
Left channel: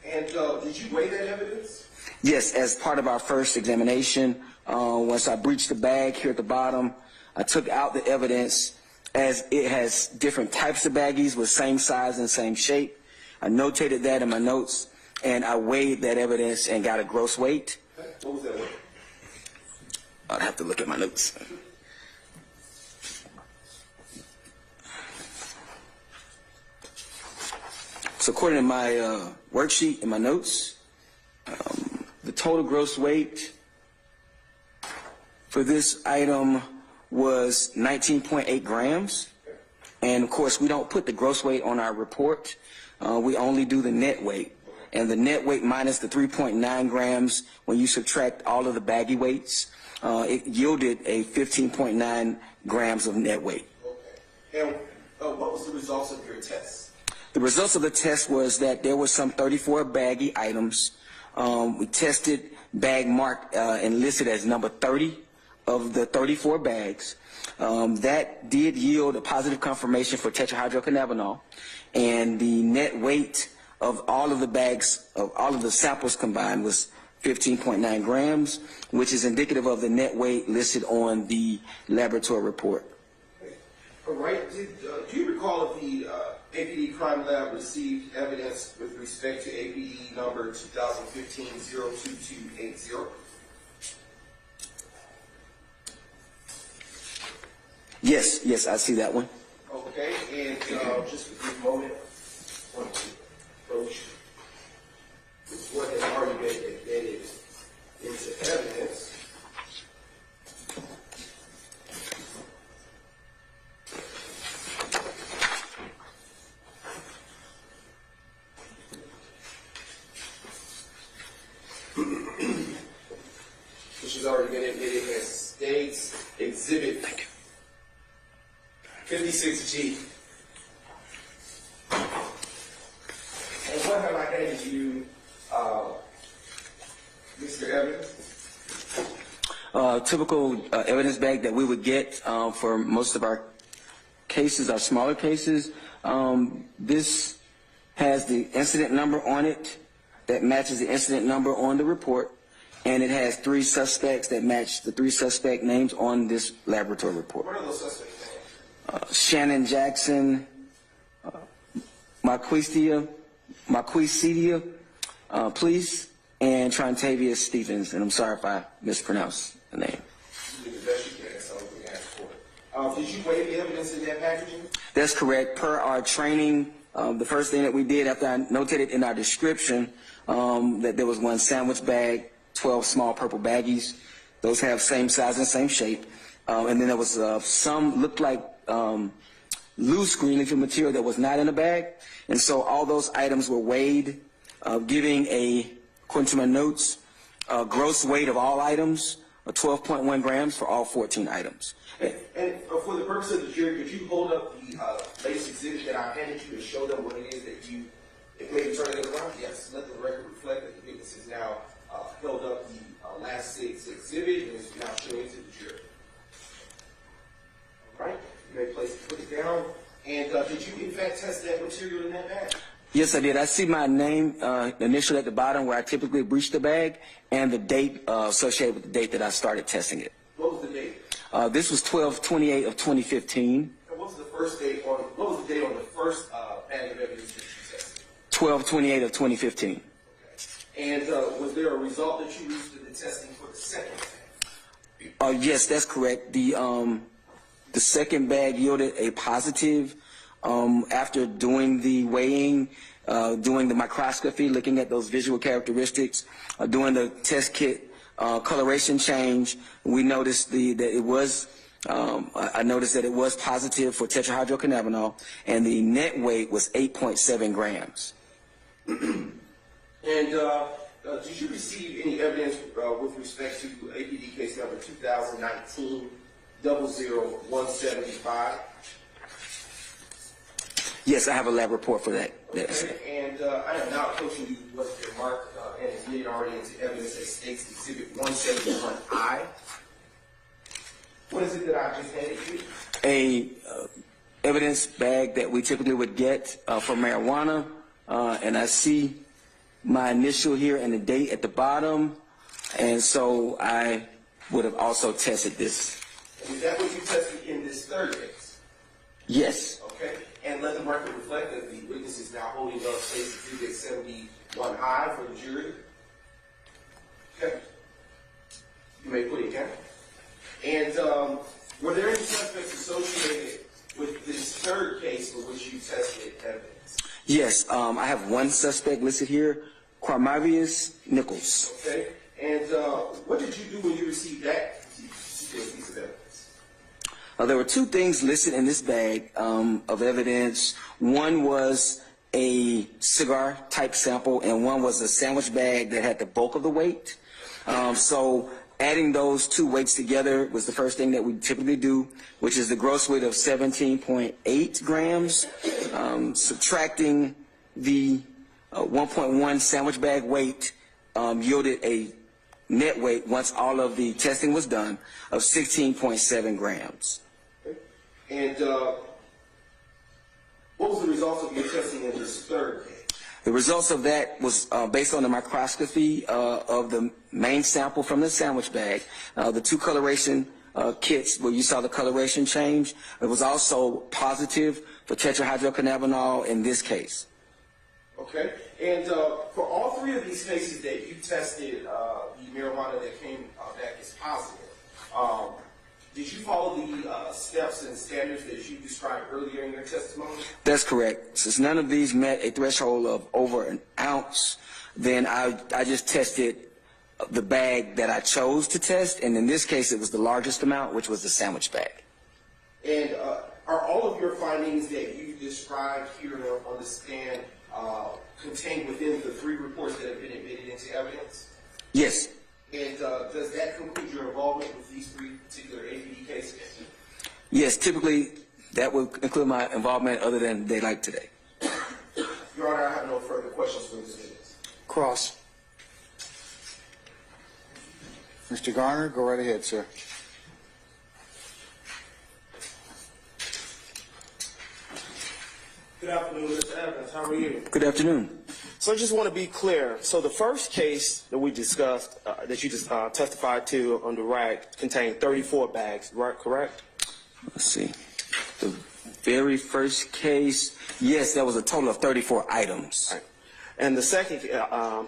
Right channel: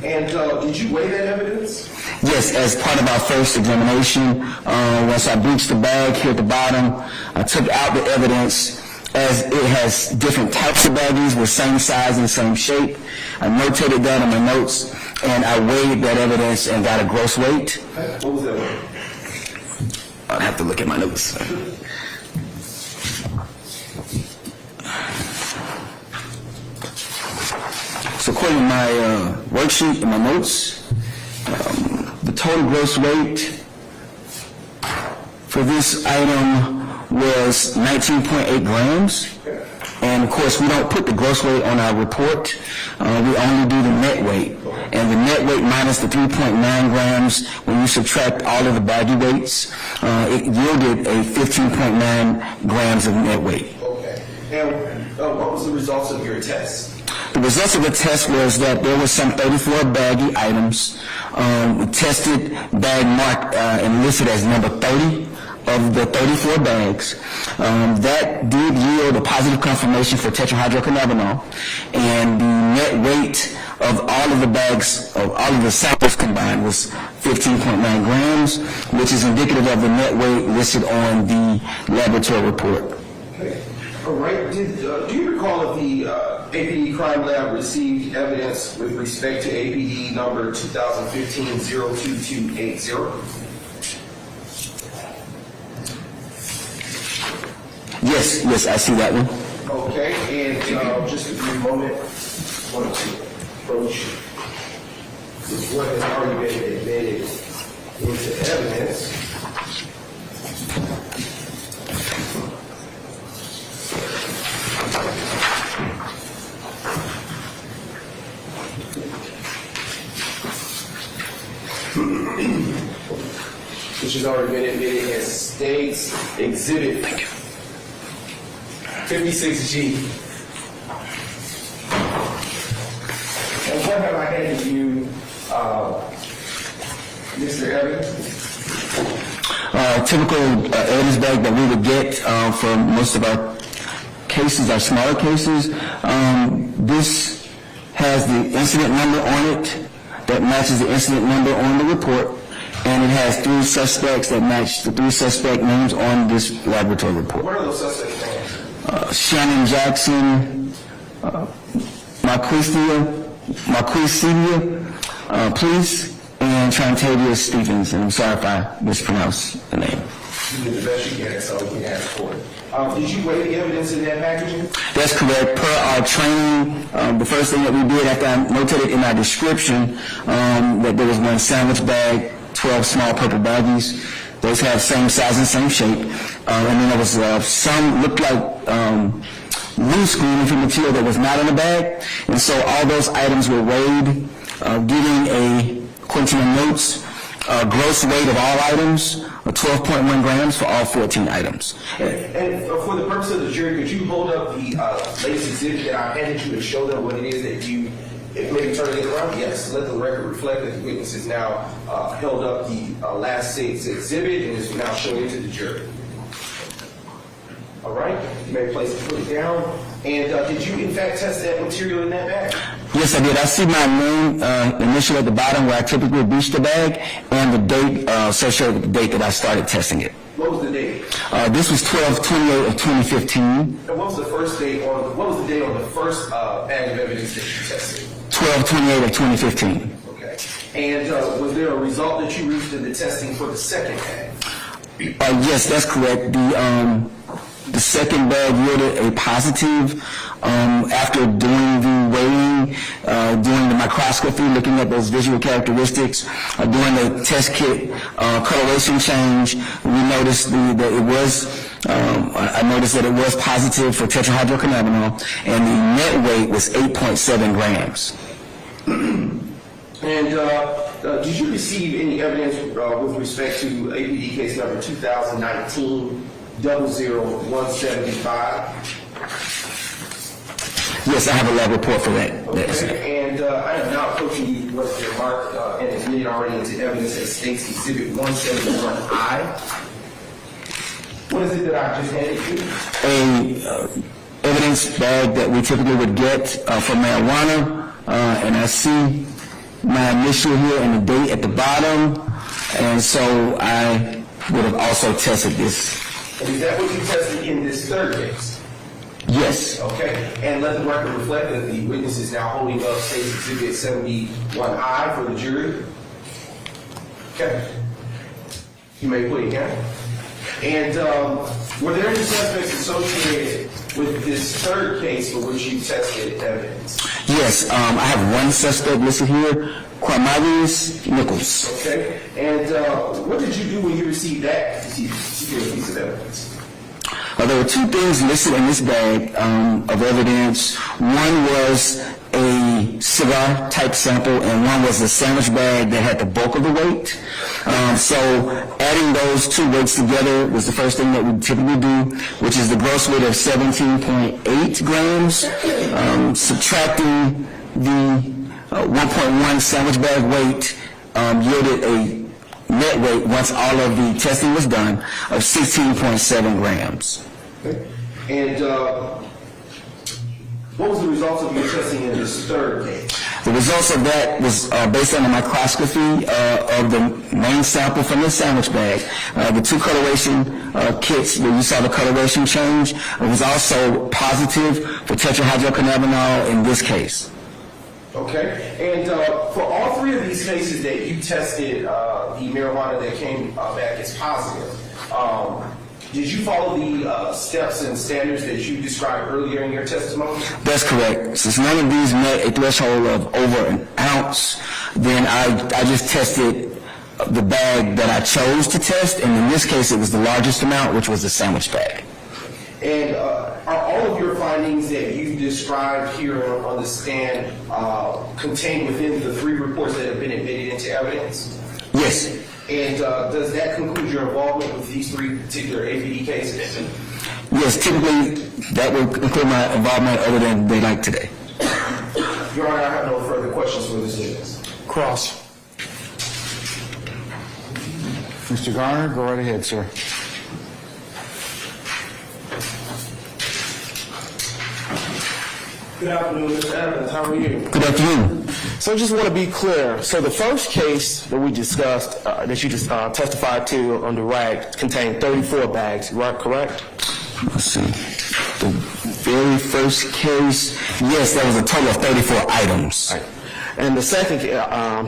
And did you weigh that evidence? Yes, as part of our first examination, once I breached the bag here at the bottom, I took out the evidence as it has different types of baggies with same size and same shape. I notated that in my notes, and I weighed that evidence and got a gross weight. What was that weight? I'd have to look at my notes. So according to my worksheet and my notes, the total gross weight for this item was 19.8 grams. And of course, we don't put the gross weight on our report. We only do the net weight. And the net weight minus the 3.9 grams, when you subtract all of the baggy weights, it yielded a 15.9 grams of net weight. Okay. And what was the results of your test? The results of the test was that there was some 34 baggy items. We tested bag marked and listed as number 30 of the 34 bags. That did yield a positive confirmation for tetrahydrocannabinol, and the net weight of all of the bags, of all of the samples combined, was 15.9 grams, which is indicative of the net weight listed on the laboratory report. Okay. All right. Do you recall if the APD Crime Lab received evidence with respect to APD number 2015-02280? Yes, I see that one. Okay, and just a brief moment, I want to approach what has already been admitted into evidence. Which has already been admitted as State's Exhibit 56G. And what have I handed you, Mr. Evans? Typical evidence bag that we would get for most of our cases, our smaller cases. This has the incident number on it that matches the incident number on the report, and it has 3 suspects that match the 3 suspect names on this laboratory report. What are those suspects' names? Shannon Jackson, Marquisia, Police, and Trontavious Stephens. And I'm sorry if I mispronounced the name. You did the best you can, so we can ask for it. Did you weigh the evidence in that packaging? That's correct. Per our training, the first thing that we did after I notated in our description that there was 1 sandwich bag, 12 small purple baggies. Those have same size and same shape. And then there was some looked like loose green leafy material that was not in the bag. And so all those items were weighed, giving according to the notes, gross weight of all items, 12.1 grams for all 14 items. And for the purpose of the jury, could you hold up the latest exhibit that I handed you and show them what it is that you, if maybe turn it around? Yes, let the record reflect that the witness has now held up the last exhibit and is now showing it to the jury. All right, you may place it, put it down. And did you in fact test that material in that bag? Yes, I did. I see my name initial at the bottom where I typically reach the bag, and the date associated with the date that I started testing it. What was the date? This was 12/28 of 2015. And what was the first date on? What was the date on the first bag of evidence that you tested? 12/28 of 2015. Okay. And was there a result that you reached in the testing for the second bag? Yes, that's correct. The second bag yielded a positive after doing the weighing, doing the microscopy, looking at those visual characteristics, doing the test kit coloration change. We noticed that it was, I noticed that it was positive for tetrahydrocannabinol, and the net weight was 8.7 grams. And did you receive any evidence with respect to APD case number 2019-00175? Yes, I have a lab report for that. Okay, and I am now approaching you what's been marked and admitted already into evidence as states Exhibit 171I. What is it that I just handed you? A evidence bag that we typically would get for marijuana, and I see my initial here and the date at the bottom, and so I would have also tested this. And is that what you tested in this third case? Yes. Okay, and let the record reflect that the witness is now holding up State's Exhibit 71I for the jury. Okay. You may plead again. And were there any suspects associated with this third case for which you tested evidence? Yes, I have one suspect listed here, Quamarius Nichols. Okay, and what did you do when you received that particular piece of evidence? There were two things listed in this bag of evidence. One was a cigar type sample, and one was a sandwich bag that had the bulk of the weight. So adding those two weights together was the first thing that we typically do, which is the gross weight of 17.8 grams. Subtracting the 1.1 sandwich bag weight yielded a net weight, once all of the testing was done, of 16.7 grams. Okay. And what was the results of your testing in this third case? The results of that was based on the microscopy of the main sample from the sandwich bag. The two coloration kits where you saw the coloration change, it was also positive for tetrahydrocannabinol in this case. Okay, and for all three of these cases that you tested the marijuana that came back as positive, did you follow the steps and standards that you described earlier in your testimony? That's correct. Since none of these met a threshold of over an ounce, then I just tested the bag that I chose to test, and in this case it was the largest amount, which was the sandwich bag. And are all of your findings that you described here on the stand contained within the three reports that have been admitted into evidence? Yes. And does that conclude your involvement with these three particular APD cases? Yes, typically that would include my involvement other than daylight today. Your Honor, I have no further questions for this witness. Cross. Mr. Garner, go right ahead, sir. Good afternoon, Mr. Evans. How are you? Good afternoon. So I just want to be clear. So the first case that we discussed, that you just testified to on the rag, contained 34 bags, right? Correct? Let's see. The very first case, yes, that was a total of 34 items. Right. And the second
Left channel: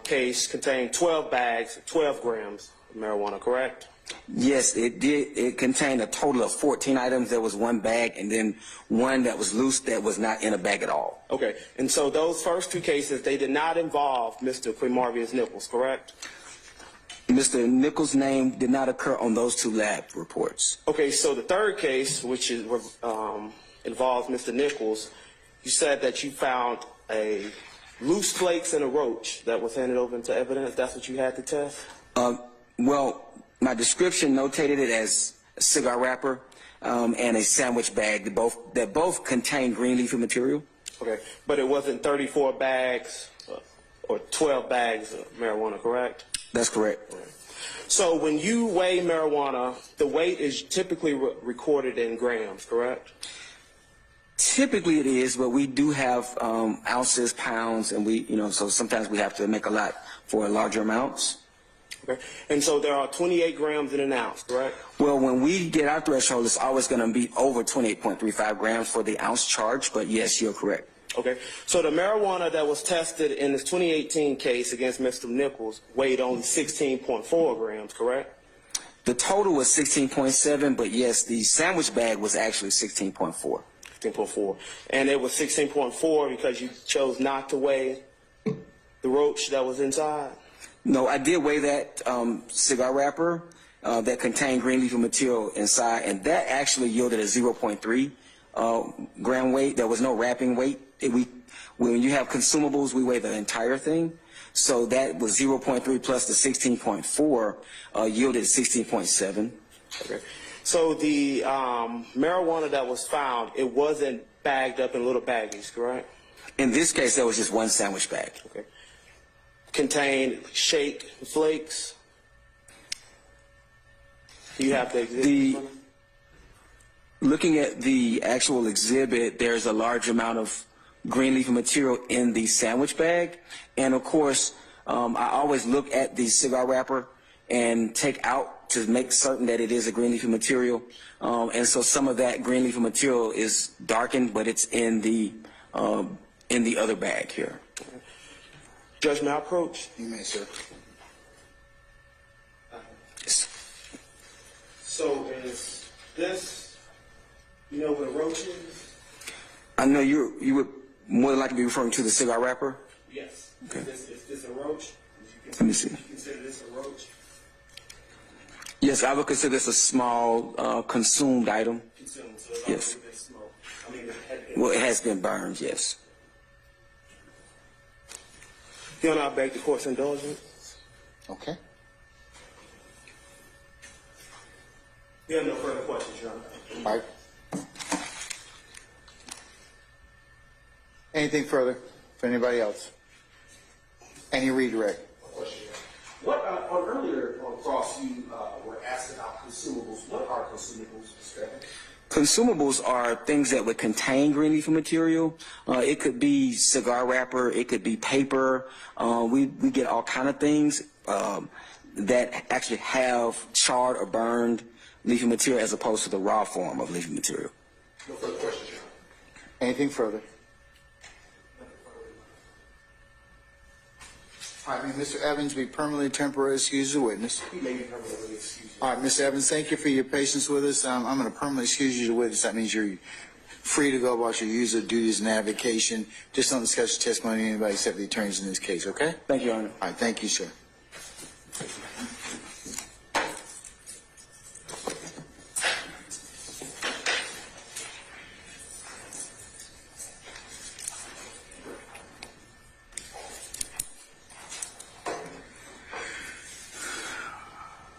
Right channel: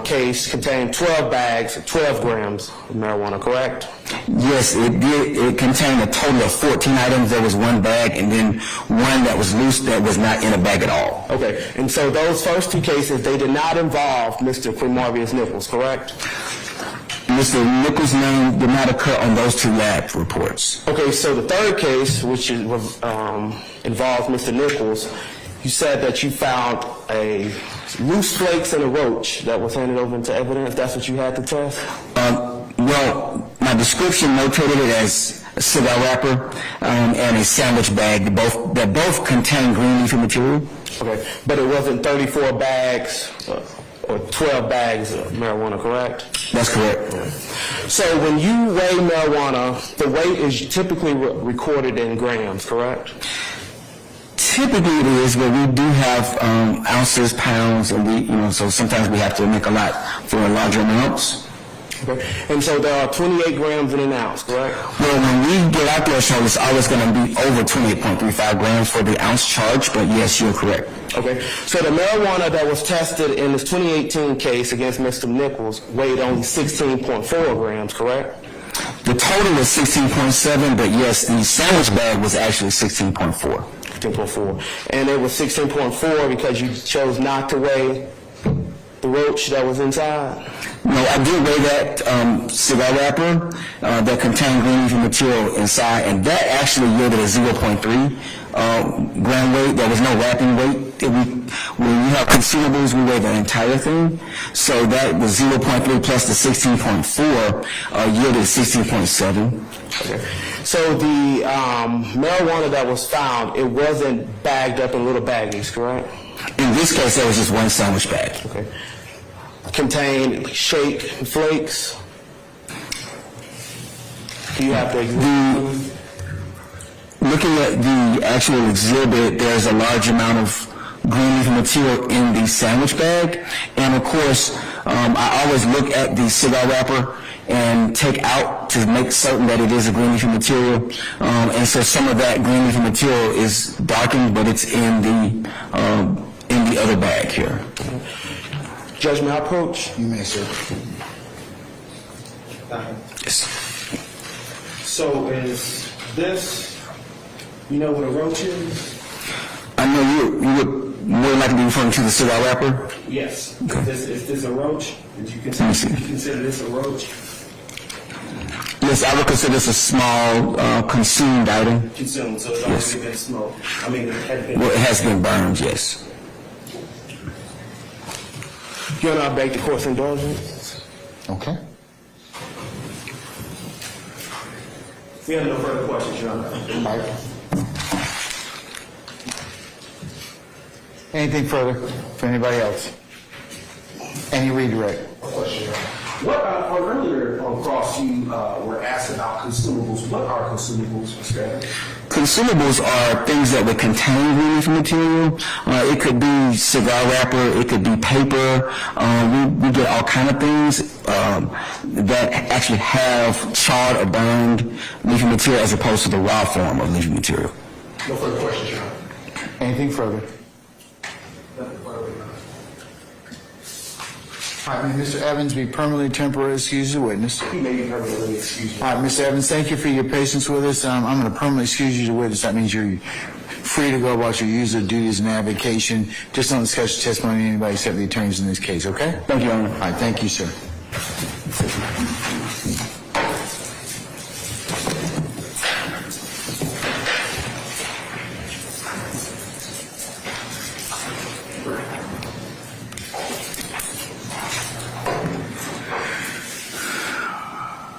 case contained 12 bags, 12 grams of marijuana, correct? Yes, it did. It contained a total of 14 items. There was one bag and then one that was loose that was not in a bag at all. Okay. And so those first two cases, they did not involve Mr. Quamarius Nichols, correct? Mr. Nichols' name did not occur on those two lab reports. Okay, so the third case, which involves Mr. Nichols, you said that you found a loose flakes and a roach that was handed over into evidence. That's what you had to test? Well, my description notated it as a cigar wrapper and a sandwich bag that both contain green leafy material. Okay, but it wasn't 34 bags or 12 bags of marijuana, correct? That's correct. So when you weigh marijuana, the weight is typically recorded in grams, correct? Typically it is, but we do have ounces, pounds, and so sometimes we have to make a lot for larger amounts. Okay. And so there are 28 grams in an ounce, correct? Well, when we get our threshold, it's always going to be over 28.35 grams for the ounce charge, but yes, you're correct. Okay. So the marijuana that was tested in this 2018 case against Mr. Nichols weighed only 16.4 grams, correct? The total was 16.7, but yes, the sandwich bag was actually 16.4. 16.4. And it was 16.4 because you chose not to weigh the roach that was inside? No, I did weigh that cigar wrapper that contained green leafy material inside, and that actually yielded a 0.3 gram weight. There was no wrapping weight. When we have consumables, we weigh the entire thing. So that was 0.3 plus the 16.4 yielded 16.7. Okay. So the marijuana that was found, it wasn't bagged up in little baggies, correct? In this case, there was just one sandwich bag. Okay. Contained shake flakes. Do you have the looking at the actual exhibit, there's a large amount of green leafy material in the sandwich bag, and of course, I always look at the cigar wrapper and take out to make certain that it is a green leafy material, and so some of that green leafy material is darkened, but it's in the other bag here. Judge, may I approach? You may, sir. Yes. So is this, you know what a roach is? I know you would more likely be referring to the cigar wrapper. Yes. Okay. Is this a roach? Did you Let me see. consider this a roach? Yes, I would consider this a small consumed item. Consumed, so it's already been smoked. I mean, it had been. Well, it has been burned, yes. You and I beg the court's indulgence. Okay. We have no further questions, Your Honor. All right. Anything further for anybody else? Any redirect? What, on earlier on cross, you were asked about consumables. What are consumables, Mr. Evans? Consumables are things that would contain green leafy material. It could be cigar wrapper, it could be paper. We get all kind of things that actually have charred or burned leafy material as opposed to the raw form of leafy material. No further questions, Your Honor. Anything further? All right, Mr. Evans, be permanently temporarily excused as a witness. He may be permanently excused. All right, Mr. Evans, thank you for your patience with us. I'm going to permanently excuse you as a witness. That means you're free to go about your usual duties and avocation. Just don't discuss your testimony with anybody except the attorneys in this case, okay? Thank you, Your Honor. All right, thank you, sir.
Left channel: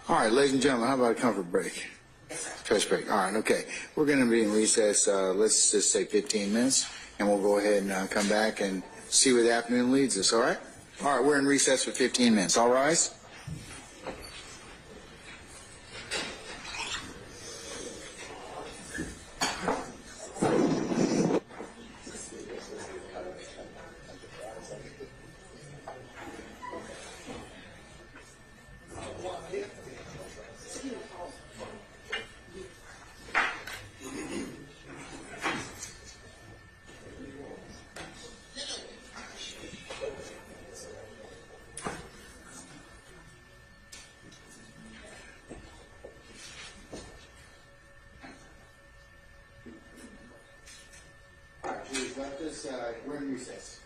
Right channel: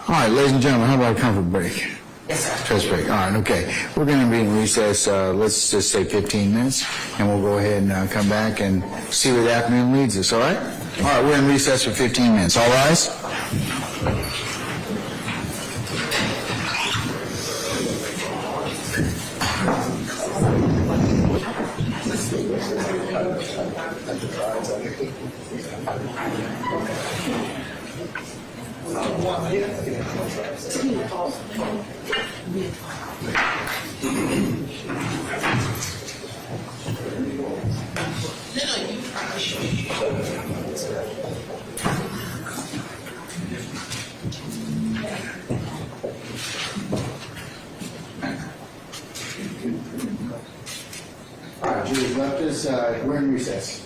All right, ladies and gentlemen, how about a comfort break? Yes, sir. Stretch break. All right, okay. We're going to be in recess, let's just say 15 minutes, and we'll go ahead and come back and see where the afternoon leads us, all right? All right, we're in recess for 15 minutes. All rise. All right, Julie's left us. We're in recess.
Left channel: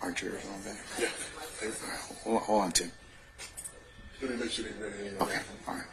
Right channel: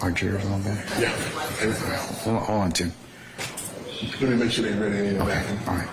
Are jurors on back? Yeah, everything. Hold on, too. Let me make sure they're ready in the back. All right.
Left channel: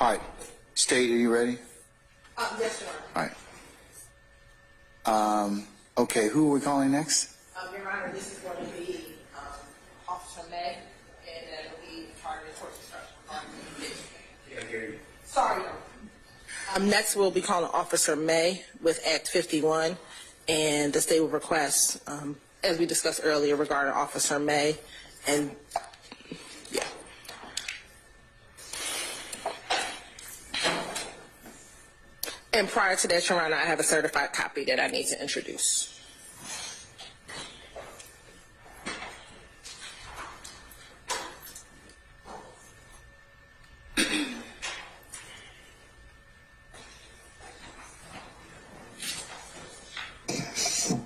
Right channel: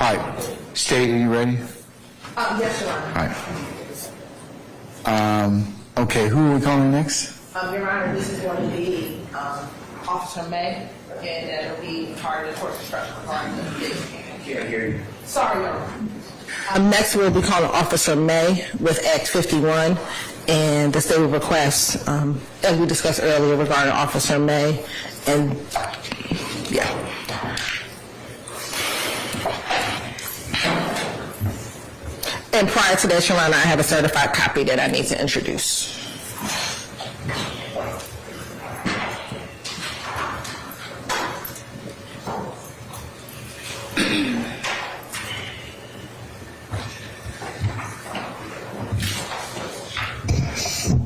All right. State, are you ready? Yes, Your Honor. All right. Okay, who are we calling next? Your Honor, this is going to be Officer May, and that'll be part of the course instruction regarding the case. Can't hear you. Sorry, Your Honor. Next, we'll be calling Officer May with Act 51, and the state will request, as we discussed earlier regarding Officer May, and yeah. And prior to that, Your Honor, I have a certified copy that I need to introduce.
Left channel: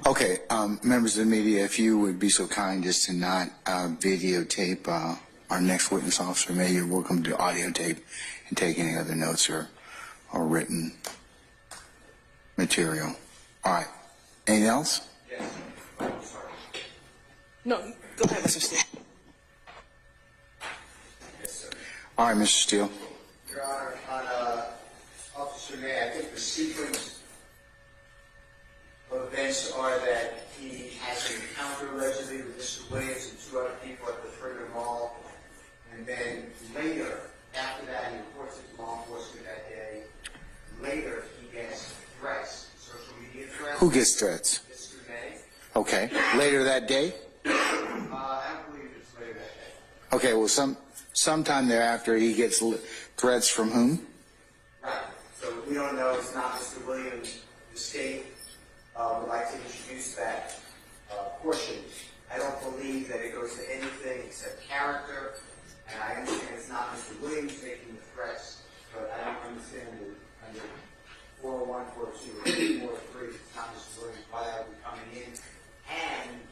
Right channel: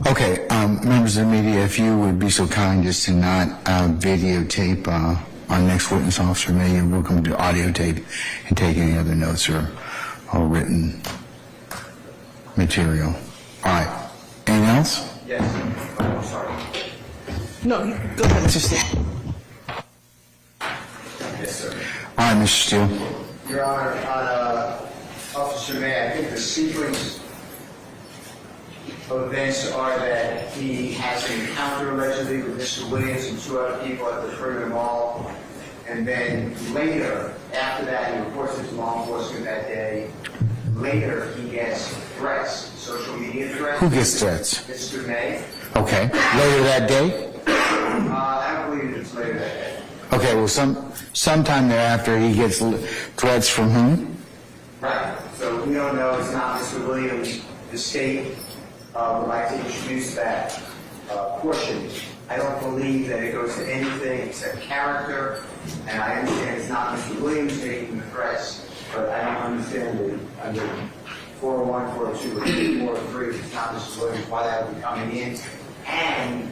Okay, members of the media, if you would be so kind as to not videotape our next witness, Officer May, you're welcome to audio tape and take any other notes or written material. All right. Anything else? Yes. Oh, sorry. No, go ahead, Mr. Steele. Yes, sir. All right, Mr. Steele. Your Honor, on Officer May, I think the sequence of events are that he has an encounter allegedly with Mr. Williams and two other people at the perimeter mall, and then later, after that, he reports it to law enforcement that day. Later, he gets threats, social media threats. Who gets threats? Mr. May. Okay. Later that day? I believe it's later that day. Okay, well, sometime thereafter, he gets threats from whom? Right. So we don't know. It's not Mr. Williams. The state would like to introduce that portion. I don't believe that it goes to anything except character, and I understand it's not Mr. Williams making the threats, but I don't understand that under 401, 402, or 403, it's not Mr. Williams, why that would be coming in. And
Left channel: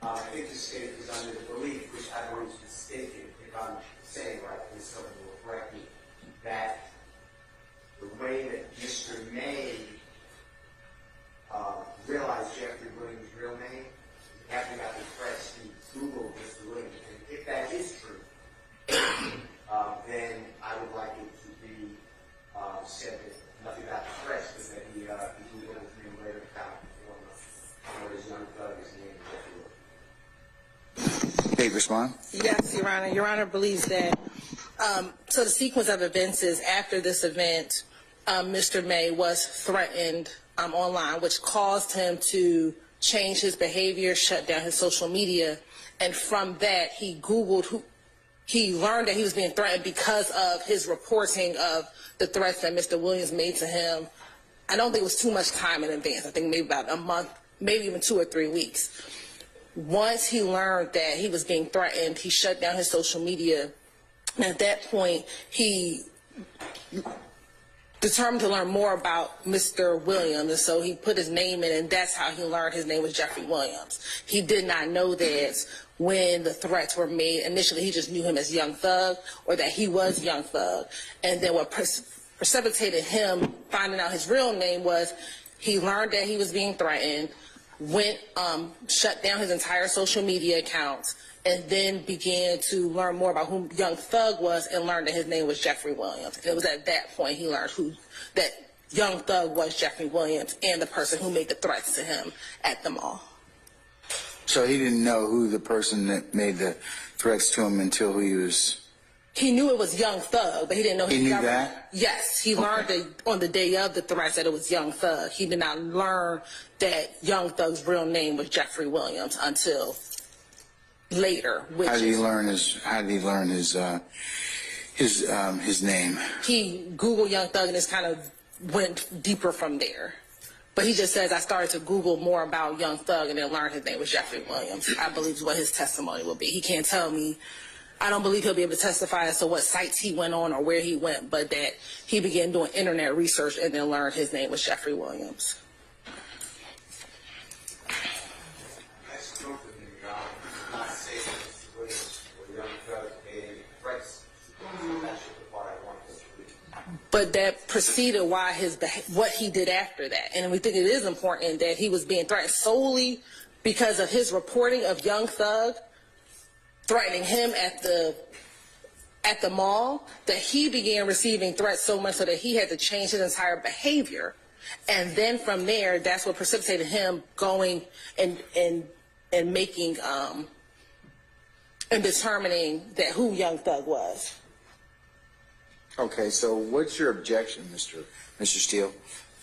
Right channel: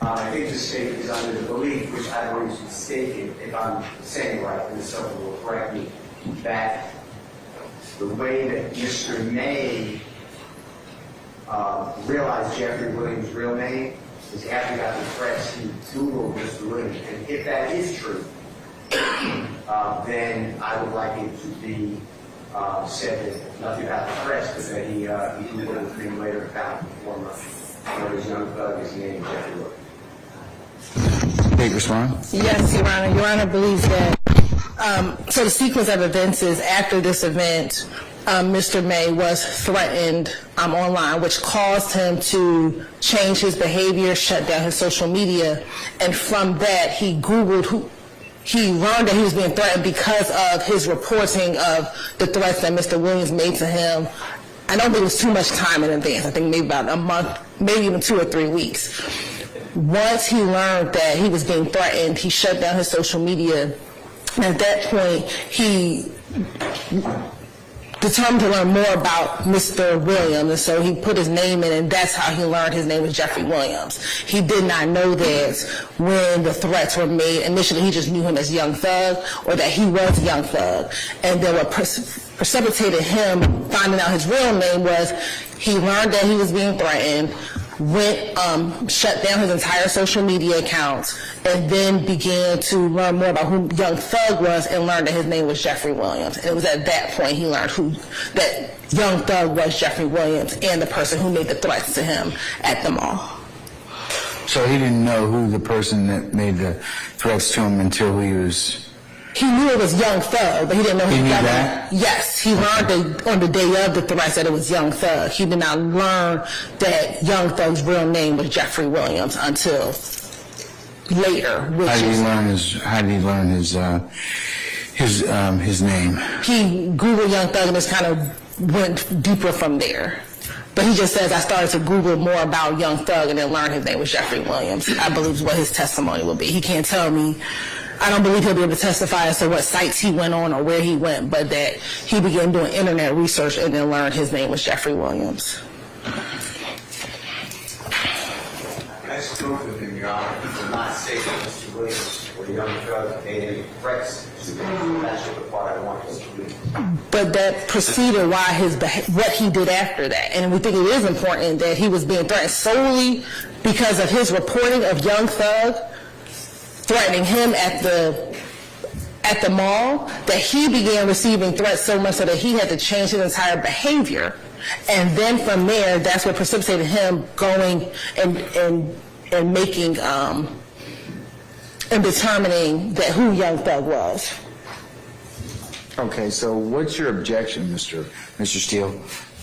I think the state is under the belief, which I believe is mistaken, if I'm saying it right, and someone will correct me, that the way that Mr. May realized Jeffery Williams' real name is after he got the threats, he Googled Mr. Williams. And if that is true, then I would like it to be said that nothing about the threats, but that he Googled him later and found one of his young thug is named Jeffery Williams. Take respond. Yes, Your Honor. Your Honor believes that. So the sequence of events is after this event, Mr. May was threatened online, which caused him to change his behavior, shut down his social media, and from that he Googled he learned that he was being threatened because of his reporting of the threats that Mr. Williams made to him. I don't think it was too much time in advance. I think maybe about a month, maybe even 2 or 3 weeks. Once he learned that he was being threatened, he shut down his social media. And at that point, he determined to learn more about Mr. Williams, and so he put his name in, and that's how he learned his name was Jeffery Williams. He did not know that when the threats were made. Initially, he just knew him as Young Thug, or that he was Young Thug. And then what precipitated him finding out his real name was he learned that he was being threatened, shut down his entire social media accounts, and then began to learn more about who Young Thug was and learned that his name was Jeffery Williams. And it was at that point he learned that Young Thug was Jeffery Williams and the person who made the threats to him at the mall. So he didn't know who the person that made the threats to him until he was... He knew it was Young Thug, but he didn't know he knew that? Yes, he learned on the day of the threats that it was Young Thug. He did not learn that Young Thug's real name was Jeffery Williams until later. How did he learn his name? He Googled Young Thug and just kind of went deeper from there. But he just says, I started to Google more about Young Thug and then learned his name was Jeffery Williams. I believe is what his testimony will be. He can't tell me. I don't believe he'll be able to testify as to what sites he went on or where he went, but that he began doing internet research and then learned his name was Jeffery Williams. That's true of him, Your Honor. He did not say that Mr. Williams or Young Thug made any threats to him. That's what the part I want us to do. But that preceded what he did after that. And we think it is important that he was being threatened solely because of his reporting of Young Thug threatening him at the mall, that he began receiving threats so much so that he had to change his entire behavior. And then from there, that's what precipitated him going and making and determining that who Young Thug was. Okay, so what's your objection, Mr. Steele?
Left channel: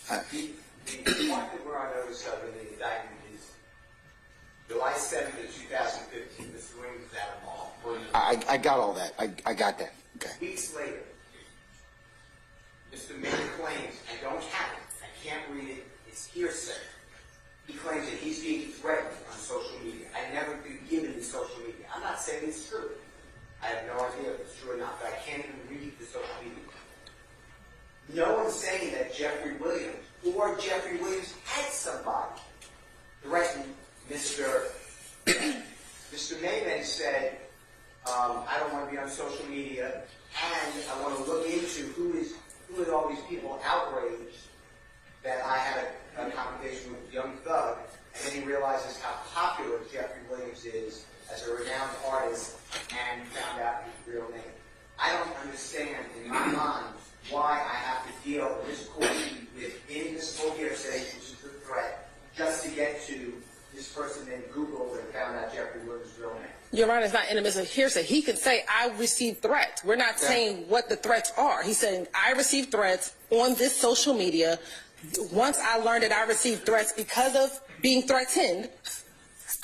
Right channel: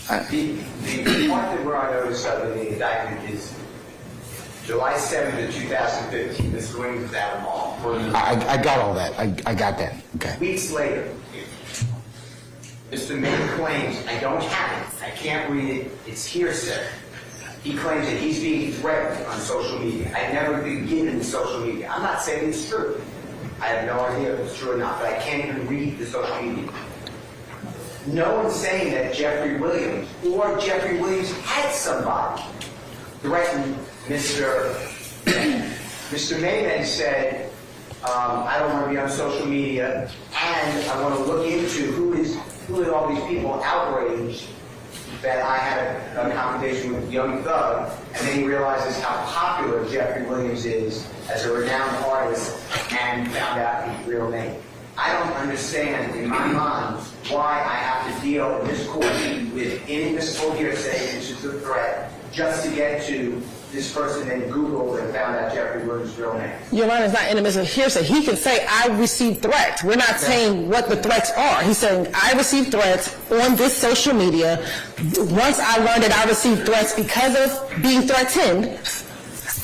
The part that we're on notice of in the indictment is July 7th of 2015, Mr. Williams was at a mall. I got all that. I got that. Okay. Weeks later, Mr. May claims, I don't have it, I can't read it, it's hearsay. He claims that he's being threatened on social media. I've never been given social media. I'm not saying it's true. I have no idea if it's true or not, but I can't even read the social media. No one's saying that Jeffery Williams or Jeffery Williams had somebody threaten Mr. May. Mr. May then said, I don't want to be on social media, and I want to look into who is all these people outraged that I had a confrontation with Young Thug, and then he realizes how popular Jeffery Williams is as a renowned artist and found out his real name. I don't understand in my mind why I have to deal in this court with inadmissible hearsay, which is a threat, just to get to this person and Googled and found out Jeffery Williams' real name. Your Honor, it's not inadmissible hearsay. He can say, I received threats. We're not saying what the threats are. He's saying, I received threats on this social media. Once I learned that I received threats because of being threatened,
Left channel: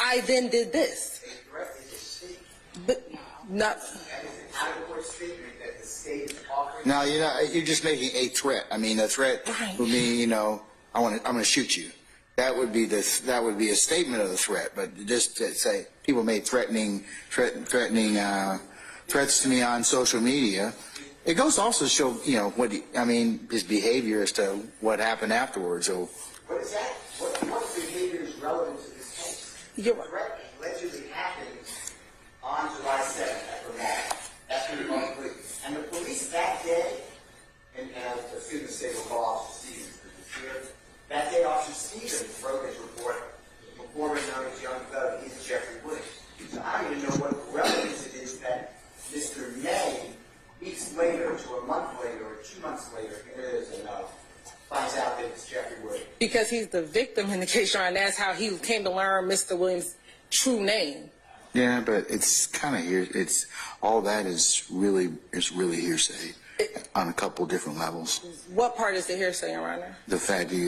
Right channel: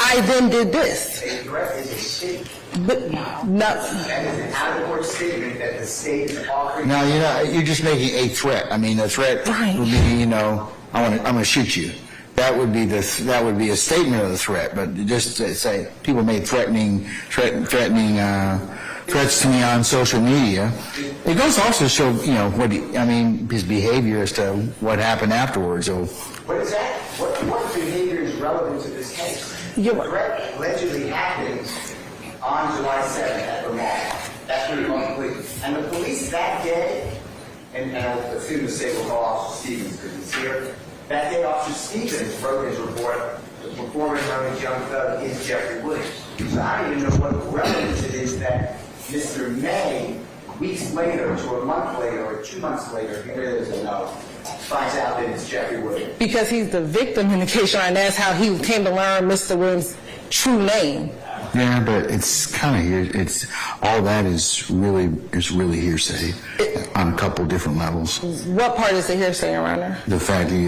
I then did this. A threat is a statement. But no. That is an out-of-court statement that the state is offering. Now, you're just making a threat. I mean, a threat would be, I'm going to shoot you. That would be a statement of the threat. But just to say people made threatening threats to me on social media. It goes also to show, his behavior as to what happened afterwards. So, What is that? What behavior is relevant to this case? The threat allegedly happened on July 7th at the mall. That's what it police. And the police that day, and I assume the state will call Officer Stevens because he's here. That day, Officer Stevens wrote his report. The performer known as Young Thug is Jeffery Williams. So I don't even know what relevance it is that Mr. May, weeks later, to a month later, or 2 months later, he really doesn't know, finds out that it's Jeffery Williams. Because he's the victim in the case, and that's how he came to learn Mr. Williams' true name. yeah, but it's kind of here. It's all that is really hearsay on a couple different levels. What part is the hearsay, Your Honor? The fact that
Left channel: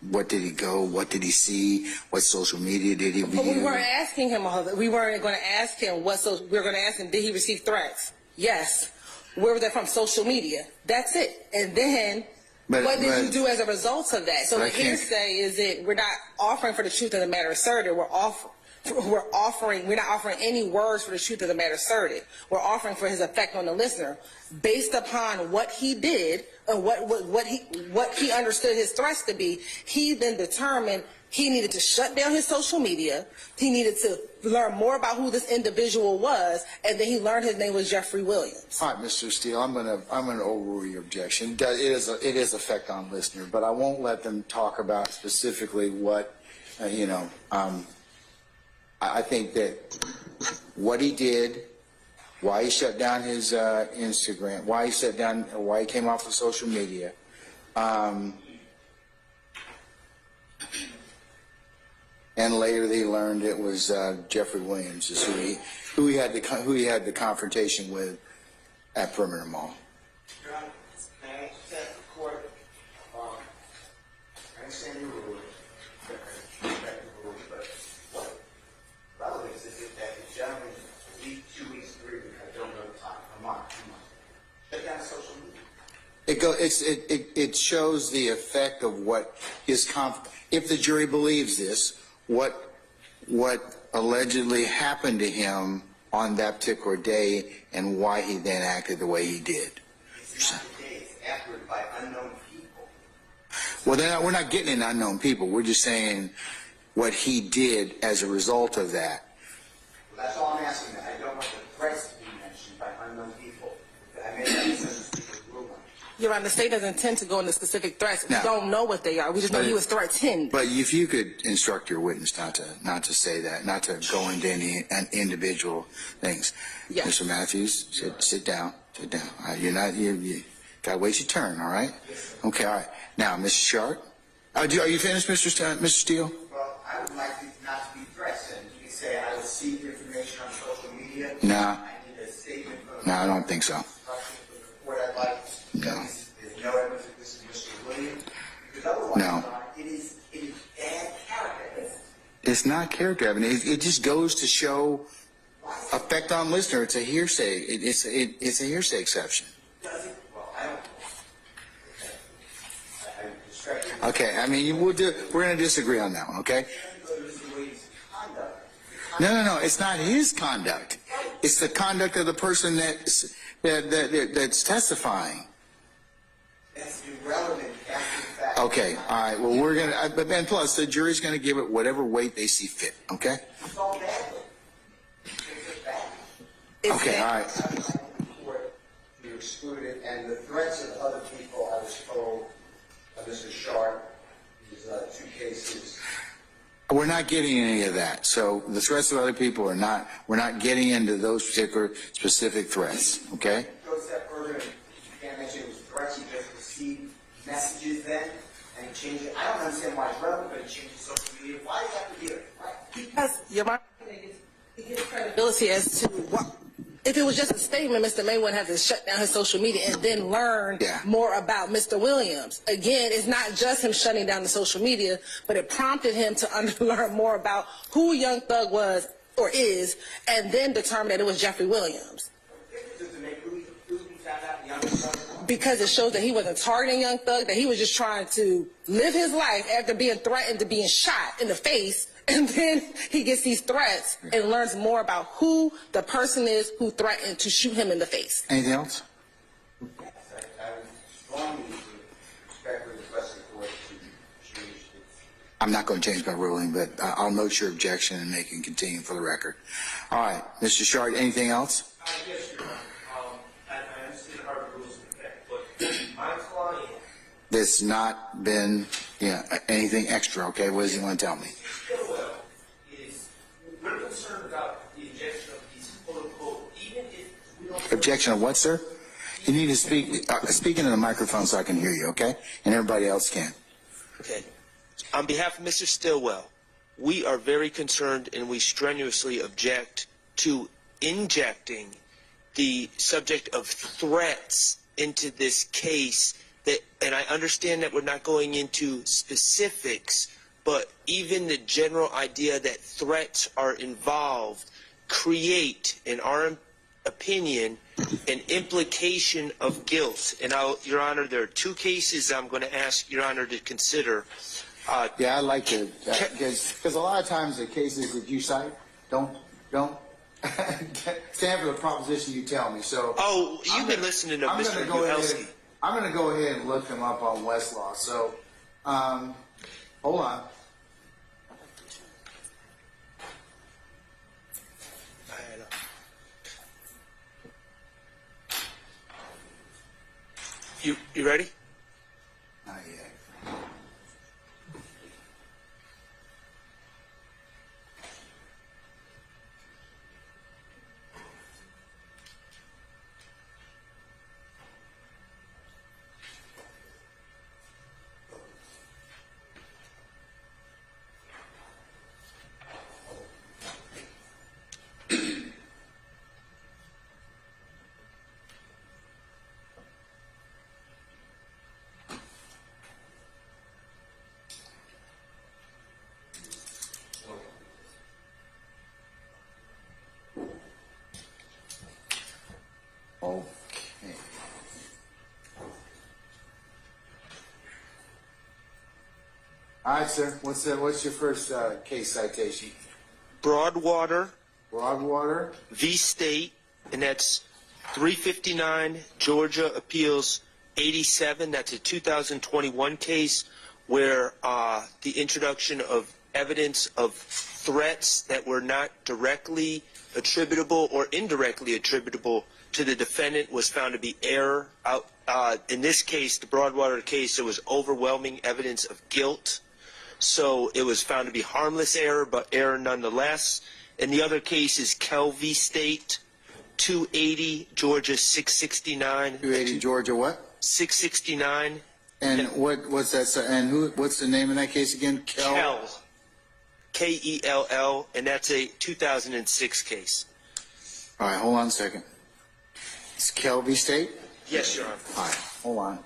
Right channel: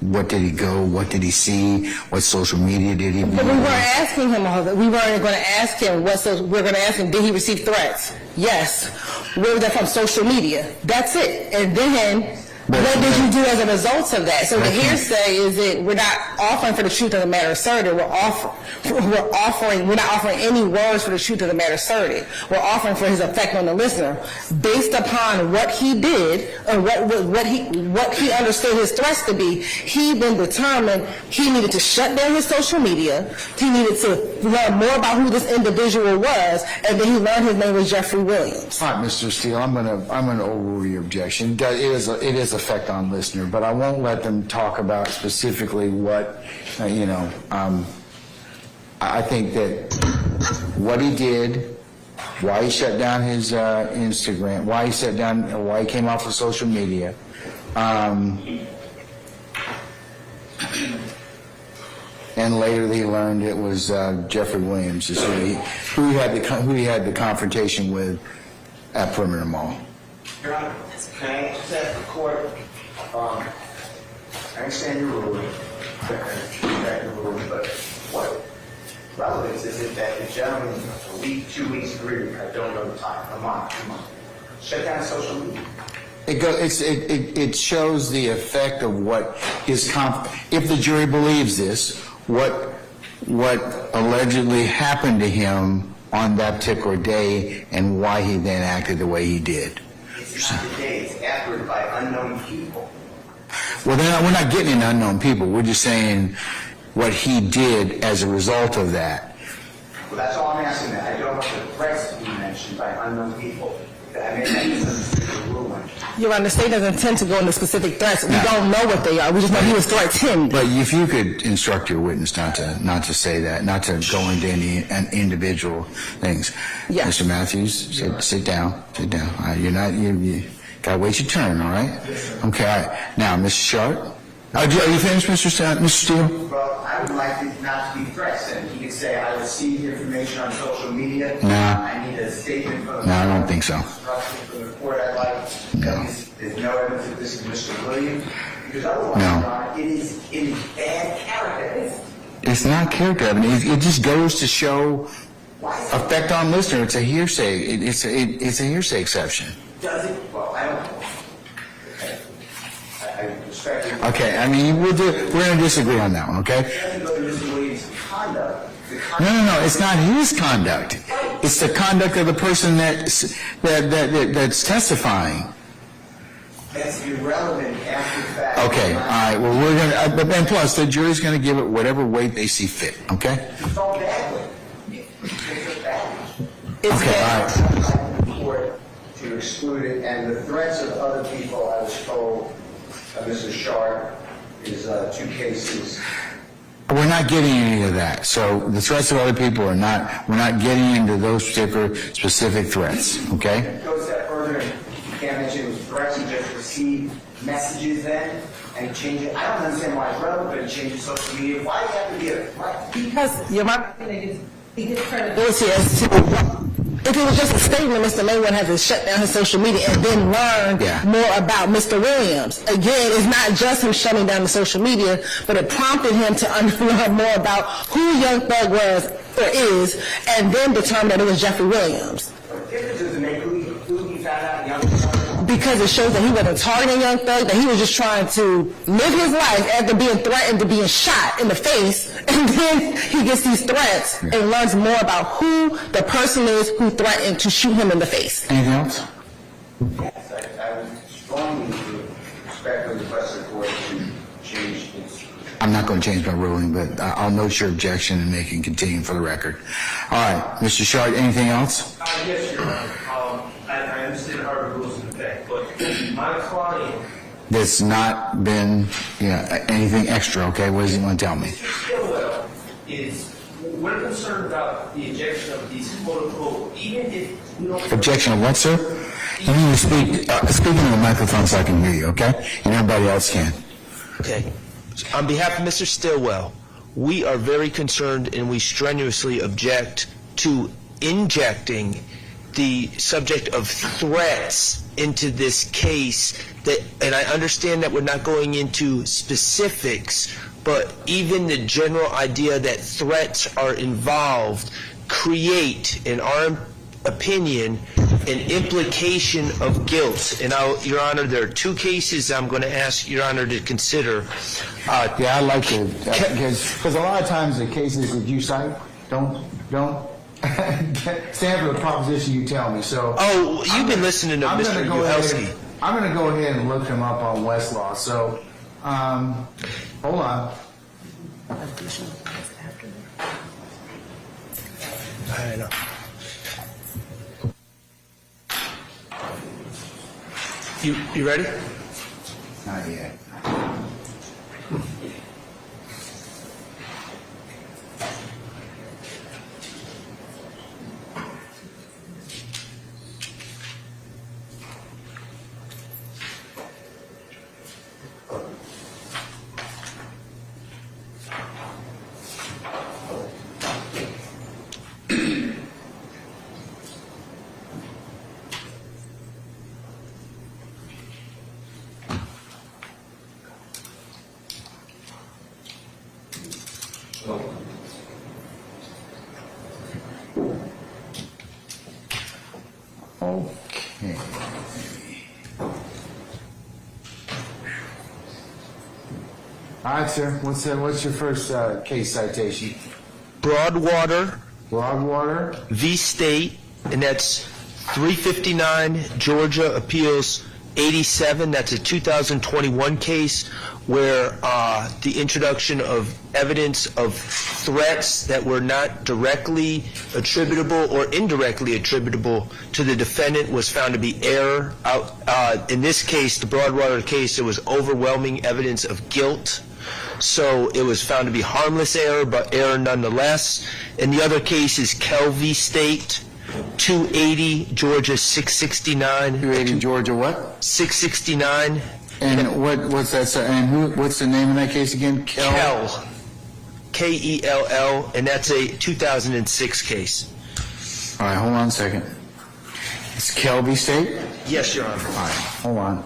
what did he go? What did he see? What social media did he be But we on? weren't asking him all that. We weren't going to ask him we're going to ask him, did he receive threats? Yes. Where was that from? Social media. That's it. And then, what did you do as a result of that? So the hearsay is that we're not offering for the truth of the matter asserted. We're not offering any words for the truth of the matter asserted. We're offering for his effect on the listener based upon what he did and what he understood his threats to be. He then determined he needed to shut down his social media. He needed to learn more about who this individual was, and then he learned his name was Jeffery Williams. All right, Mr. Steele, I'm gonna overrule your objection. It is effect on listener, but I won't let them talk about specifically what I think that what he did, why he shut down his Instagram, why he came off of social media. And later they learned it was Jeffery Williams, is who he had the confrontation with at Perimeter Mall. Your Honor, can I just ask the court, I understand your ruling, but what relevance is it that the gentleman, a week, 2 weeks, 3 weeks, I don't know the time, a month, shut down social media? It shows the effect of what his if the jury believes this, what allegedly happened to him on that particular day and why he then acted the way he did. It's not the day, it's afterward by unknown people. Well, we're not getting into unknown people. We're just saying what he did as a result of that. Well, that's all I'm asking. That I don't want the threats to be mentioned by unknown people. I mean, that's the ruling. Your Honor, the state doesn't intend to go into specific threats. We don't know what they are. We just know he was threatened. But if you could instruct your witness not to say that, not to go into any individual things. Yes. Mr. Matthews, sit down. You gotta wait your turn, all right? Okay, all right. Now, Mr. Sharp. Are you finished, Mr. Steele? Well, I would like it not to be threats, and he could say, I received information on social media. No. I need a statement from the. No, I don't think so. Instruction from the court, I'd like. No. There's no evidence that this is Mr. Williams, because otherwise, No. Your Honor, it is bad character. It's not character evidence. It just goes to show effect on listener. It's a hearsay. It's a hearsay exception. Does it? Well, I don't know. I respect you. Okay, I mean, we're going to disagree on that one, okay? It doesn't go to Mr. Williams' conduct. No, it's not his conduct. It's the conduct of the person that's testifying. That's irrelevant after the fact. Okay, all right, well, we're going to, and plus, the jury's going to give it whatever weight they see fit, okay? It's all bad. It's bad. Okay, all right. Court to exclude it, and the threats of other people, I was told, Mrs. Sharp, is 2 cases. We're not getting any of that. So the threats of other people are not, we're not getting into those particular specific threats, okay? It goes a step further, and you can't mention it was threats, he just received messages then, and he changed it. I don't understand why it's relevant, but he changed social media. Why do you have to be a threat? Because your he gets credibility as to if it was just a statement, Mr. May wouldn't have to shut down his social media and then learn more about Mr. Williams. Again, it's not just him shutting down the social media, but it prompted him to learn more about who Young Thug was or is, and then determine that it was Jeffery Williams. What difference does it make who he found out Young Thug? Because it shows that he wasn't targeting Young Thug, that he was just trying to live his life after being threatened to being shot in the face, and then he gets these threats and learns more about who the person is who threatened to shoot him in the face. Anything else? Yes, I would strongly respectfully request the court to change its. I'm not going to change my ruling, but I'll note your objection and make it continue for the record. All right, Mr. Shard, anything else? Yes, Your Honor. I understand how the rules in effect, but my client. There's not been anything extra, okay? What does he want to tell me? Mr. Stillwell we're concerned about the injection of these quote-unquote, even if we don't. Objection of what, sir? You need to speak into the microphone so I can hear you, okay? And everybody else can. Okay. On behalf of Mr. Stillwell, we are very concerned and we strenuously object to injecting the subject of threats into this case. And I understand that we're not going into specifics, but even the general idea that threats are involved create, in our opinion, an implication of guilt. And Your Honor, there are 2 cases I'm going to ask Your Honor to consider. Yeah, I'd like to, because a lot of times the cases that you cite don't stand for the proposition you tell me. So you've been listening to Mr. Uhelski. I'm going to go ahead and look him up on Westlaw. So, hold on. I know. You ready? Not yet. Okay. All right, sir. What's your first case citation? Broadwater Broadwater v. State, and that's 359 Georgia Appeals 87. That's a 2021 case where the introduction of evidence of threats that were not directly attributable or indirectly attributable to the defendant was found to be error. In this case, the Broadwater case, there was overwhelming evidence of guilt. So it was found to be harmless error, but error nonetheless. And the other case is Kell v. State, 280 Georgia 669. 280 Georgia what? 669. And what's that? And what's the name of that case again? Kell. Kell, and that's a 2006 case. All right, hold on a second. It's Kelby State? Yes, Your Honor. All right, hold on.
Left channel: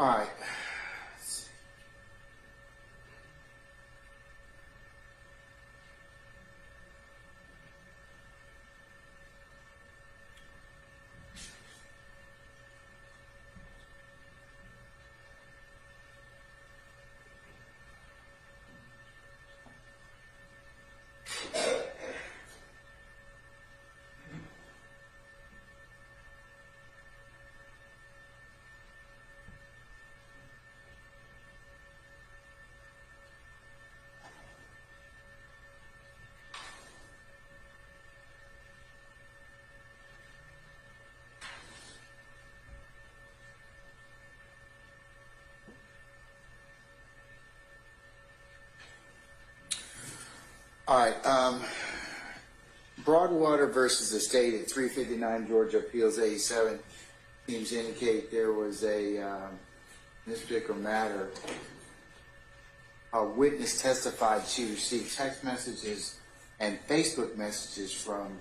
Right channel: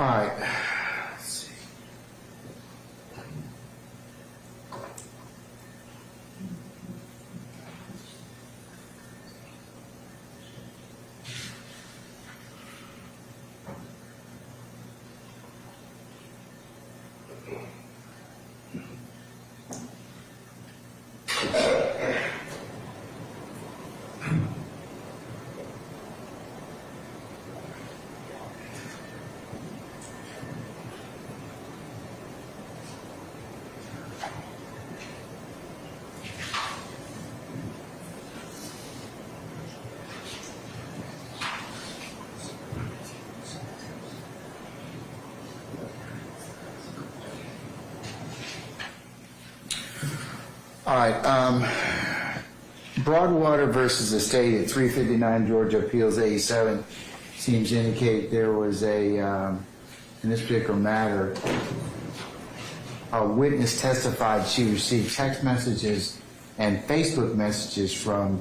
All right. Let's see. All right, Broadwater versus the state at 359 Georgia Appeals 87 seems to indicate there was a, in this particular matter, a witness testified she received text messages and Facebook messages from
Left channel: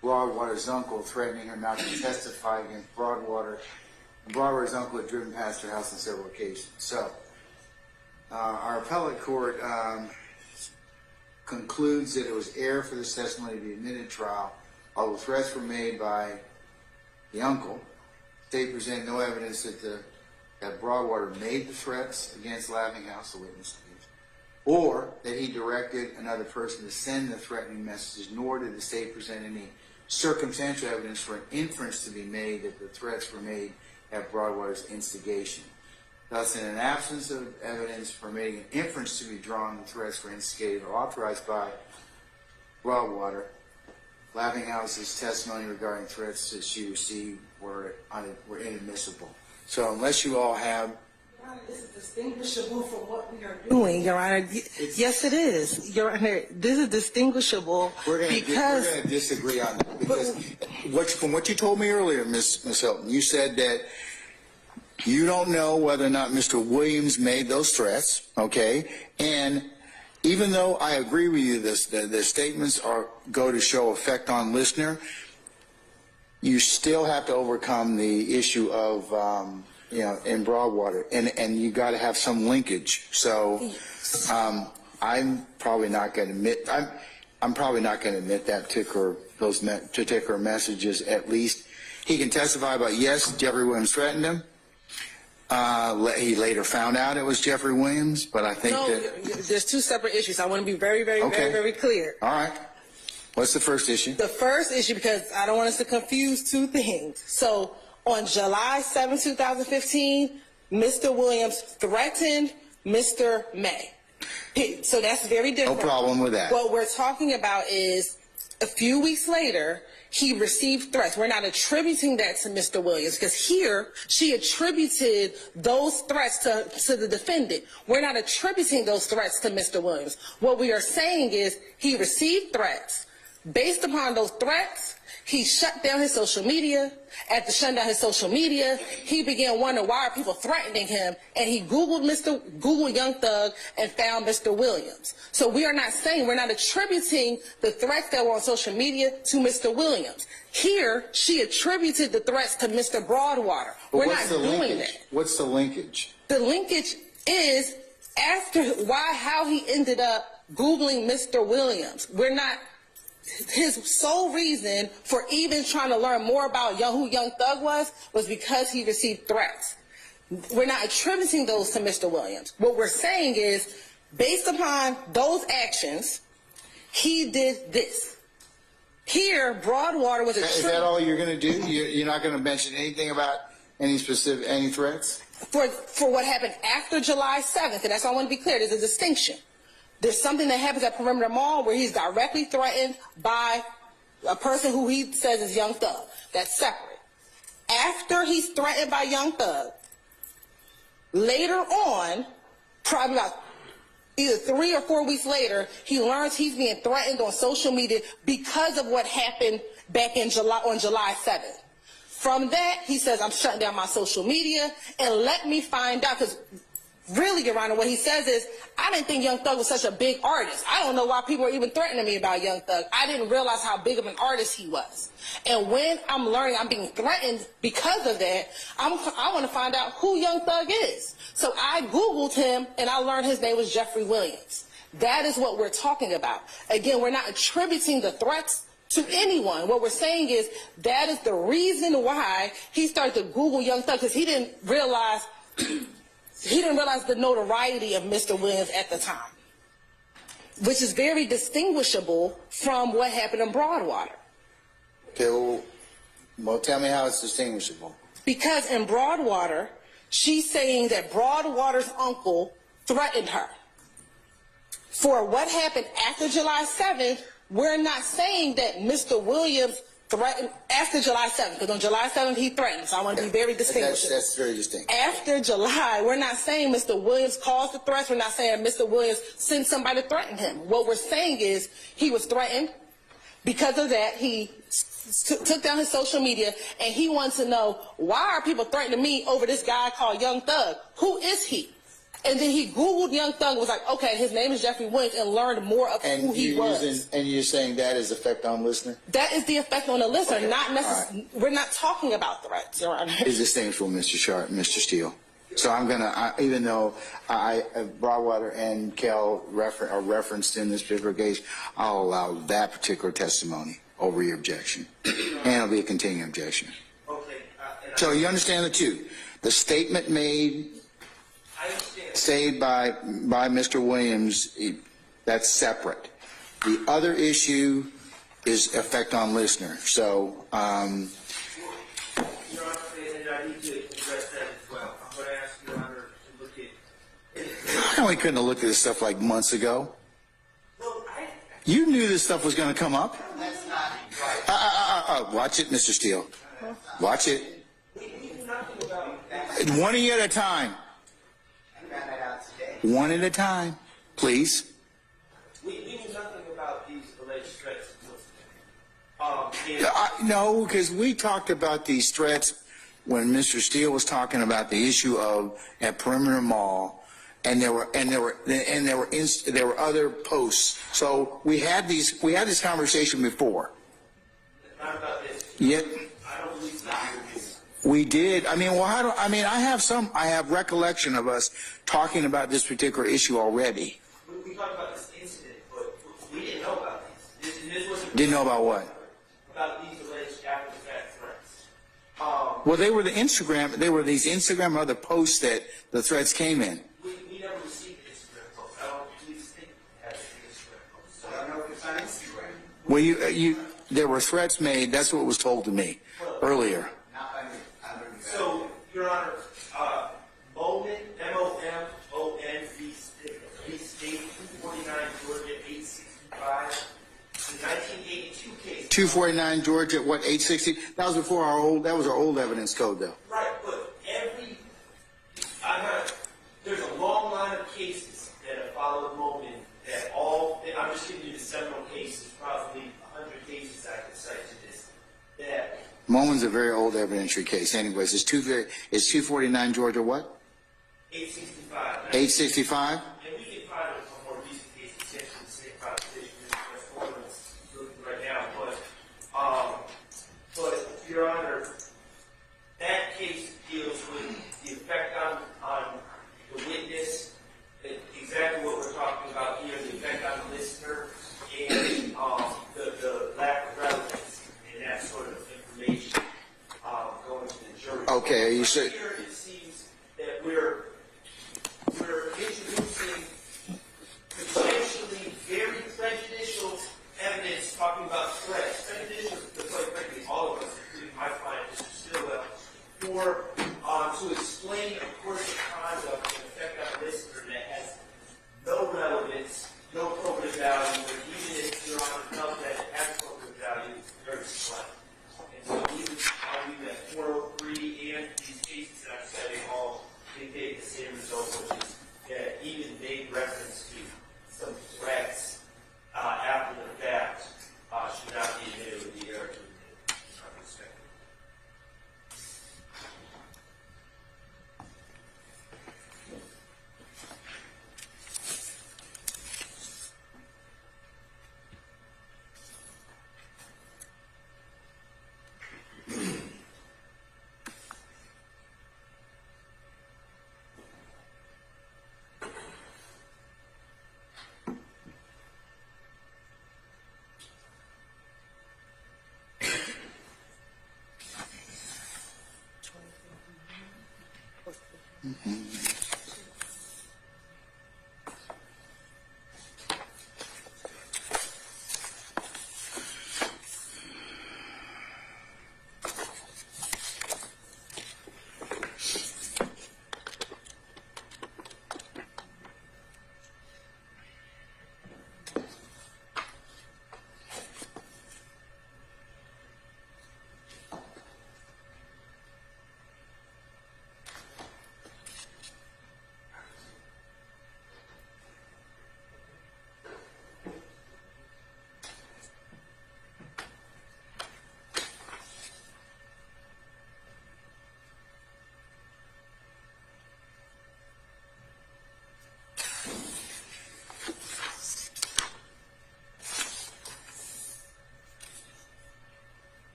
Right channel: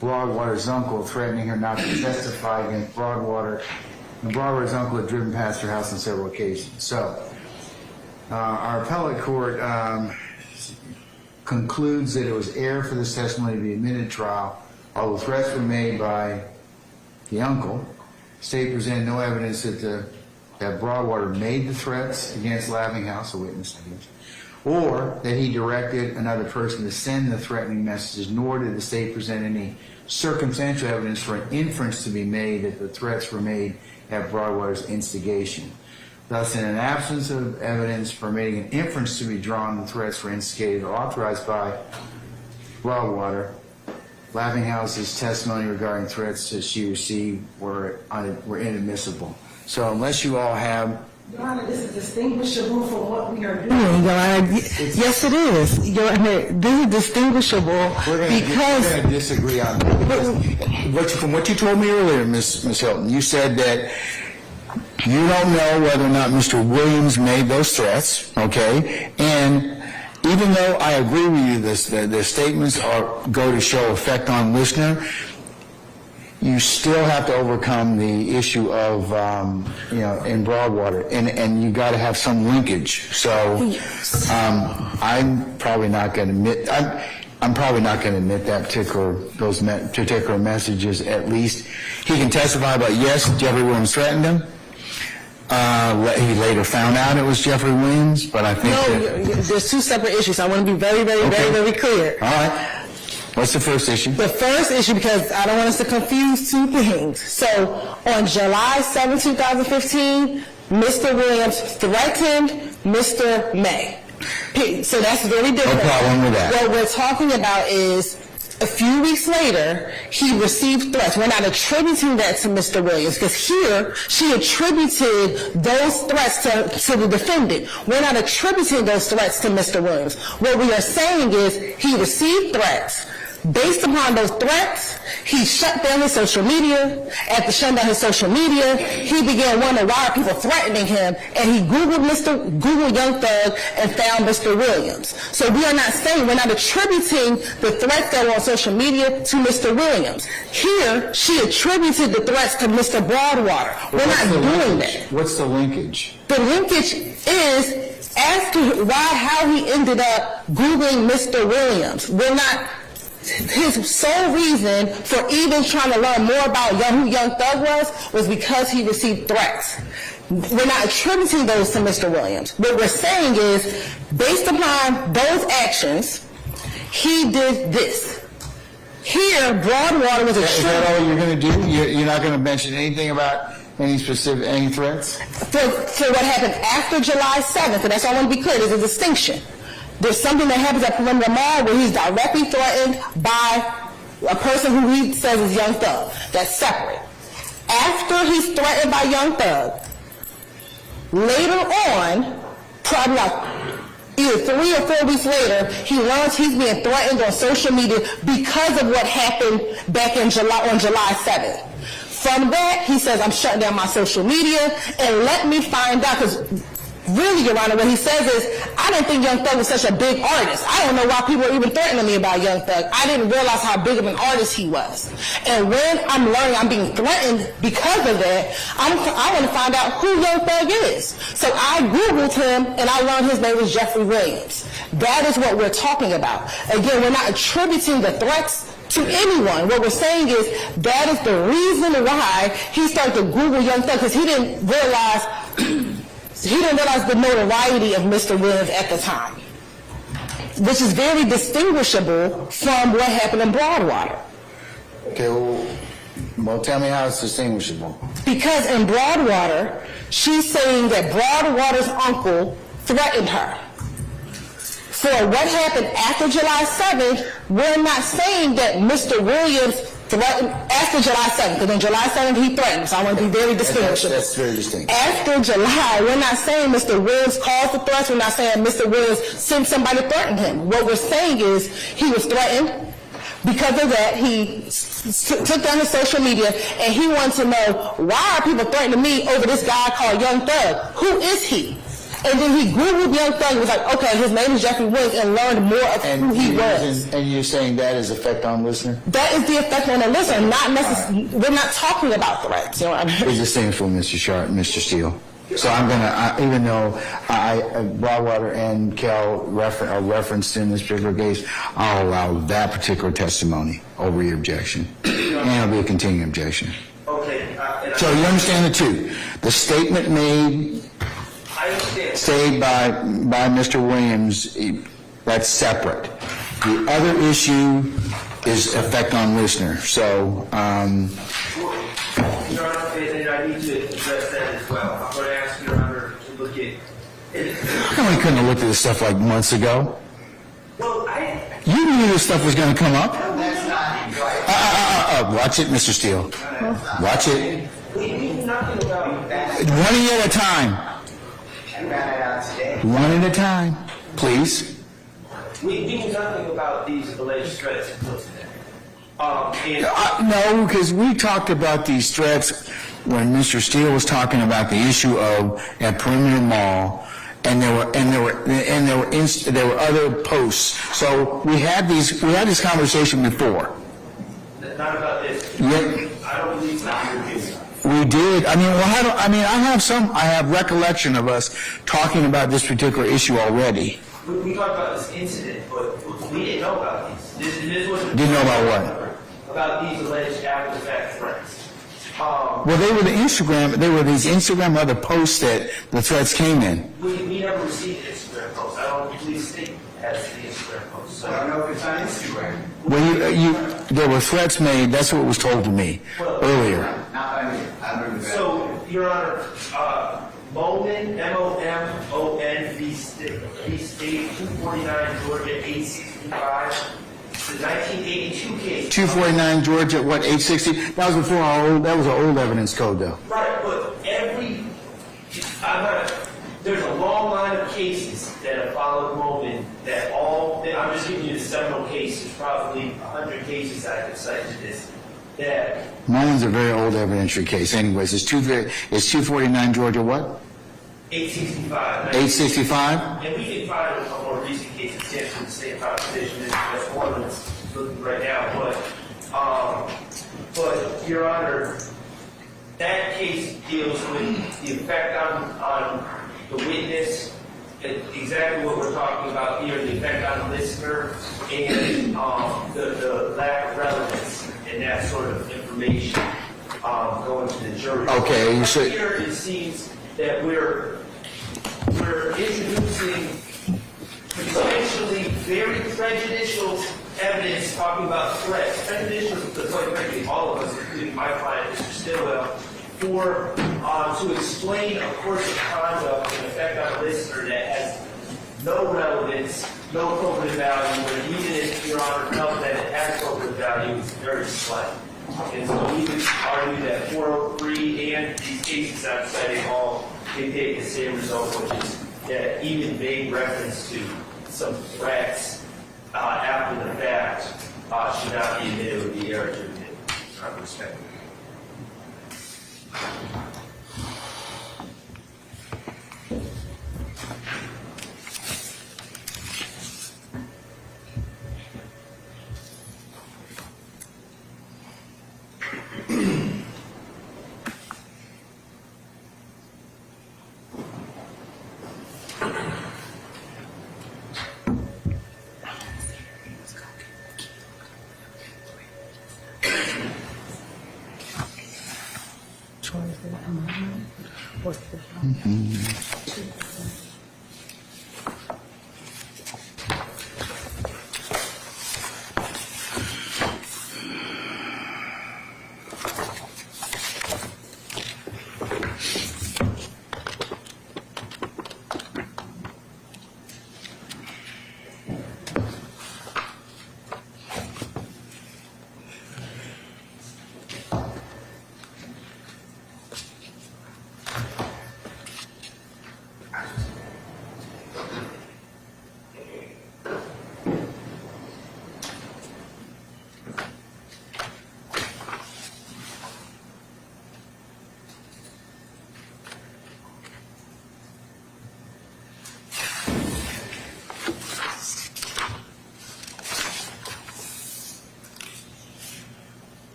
Broadwater's uncle threatening her not to testify against Broadwater. And Broadwater's uncle had driven past her house on several occasions. So, our appellate court concludes that it was error for this testimony to be admitted at trial. Although threats were made by the uncle, the state presented no evidence that Broadwater made the threats against Laughing House, a witness against, or that he directed another person to send the threatening messages, nor did the state present any circumstantial evidence for an inference to be made that the threats were made at Broadwater's instigation. Thus, in an absence of evidence permitting an inference to be drawn, the threats were instigated or authorized by Broadwater. Laughing House's testimony regarding threats that she received were inadmissible. So, unless you all have... Your Honor, this is distinguishable from what we are doing, Your Honor. Yes, it is. Your Honor, this is distinguishable because... We're going to disagree on that. From what you told me earlier, Ms. Hilton, you said that you don't know whether or not Mr. Williams made those threats, okay? And even though I agree with you, the statements go to show effect on listener, you still have to overcome the issue of, in Broadwater, and you got to have some linkage. So I'm probably not going to admit, I'm probably not going to admit that particular messages, at least. He can testify about, yes, Jeffery Williams threatened him. He later found out it was Jeffery Williams, but I think there's two separate issues. I want to be very, very, very clear. All right. What's the first issue? The first issue, because I don't want us to confuse two things. So on July 7, 2015, Mr. Williams threatened Mr. May. So that's very different. No problem with that. What we're talking about is a few weeks later, he received threats. We're not attributing that to Mr. Williams, because here she attributed those threats to the defendant. We're not attributing those threats to Mr. Williams. What we are saying is he received threats. Based upon those threats, he shut down his social media. After shutting down his social media, he began wondering why are people threatening him, and he Googled Young Thug and found Mr. Williams. So we are not saying, we're not attributing the threats that were on social media to Mr. Williams. Here, she attributed the threats to Mr. Broadwater. We're not doing that. What's the linkage? The linkage is as to how he ended up Googling Mr. Williams. We're not... His sole reason for even trying to learn more about who Young Thug was because he received threats. We're not attributing those to Mr. Williams. What we're saying is, based upon those actions, he did this. Here, Broadwater was Is that all you're going to do? You're not going to mention anything about any threats? For what happened after July 7th, and that's all I want to be clear, there's a distinction. There's something that happens at Perimeter Mall where he's directly threatened by a person who he says is Young Thug. That's separate. After he's threatened by Young Thug, later on, probably like either 3 or 4 weeks later, he learns he's being threatened on social media because of what happened back on July 7th. From that, he says, I'm shutting down my social media and let me find out, because really, Your Honor, what he says is, I didn't think Young Thug was such a big artist. I don't know why people are even threatening me about Young Thug. I didn't realize how big of an artist he was. And when I'm learning I'm being threatened because of that, I want to find out who Young Thug is. So I Googled him, and I learned his name was Jeffery Williams. That is what we're talking about. Again, we're not attributing the threats to anyone. What we're saying is that is the reason why he started to Google Young Thug, because he didn't realize the notoriety of Mr. Williams at the time, which is very distinguishable from what happened in Broadwater. Okay, well, tell me how it's distinguishable. Because in Broadwater, she's saying that Broadwater's uncle threatened her. For what happened after July 7th, we're not saying that Mr. Williams threatened after July 7th, because on July 7th he threatened, so I want to be very distinguishable. That's very distinct. After July, we're not saying Mr. Williams caused the threats, we're not saying Mr. Williams sent somebody to threaten him. What we're saying is he was threatened. Because of that, he took down his social media, and he wanted to know, why are people threatening me over this guy called Young Thug? Who is he? And then he Googled Young Thug and was like, okay, his name is Jeffery Williams, and learned more of who he was. And you're saying that is effect on listener? That is the effect on the listener, not necessarily. We're not talking about threats. You know what I mean? It's distinguishable, Mr. Sharp, Mr. Steele. So I'm gonna, even though Broadwater and Cal are referenced in this particular case, I'll allow that particular testimony over your objection, and it'll be a continuing objection. Okay. So you understand the two? The statement made, say by Mr. Williams, that's separate. The other issue is effect on listener. So, Your Honor, and I need to address that as well. I'm going to ask Your Honor to look at. how come we couldn't have looked at this stuff like months ago? Well, You knew this stuff was going to come up. That's not right. Watch it, Mr. Steele. Watch it. We knew nothing about that. One at a time. I ran it out today. One at a time, please. We knew nothing about these alleged threats until today. No, because we talked about these threats when Mr. Steele was talking about the issue of at Perimeter Mall, and there were other posts. So we had this conversation before. Not about this. Yeah. I We did. I mean, well, I have recollection of us talking about this particular issue already. We talked about this incident, but we didn't know about these. This wasn't. Didn't know about what? About these alleged after-the-fact threats. Well, they were these Instagram other posts that the threats came in. We never received an Instagram post. I don't believe the state has the Instagram post. So I don't know if it's on Instagram. When there were threats made, that's what was told to me earlier. Not by me. I remember that. So, Your Honor, Moman, M-O-M-O-N, v. State, 249 Georgia, 865. The 1982 case. 249 Georgia, what, 860? That was before that was an old evidence code, though. Right, but there's a long line of cases that have followed Moman that I'm just giving you the several cases, probably 100 cases I could cite to this, that... Moman's a very old evidentiary case. Anyways, it's 249 Georgia what? 865. 865? And we can find a more recent case in the state proposition. That's one that's looking right now. But Your Honor, that case deals with the effect on the witness, exactly what we're talking about here, the effect on the listener, and the lack of relevance and that sort of information going to the jury. Okay, you said here it seems that we're introducing potentially very prejudicial evidence talking about threats. Prejudicial to quite frankly all of us, including my client, Mr. Stillwell, to explain a course of conduct and effect on a listener that has no relevance, no probative value, and even if Your Honor felt that it has probative value, it's very slight. And so we would argue that 403 and these cases I'm citing all dictate the same result, which is that even vague reference to some threats after the fact should not be admitted with the error to admit. Respect.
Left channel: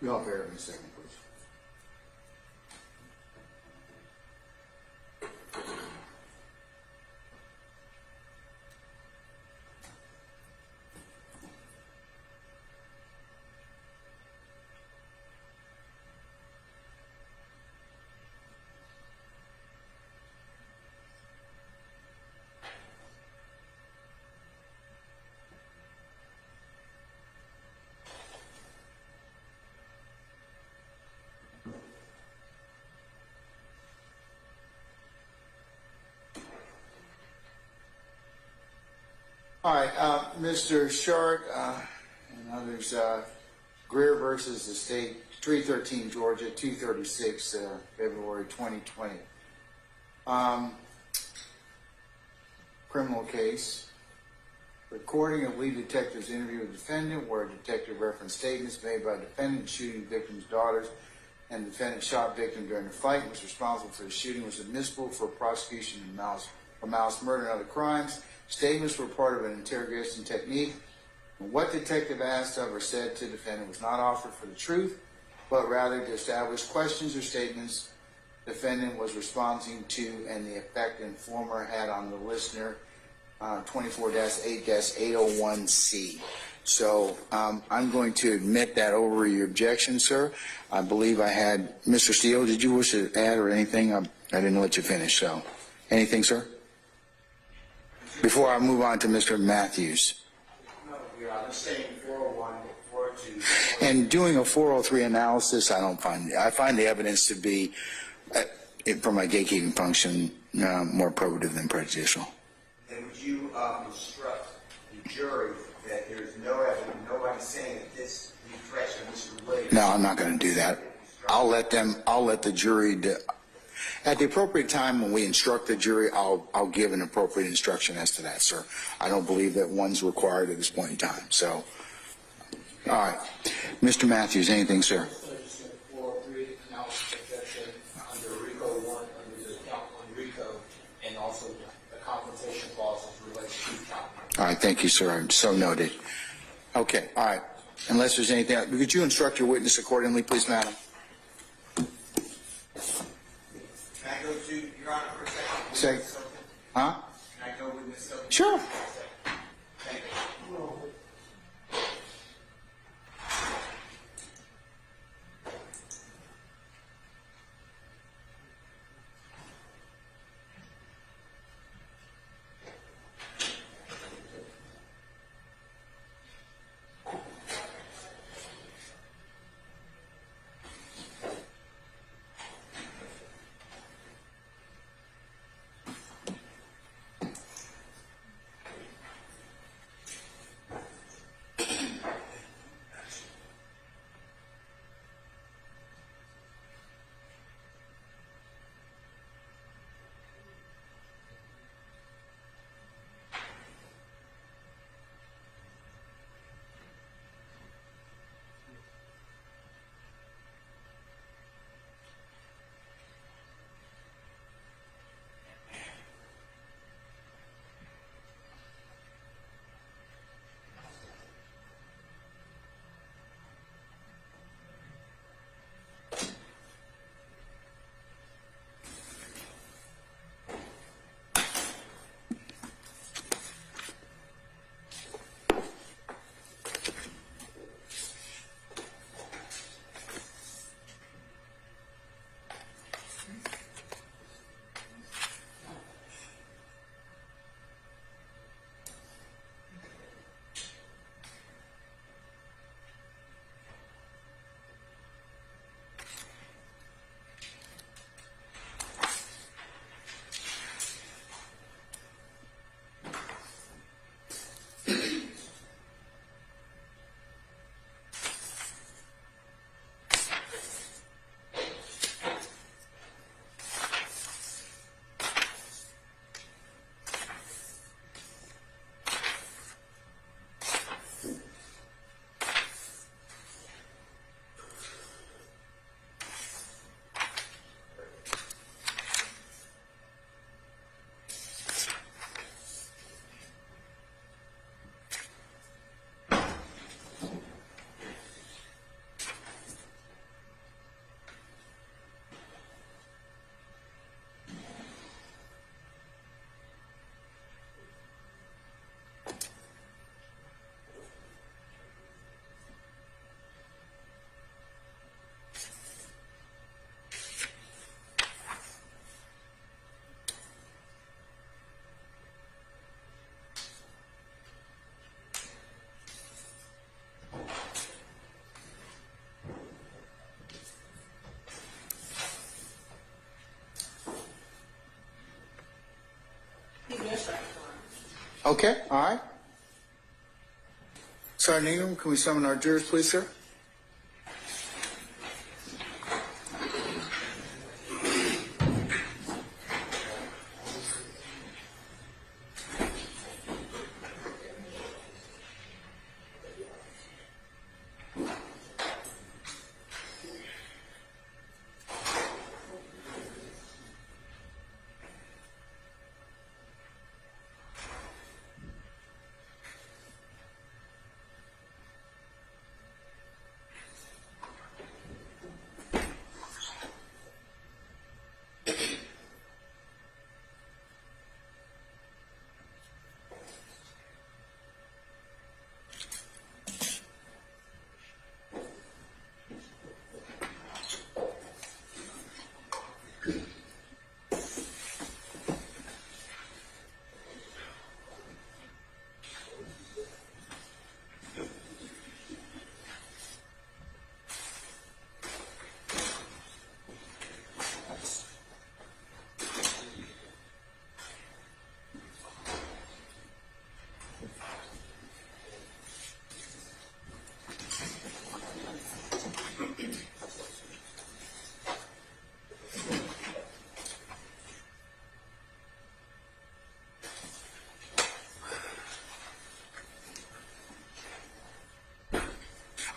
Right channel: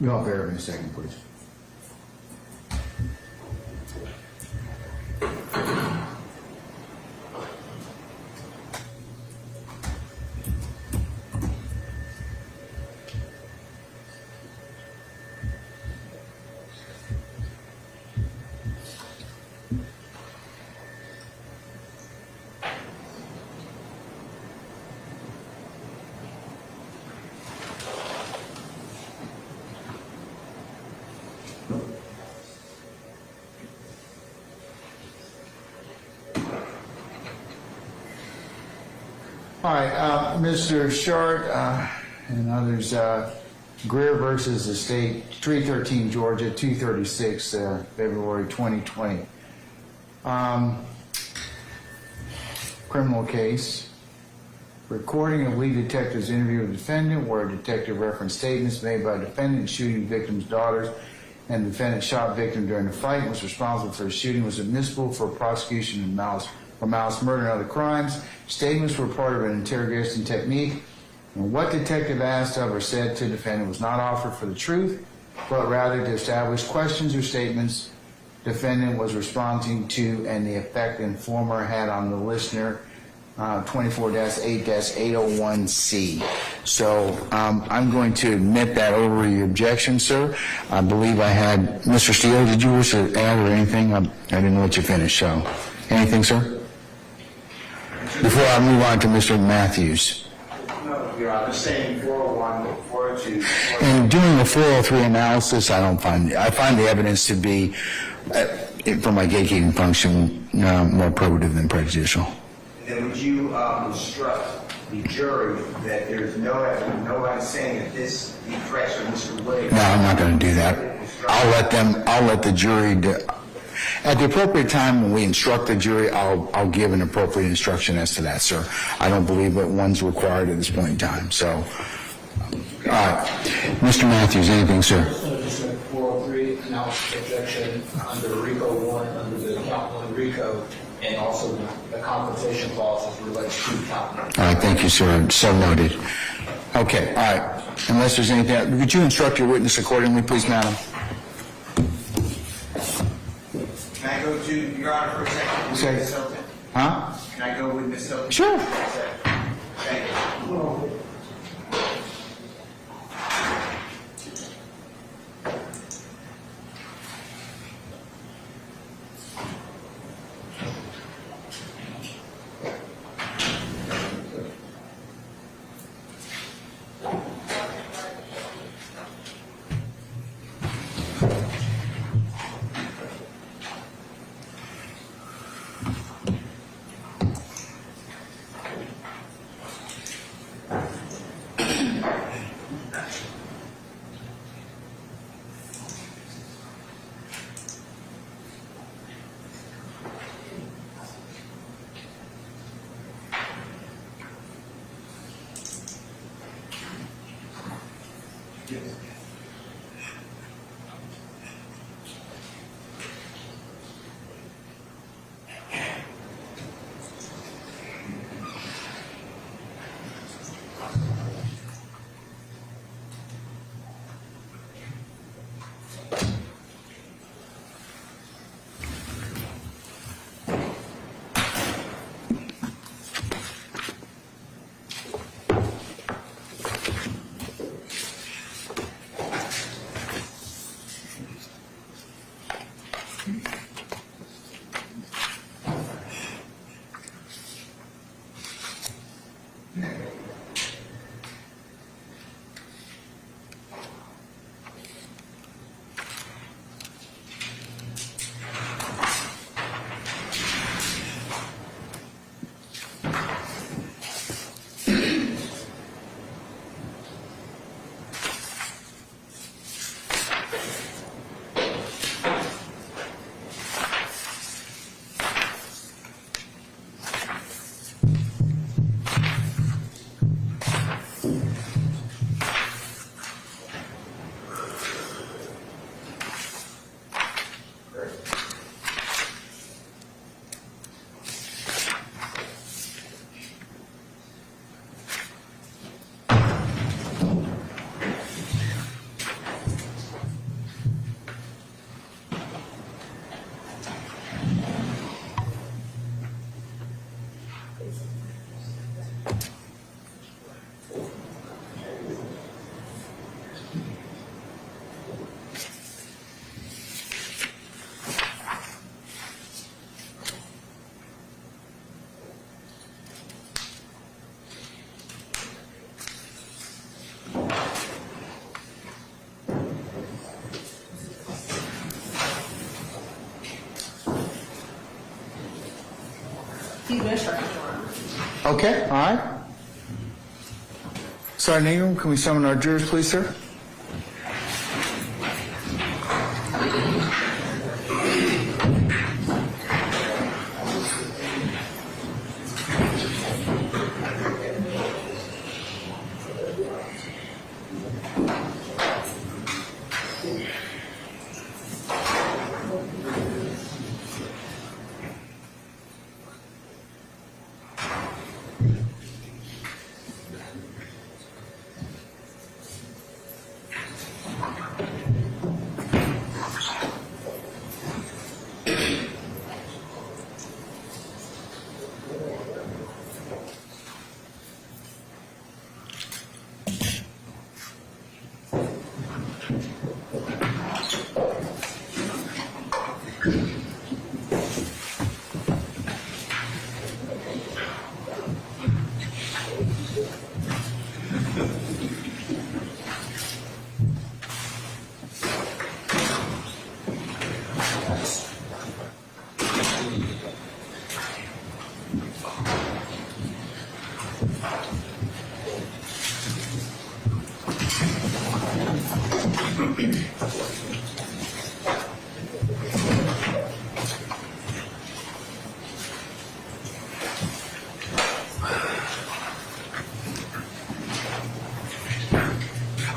We all bear in a second, please. All right, Mr. Short and others, Greer versus the State, 313 Georgia, 236, February 2020. Criminal case. Recording of lead detective's interview with the defendant, where a detective referenced statements made by the defendant in shooting victim's daughters, and the defendant shot victim during the fight and was responsible for the shooting, was admissible for prosecution for malice, murder, and other crimes. Statements were part of an interrogation technique, and what detective asked of or said to the defendant was not offered for the truth, but rather to establish questions or statements defendant was responding to and the effect informer had on the listener. 24-8-801C. So I'm going to admit that over your objection, sir. I believe I had, Mr. Steele, did you wish to add or anything? I didn't let you finish, so. Anything, sir? Before I move on to Mr. Matthews. No, Your Honor, saying 401, 402. In doing a 403 analysis, I find the evidence to be, from my gatekeeping function, more probative than prejudicial. Then would you instruct the jury that there's no evidence, nobody saying that the threats of Mr. Williams... No, I'm not going to do that. I'll let the jury... At the appropriate time when we instruct the jury, I'll give an appropriate instruction as to that, sir. I don't believe that one's required at this point in time, so... All right. Mr. Matthews, anything, sir? Just a 403 analysis objection under RICO 1, under the count 1 RICO, and also the confrontation clause as relates to count 1. All right, thank you, sir. So noted. Okay, all right. Unless there's anything else, could you instruct your witness accordingly, please, madam? Can I go to Your Honor for a second? Say- Ms. Hilton? Huh? Can I go with Ms. Hilton? Sure. Thank you. Okay, all right. Sergeant Ingram, can we summon our jurors, please, sir?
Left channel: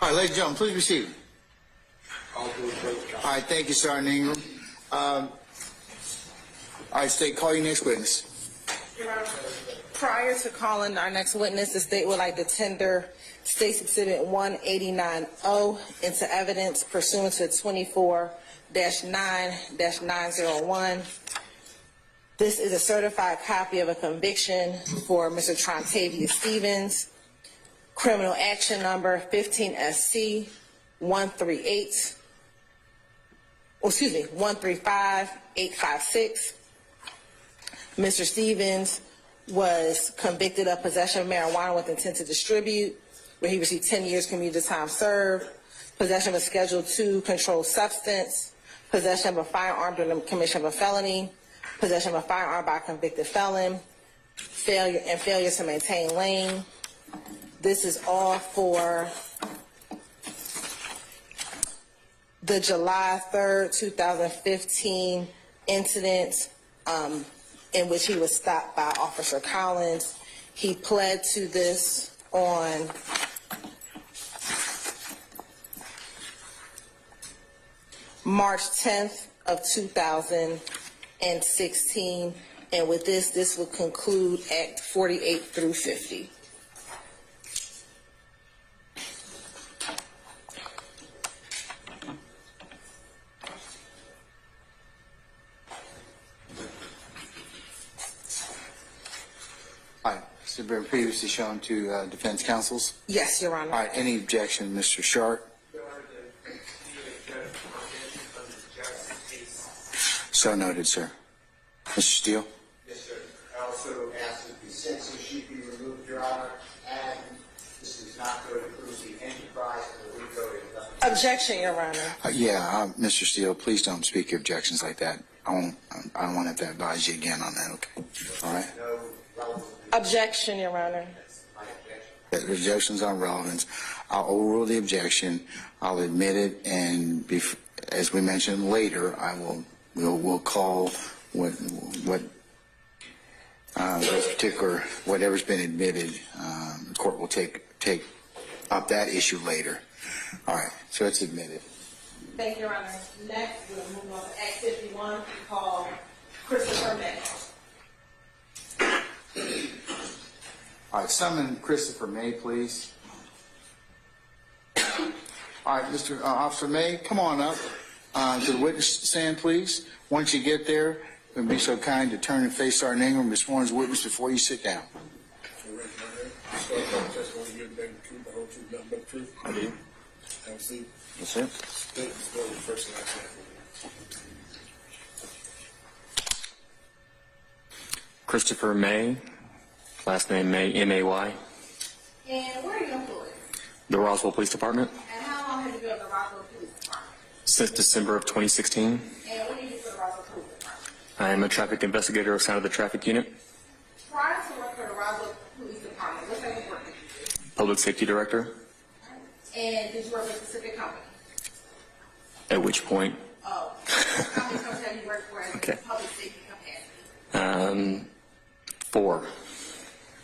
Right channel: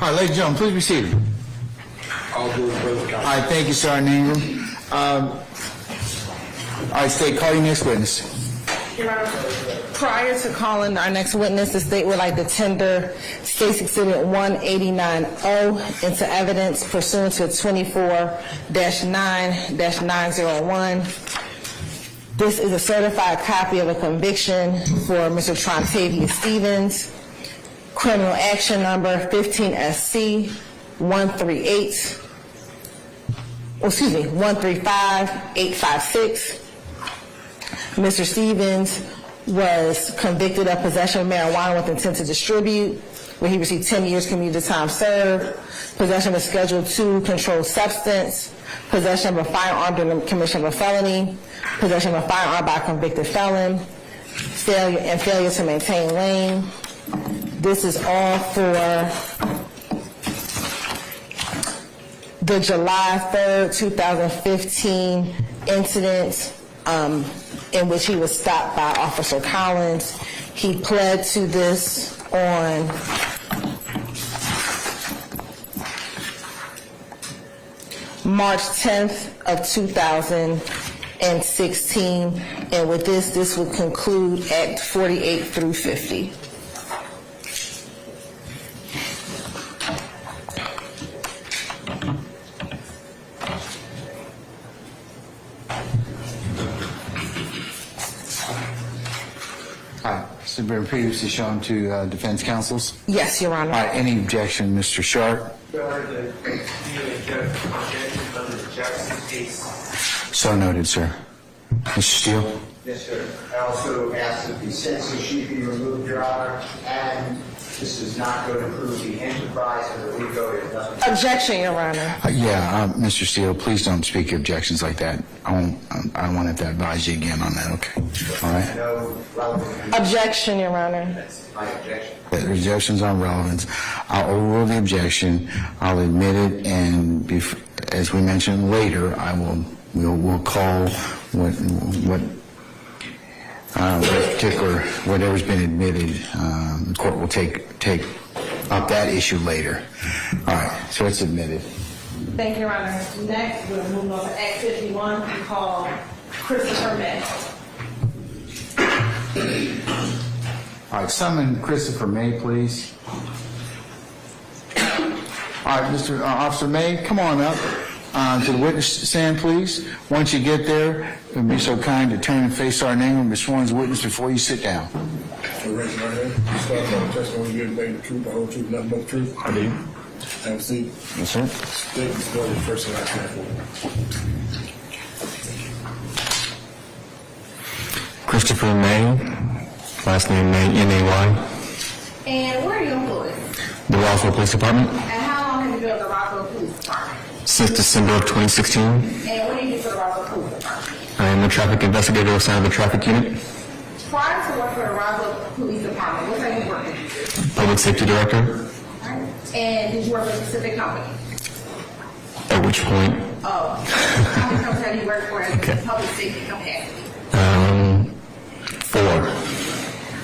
All right, ladies and gentlemen, please be seated. All good, brother. All right, thank you, Sergeant Ingram. All right, State, call your next witness. Prior to calling our next witness, the state would like to tender State's Exhibit 189O into evidence pursuant to 24-9-901. This is a certified copy of a conviction for Mr. Trontavious Stevens, criminal action number 15SC 135856. Mr. Stevens was convicted of possession of marijuana with intent to distribute, where he received 10 years commuted time served, possession of a Schedule II controlled substance, possession of a firearm during the commission of a felony, possession of a firearm by a convicted felon, failure to maintain lane. This is all for the July 3rd, 2015 incident in which he was stopped by Officer Collins. He pled to this on March 10th of 2016, and with this would conclude Act 48 through 50. All right, so been previously shown to defense counsels? Yes, Your Honor. All right, any objection, Mr. Sharp? So noted, sir. Mr. Steele? Yes, sir. I also ask that the sentencing sheet be removed, Your Honor, and this is not going to prove the enterprise of the RICO. Objection, Your Honor. Mr. Steele, please don't speak your objections like that. I don't want to have to advise you again on that, okay? All right? No relevant. Objection, Your Honor. That's my objection. The objections on relevance. I'll overrule the objection. I'll admit it, and as we mentioned later, we'll call whatever's been admitted. The court will take up that issue later. All right, so it's admitted. Thank you, Your Honor. Next, we're moving on to Act 51, we call Christopher May. All right, summon Christopher May, please. All right, Mr. Officer May, come on up to the witness stand, please. Once you get there, be so kind to turn and face Sergeant Ingram, be sworn as a witness before you sit down. Raise your right hand. You swear upon the testimony you give today the truth, the whole truth, nothing but the truth. I do. Have a seat. Yes, sir. State the story first and last name for. Christopher May, last name May, M-A-Y, And where are you employed? the Roswell Police Department, And how long have you been with the Roswell Police Department? since December of 2016. And when did you get to the Roswell Police Department? I am a traffic investigator assigned to the traffic unit, Prior to working for the Roswell Police Department, what type of work did you do? public safety director, And did you work with a specific company? at which point, Oh, how many companies have you worked for as a public safety capacity? 4,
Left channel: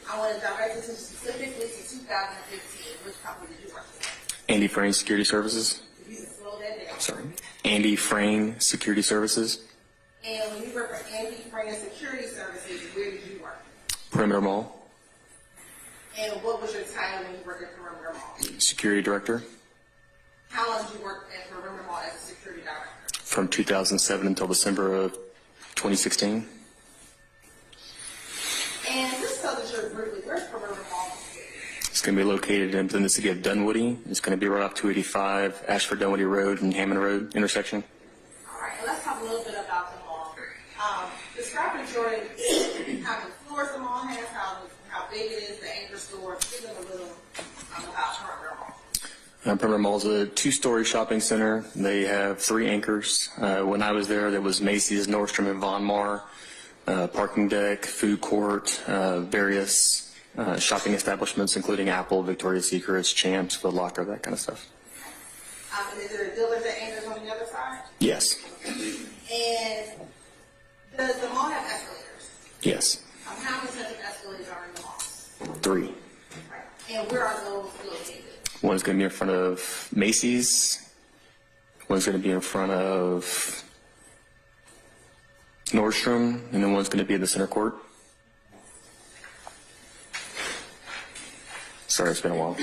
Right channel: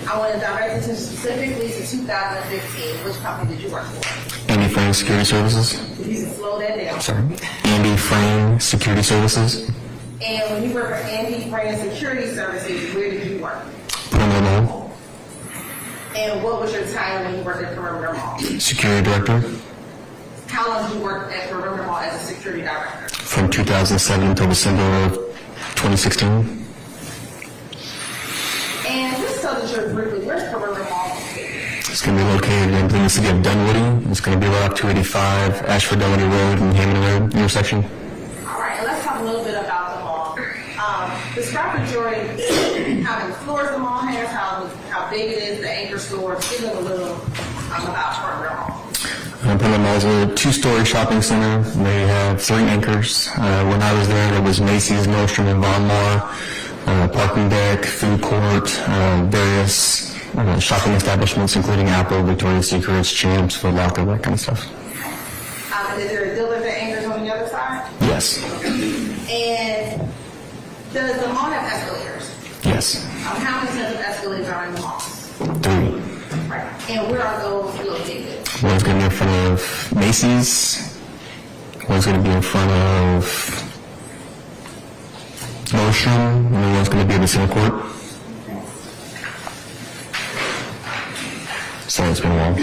I want to direct attention specifically to 2015. Which company did you work for? Andy Frame Security Services, If you can slow that down. sorry, Andy Frame Security Services, And when you work for Andy Brand Security Services, where did you work? Perimeter Mall, And what was your title when you worked at Perimeter Mall? security director, How long did you work at Perimeter Mall as a security director? from 2007 until December of 2016. And just so that you're briefly, where's Perimeter Mall? It's going to be located in the city of Dunwoody. It's going to be right off 285, Ashford Dunwoody Road and Hammond Road intersection. All right, and let's talk a little bit about the Describe the Jordan, how many floors the mall has, how big it is, the anchor store. Give them a little about Perimeter Mall. Perimeter Mall is a 2-story shopping center. They have 3 anchors. When I was there was Macy's, Nordstrom, and Von Maur, parking deck, food court, various shopping establishments, including Apple, Victoria's Secret, Champs, Foot Locker, that kind of stuff. And is there a dealer that anchors on the other side? Yes. And does the mall have escalators? Yes. How many sets of escalators are in the mall? 3. Right. And where are those located? One's going to be in front of Macy's. One's going to be in front of Nordstrom, and then one's going to be in the center court. Sorry, it's been a while.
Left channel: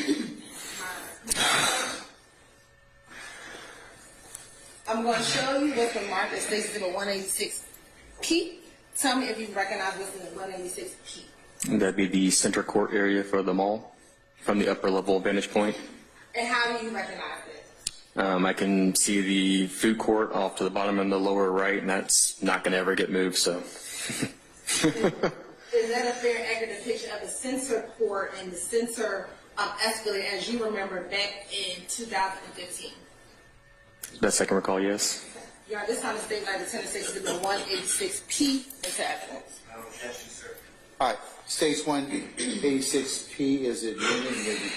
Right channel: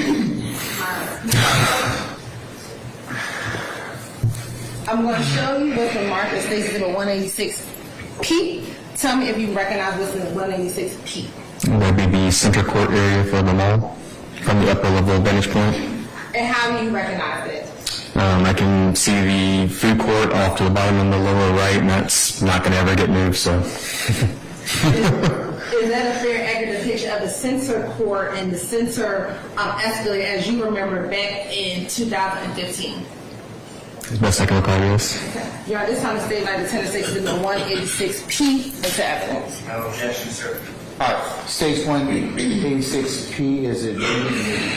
I'm going to show you what's the mark that states it's a 186P. Tell me if you recognize what's in the 186P. That'd be the center court area for the mall, from the upper level vantage point. And how do you recognize it? I can see the food court off to the bottom in the lower right, and that's not going to ever get moved, so. Is that a fair, accurate depiction of the center court and the center escalator as you remember back in 2015? As best I can recall, yes. Okay. Your Honor, this time the state like the tenant states in the 186P into evidence. No objection, sir. All right, states 186P as it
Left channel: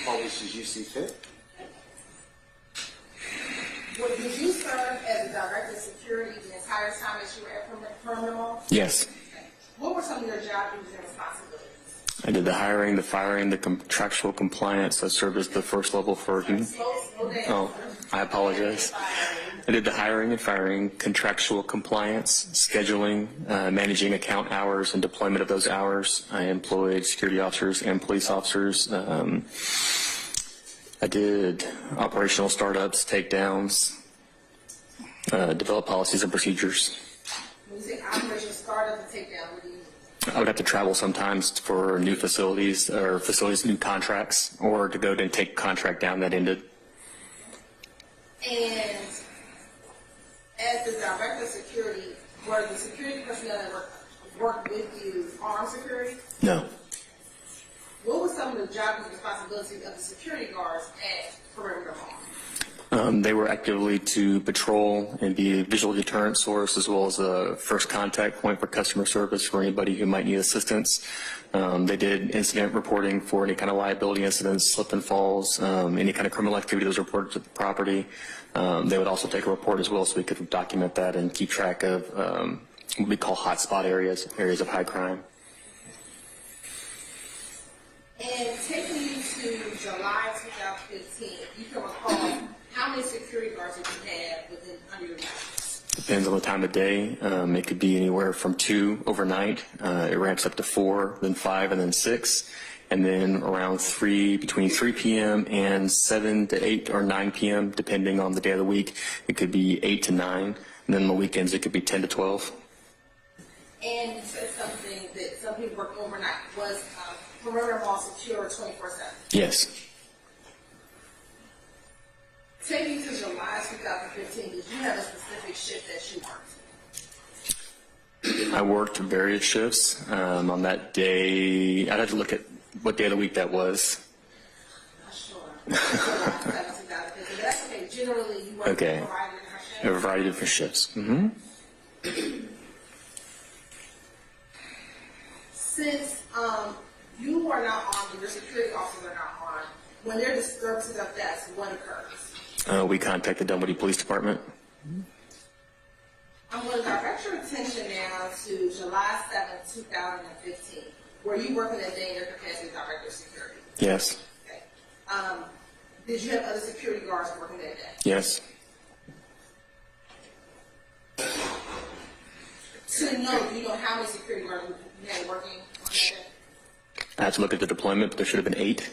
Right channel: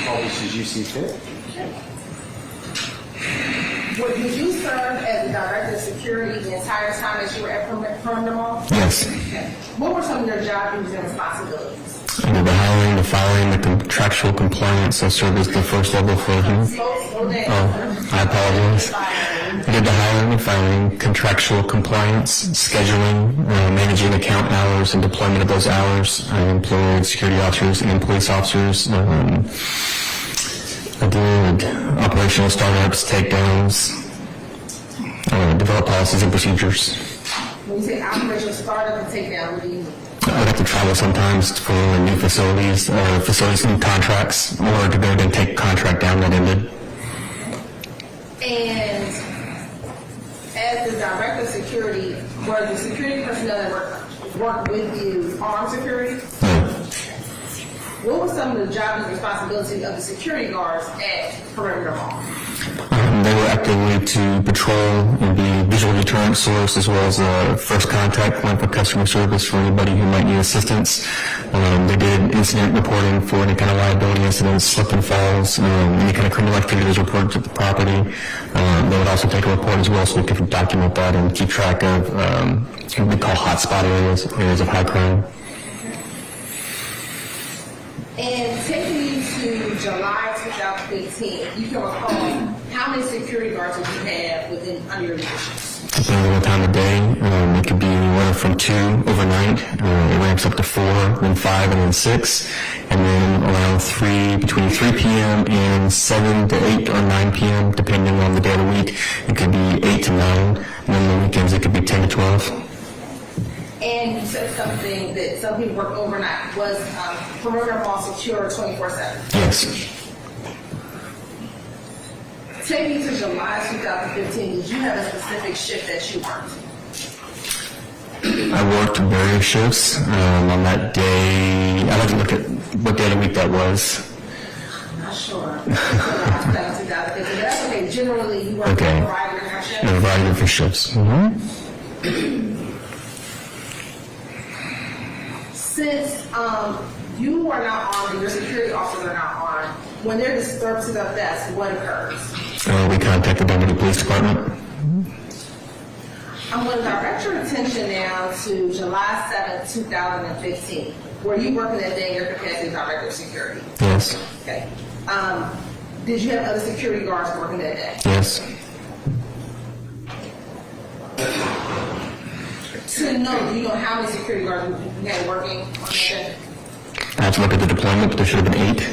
publishes you see fit. Would you serve as the director of security the entire time that you were at Perimeter Mall? Yes. Okay. What were some of your job duties and responsibilities? I did the hiring, the firing, the contractual compliance. I served as the first level for him. Oh, I apologize. I did the hiring and firing, contractual compliance, scheduling, managing account hours and deployment of those hours. I employed security officers and police officers. I did operational startups, takedowns, developed policies and procedures. When you say operational startup and takedown, what do you mean? I would have to travel sometimes for new facilities, new contracts, or to go and take a contract down that ended. And as the director of security, were the security personnel that work with you armed security? No. What were some of the jobs and responsibilities of the security guards at Perimeter Mall? They were actively to patrol and be a visual deterrent source, as well as a first contact point for customer service for anybody who might need assistance. They did incident reporting for any kind of liability incidents, slip and falls, any kind of criminal activity that was reported to the property. They would also take a report as well, so we could document that and keep track of what we call hotspot areas of high crime. And taking you to July 2015, if you can recall, how many security guards did you have under your leadership? Depends on the time of day. It could be anywhere from 2 overnight. It ramps up to 4, then 5, and then 6. And then around between 3 p.m. and 7 to 8 or 9 p.m., depending on the day of the week, it could be 8 to 9. And then on the weekends, it could be 10 to 12. And you said something that some people work overnight. Was Perimeter Mall secure 24/7? Yes. Take me to July 2015. Did you have a specific shift that you worked? I worked various shifts. On that day, I'd have to look at what day of the week that was. I'm not sure. July 2015. But that's okay. Generally, you work a variety of different shifts? A variety of different shifts. Since you are not armed and your security officers are not armed, when there are disturbances of deaths, what occurs? We contacted the Dunwoody Police Department. I'm going to direct your attention now to July 7th, 2015. Were you working that day in your capacity as director of security? Yes. Okay. Did you have other security guards working that day? Yes. To know, do you know how many security guards you had working on that day? I have to look at the deployment, but there should have been 8.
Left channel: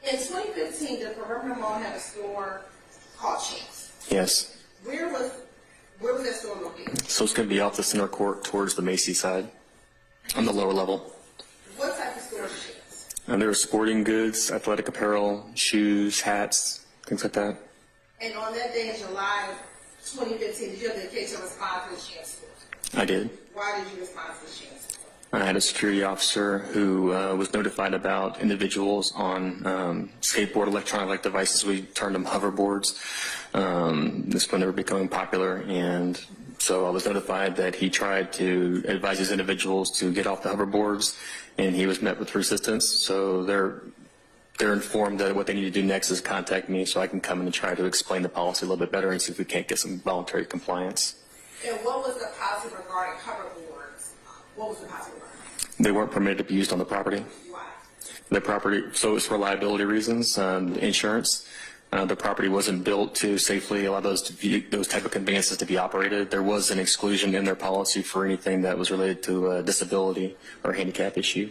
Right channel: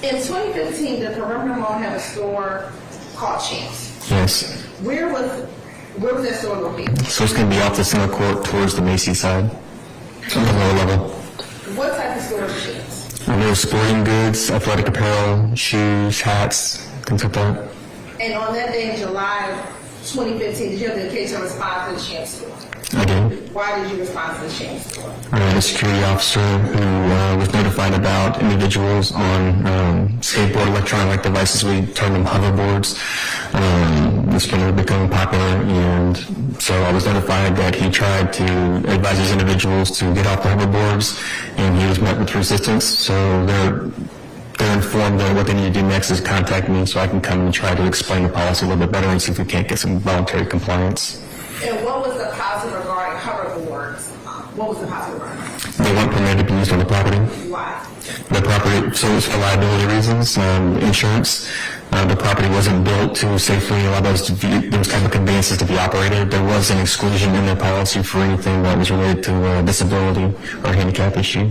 In 2015, did Perimeter Mall have a store called Champs? Yes. Where was that store located? So it's going to be off the center court towards the Macy's side, on the lower level. What type of store is Champs? There was sporting goods, athletic apparel, shoes, hats, things like that. And on that day in July 2015, did you have the occasion to respond to the Champ store? I did. Why did you respond to the Champ store? I had a security officer who was notified about individuals on skateboard electronic devices. We termed them hoverboards. This one had become popular, and so I was notified that he tried to advise these individuals to get off the hoverboards, and he was met with resistance. So they're informed that what they need to do next is contact me so I can come and try to explain the policy a little bit better and see if we can't get some voluntary compliance. And what was the policy regarding hoverboards? What was the policy regarding? They weren't permitted to be used on the property. Why? The property, so it was for liability reasons, insurance. The property wasn't built to safely allow those type of conveyances to be operated. There was an exclusion in their policy for anything that was related to disability or handicap issue.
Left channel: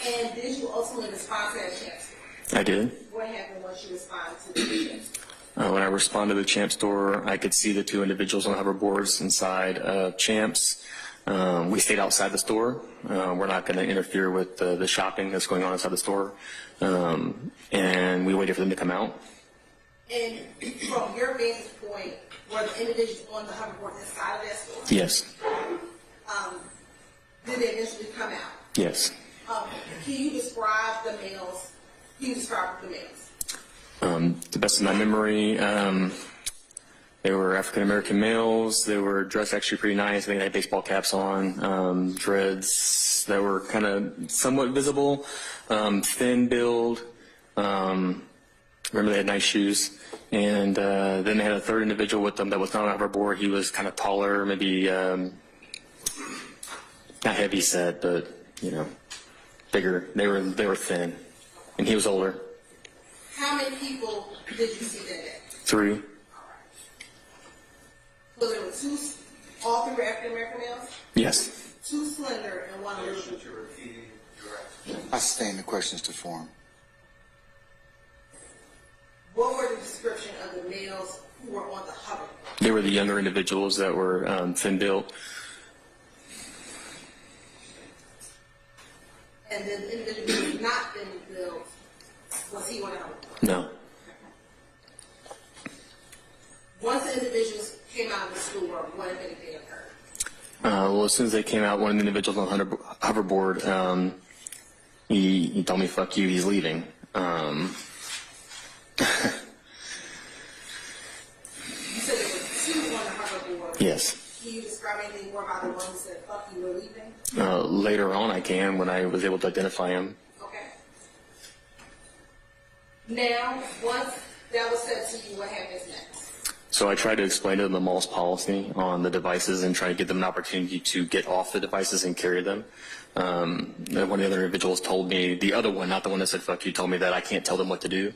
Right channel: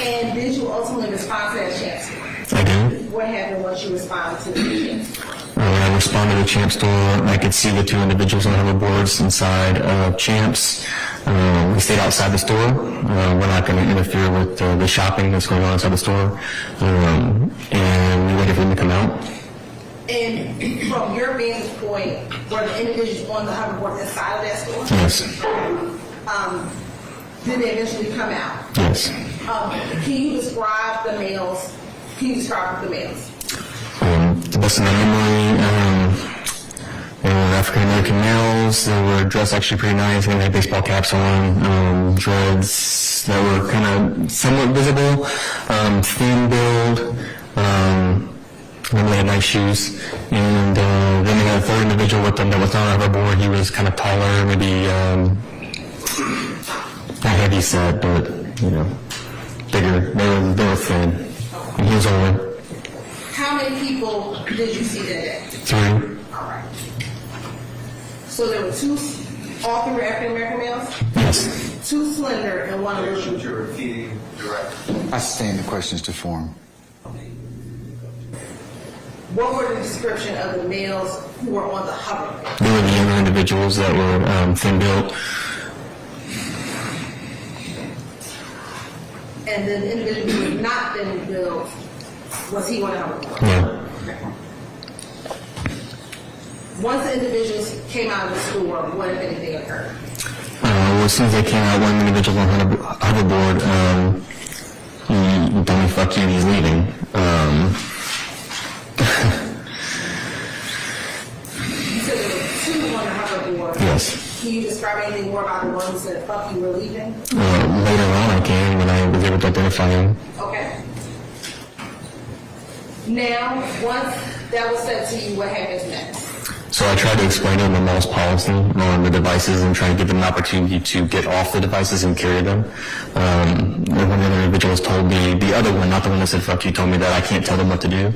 And did you ultimately respond to that Champ store? I did. What happened once you responded to the Champ store? When I responded to the Champ store, I could see the two individuals on hoverboards inside of Champ's. We stayed outside the store. We're not going to interfere with the shopping that's going on inside the store. And we waited for them to come out. And from your vantage point, were the individuals on the hoverboard inside of that store? Yes. Did they eventually come out? Yes. Can you describe the males? Can you describe the males? To the best of my memory, they were African American males. They were dressed actually pretty nice. They had baseball caps on, dreads that were kind of somewhat visible, thin build. Remember they had nice shoes. And then they had a third individual with them that was not on a hoverboard. He was kind of taller, maybe not heavy set, but bigger. They were thin, and he was older. How many people did you see that day? 3. All right. So there were all 3 were African American males? Yes. 2 slender and 1 little. You're repeating directly. I stand the questions to form. What were the description of the males who were on the hoverboard? They were the younger individuals that were thin built. And then the individual who was not thin built, was he on the hoverboard? No. Once the individuals came out of the store, what if anything occurred? Well, as soon as they came out, one individual on hoverboard, he told me "fuck you," and he's leaving. You said there were 2 on the hoverboard. Yes. Can you describe anything more about the one who said "fuck you," were leaving? Later on, I can when I was able to identify him. Okay. Now, once that was said to you, what happens next? So I tried to explain to them the mall's policy on the devices and try to give them an opportunity to get off the devices and carry them. And one of the other individuals told me, the other one, not the one that said "fuck you," told me that I can't tell them what to do.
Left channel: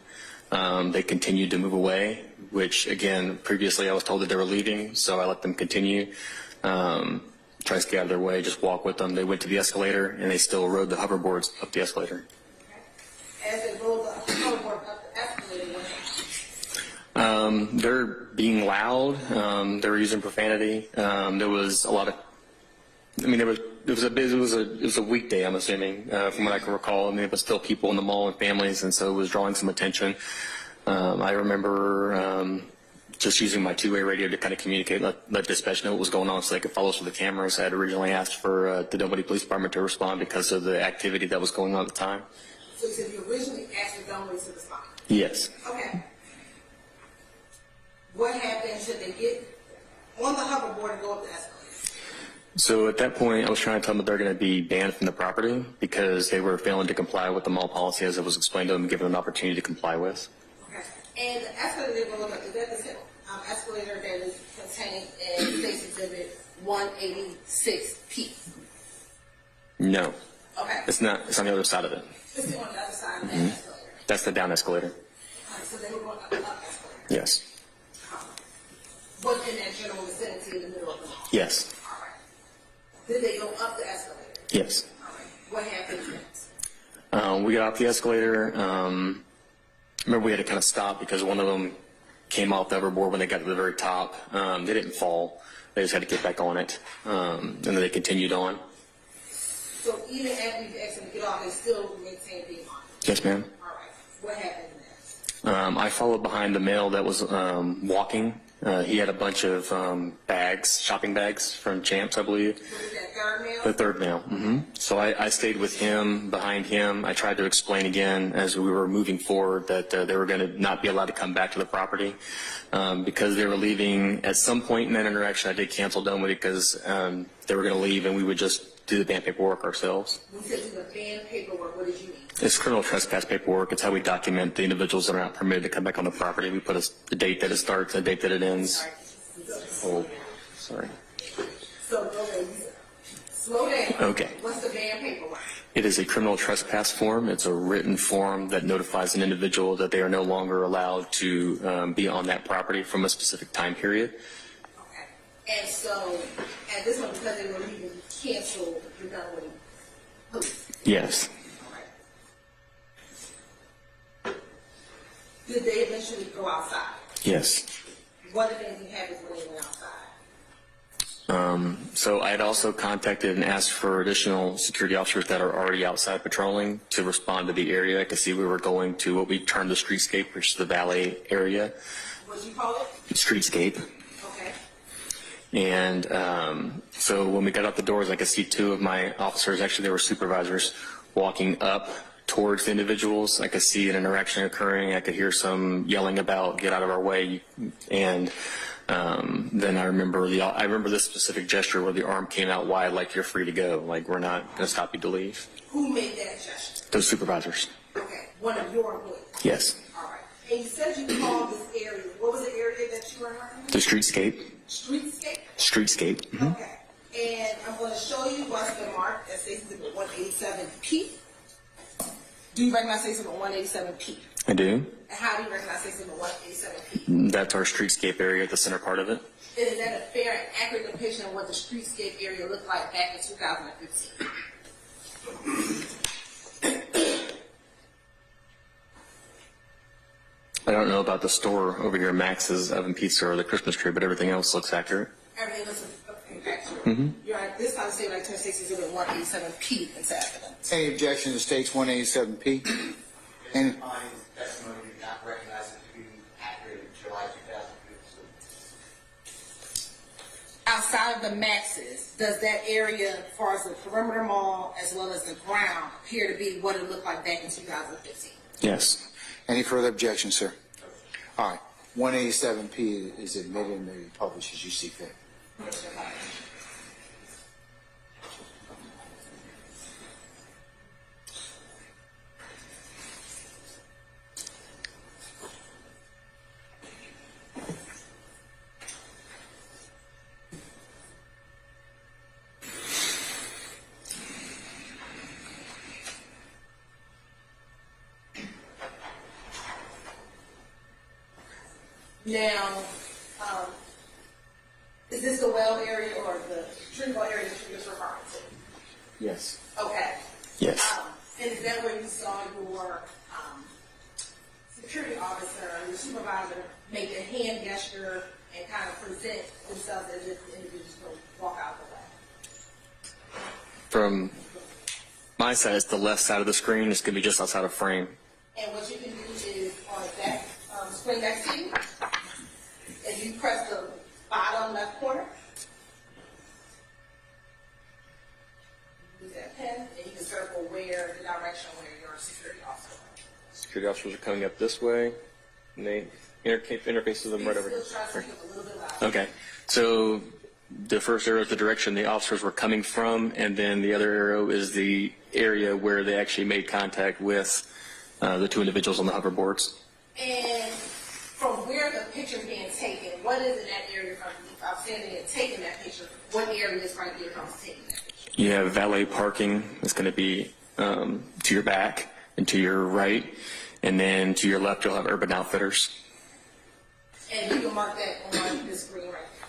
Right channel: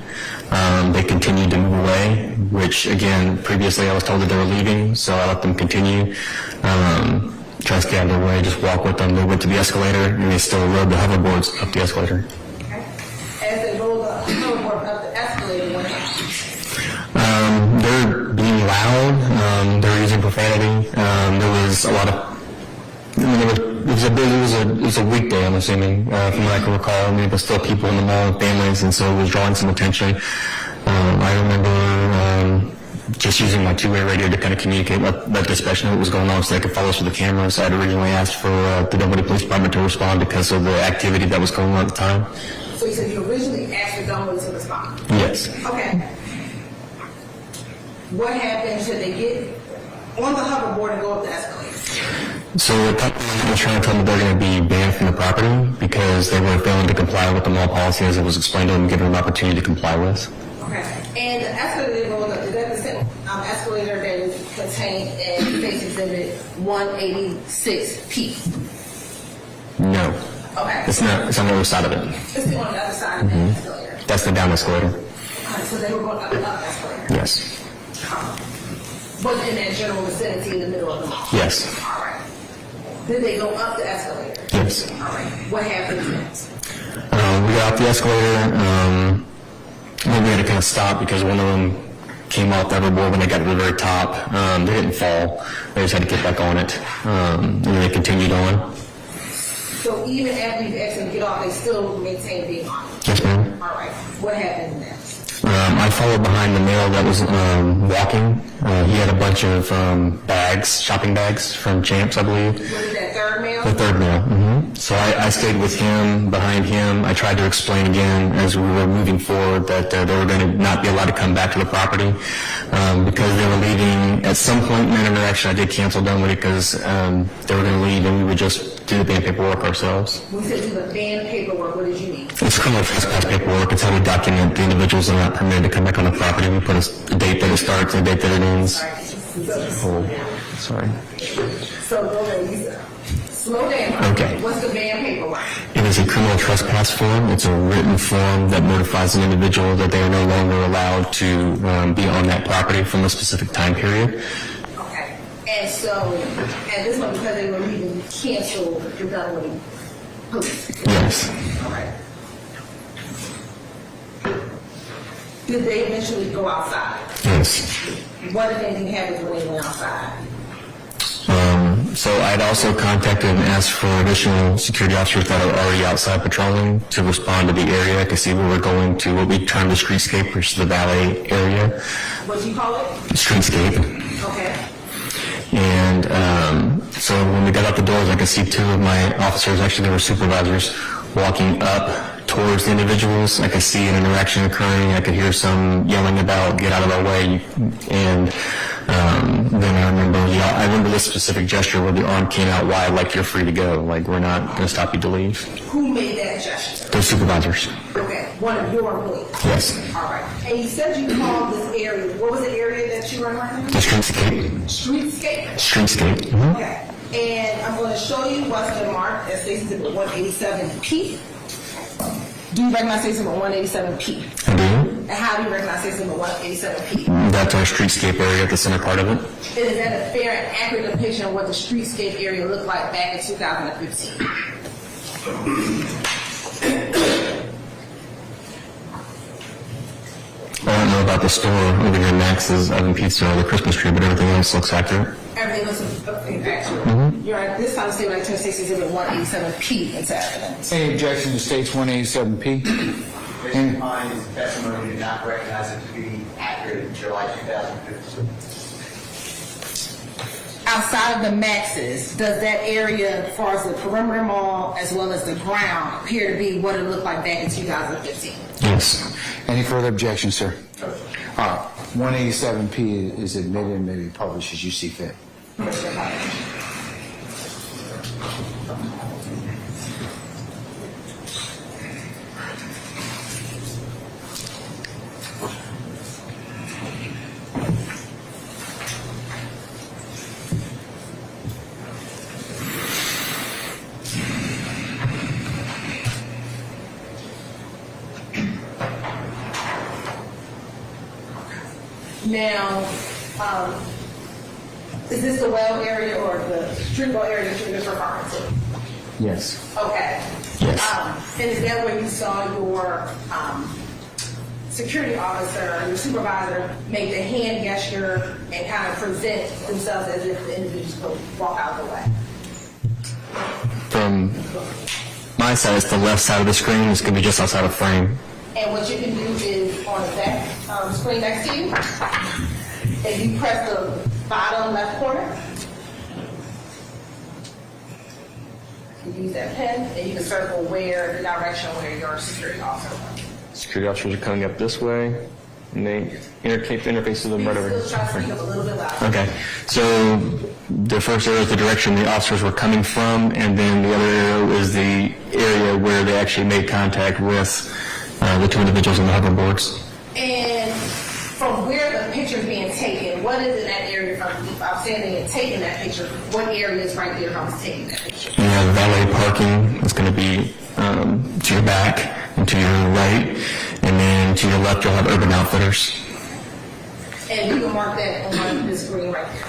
They continued to move away, which again, previously I was told that they were leaving, so I let them continue. Try to stay out of their way, just walk with them. They went to the escalator and they still rode the hoverboards up the escalator. Okay. As they rolled the hoverboard up the escalator, what happened? They're being loud. They're using profanity. There was a lot of. It was a weekday, I'm assuming, from what I can recall. I mean, but still people in the mall and families, and so it was drawing some attention. I remember just using my 2-way radio to kind of communicate, let dispatch know what was going on so they could follow us with the cameras. I had originally asked for the Dunwoody Police Department to respond because of the activity that was going on at the time. So you said you originally asked the Dunwoody to respond? Yes. Okay. What happened? Should they get on the hoverboard and go up the escalator? So at that point, I was trying to tell them they're going to be banned from the property because they were failing to comply with the mall policy as it was explained to them and given an opportunity to comply with. Okay. And the escalator they rolled up, is that the same escalator that is contained in Face Exhibit 186P? No. Okay. It's not. It's on the other side of it. It's on the other side of that escalator. That's the down escalator. Alright, so they were going up the escalator. Yes. But in that general vicinity in the middle of the mall? Yes. All right. Then they go up the escalator? Yes. All right. What happens next? We got off the escalator. We had to kind of stop because one of them came off the hoverboard when they got to the very top. They didn't fall. They just had to get back on it. And then they continued on. So even after you've asked them to get off, they still maintain being on it? Yes, ma'am. All right. What happens next? I followed behind the male that was walking. He had a bunch of bags, shopping bags from Champs, I believe. Was it that third male? The third male. So I stayed with him, behind him. I tried to explain again as we were moving forward that they were going to not be allowed to come back to the property because they were leaving. At some point in that interaction, I did cancel Dunwoody because they were going to leave and we would just do the ban paperwork ourselves. When you said do the ban paperwork, what did you mean? It's criminal trespass paperwork. It's how we document the individuals that are not permitted to come back on the property. We put a date that it starts and a date that it ends. Oh, sorry. So go ahead, Lisa. Slow down. Okay. What's the ban paperwork? It is a criminal trespass form. It's a written form that notifies an individual that they are no longer allowed to be on that property from a specific time period. Okay. And so, at this point, because they were leaving, you canceled your Dunwoody police. Yes. All right. Did they eventually go outside? Yes. What, if anything, happens when they went outside? So I had also contacted and asked for additional security officers that are already outside patrolling to respond to the area. I could see we were going to what we term the streetscape, which is the valet area. What do you call it? Streetscape. Okay. And so when we got out the doors, I could see two of my officers, actually they were supervisors, walking up towards the individuals. I could see an interaction occurring. I could hear some yelling about, get out of our way. And then I remember this specific gesture where the arm came out wide, like you're free to go, like we're not going to stop you to leave. Who made that gesture? Those supervisors. Okay. One of your employees? Yes. All right. And you said you called this area. What was the area that you were in right now? The streetscape. Streetscape? Streetscape. Mm-hmm. Okay. And I'm going to show you what's been marked as State Exhibit 187P. Do you recognize State Exhibit 187P? I do. And how do you recognize State Exhibit 187P? That's our streetscape area at the center part of it. Is that a fair and accurate depiction of what the streetscape area looked like back in 2015? I don't know about the store over here, Max's Oven Pizza or the Christmas tree, but everything else looks accurate. Everything looks accurate. Mm-hmm. You're at this time of statement, I turn State Exhibit 187P into evidence. Any objection to states 187P? Based upon his testimony, did not recognize it to be accurate in July 2015. Outside of the Maxes, does that area, as far as the perimeter mall as well as the ground, appear to be what it looked like back in 2015? Yes. Any further objections, sir? All right. 187P is admitted and may be published as you see fit. Now, is this the well area or the street ball area that you're just referring to? Yes. Okay. Yes. And is that where you saw your security officer, your supervisor, make the hand gesture and kind of present themselves as if the individuals could walk out the way? From my side, it's the left side of the screen. It's going to be just outside of frame. And what you can do is on the back screen next to you, if you press the bottom left corner, you use that pen and you can circle where the direction where your security officer went. Security officers are coming up this way, and they interface with them right over here. Still try to speak up a little bit louder. Okay, so the first arrow is the direction the officers were coming from, and then the other arrow is the area where they actually made contact with the two individuals on the hoverboards. And from where the picture is being taken, what is in that area from, if I'm standing and taking that picture, what area is right there if I'm taking that picture? You have valet parking. It's going to be to your back and to your right, and then to your left you'll have Urban Outfitters. And you can mark that on the screen right there.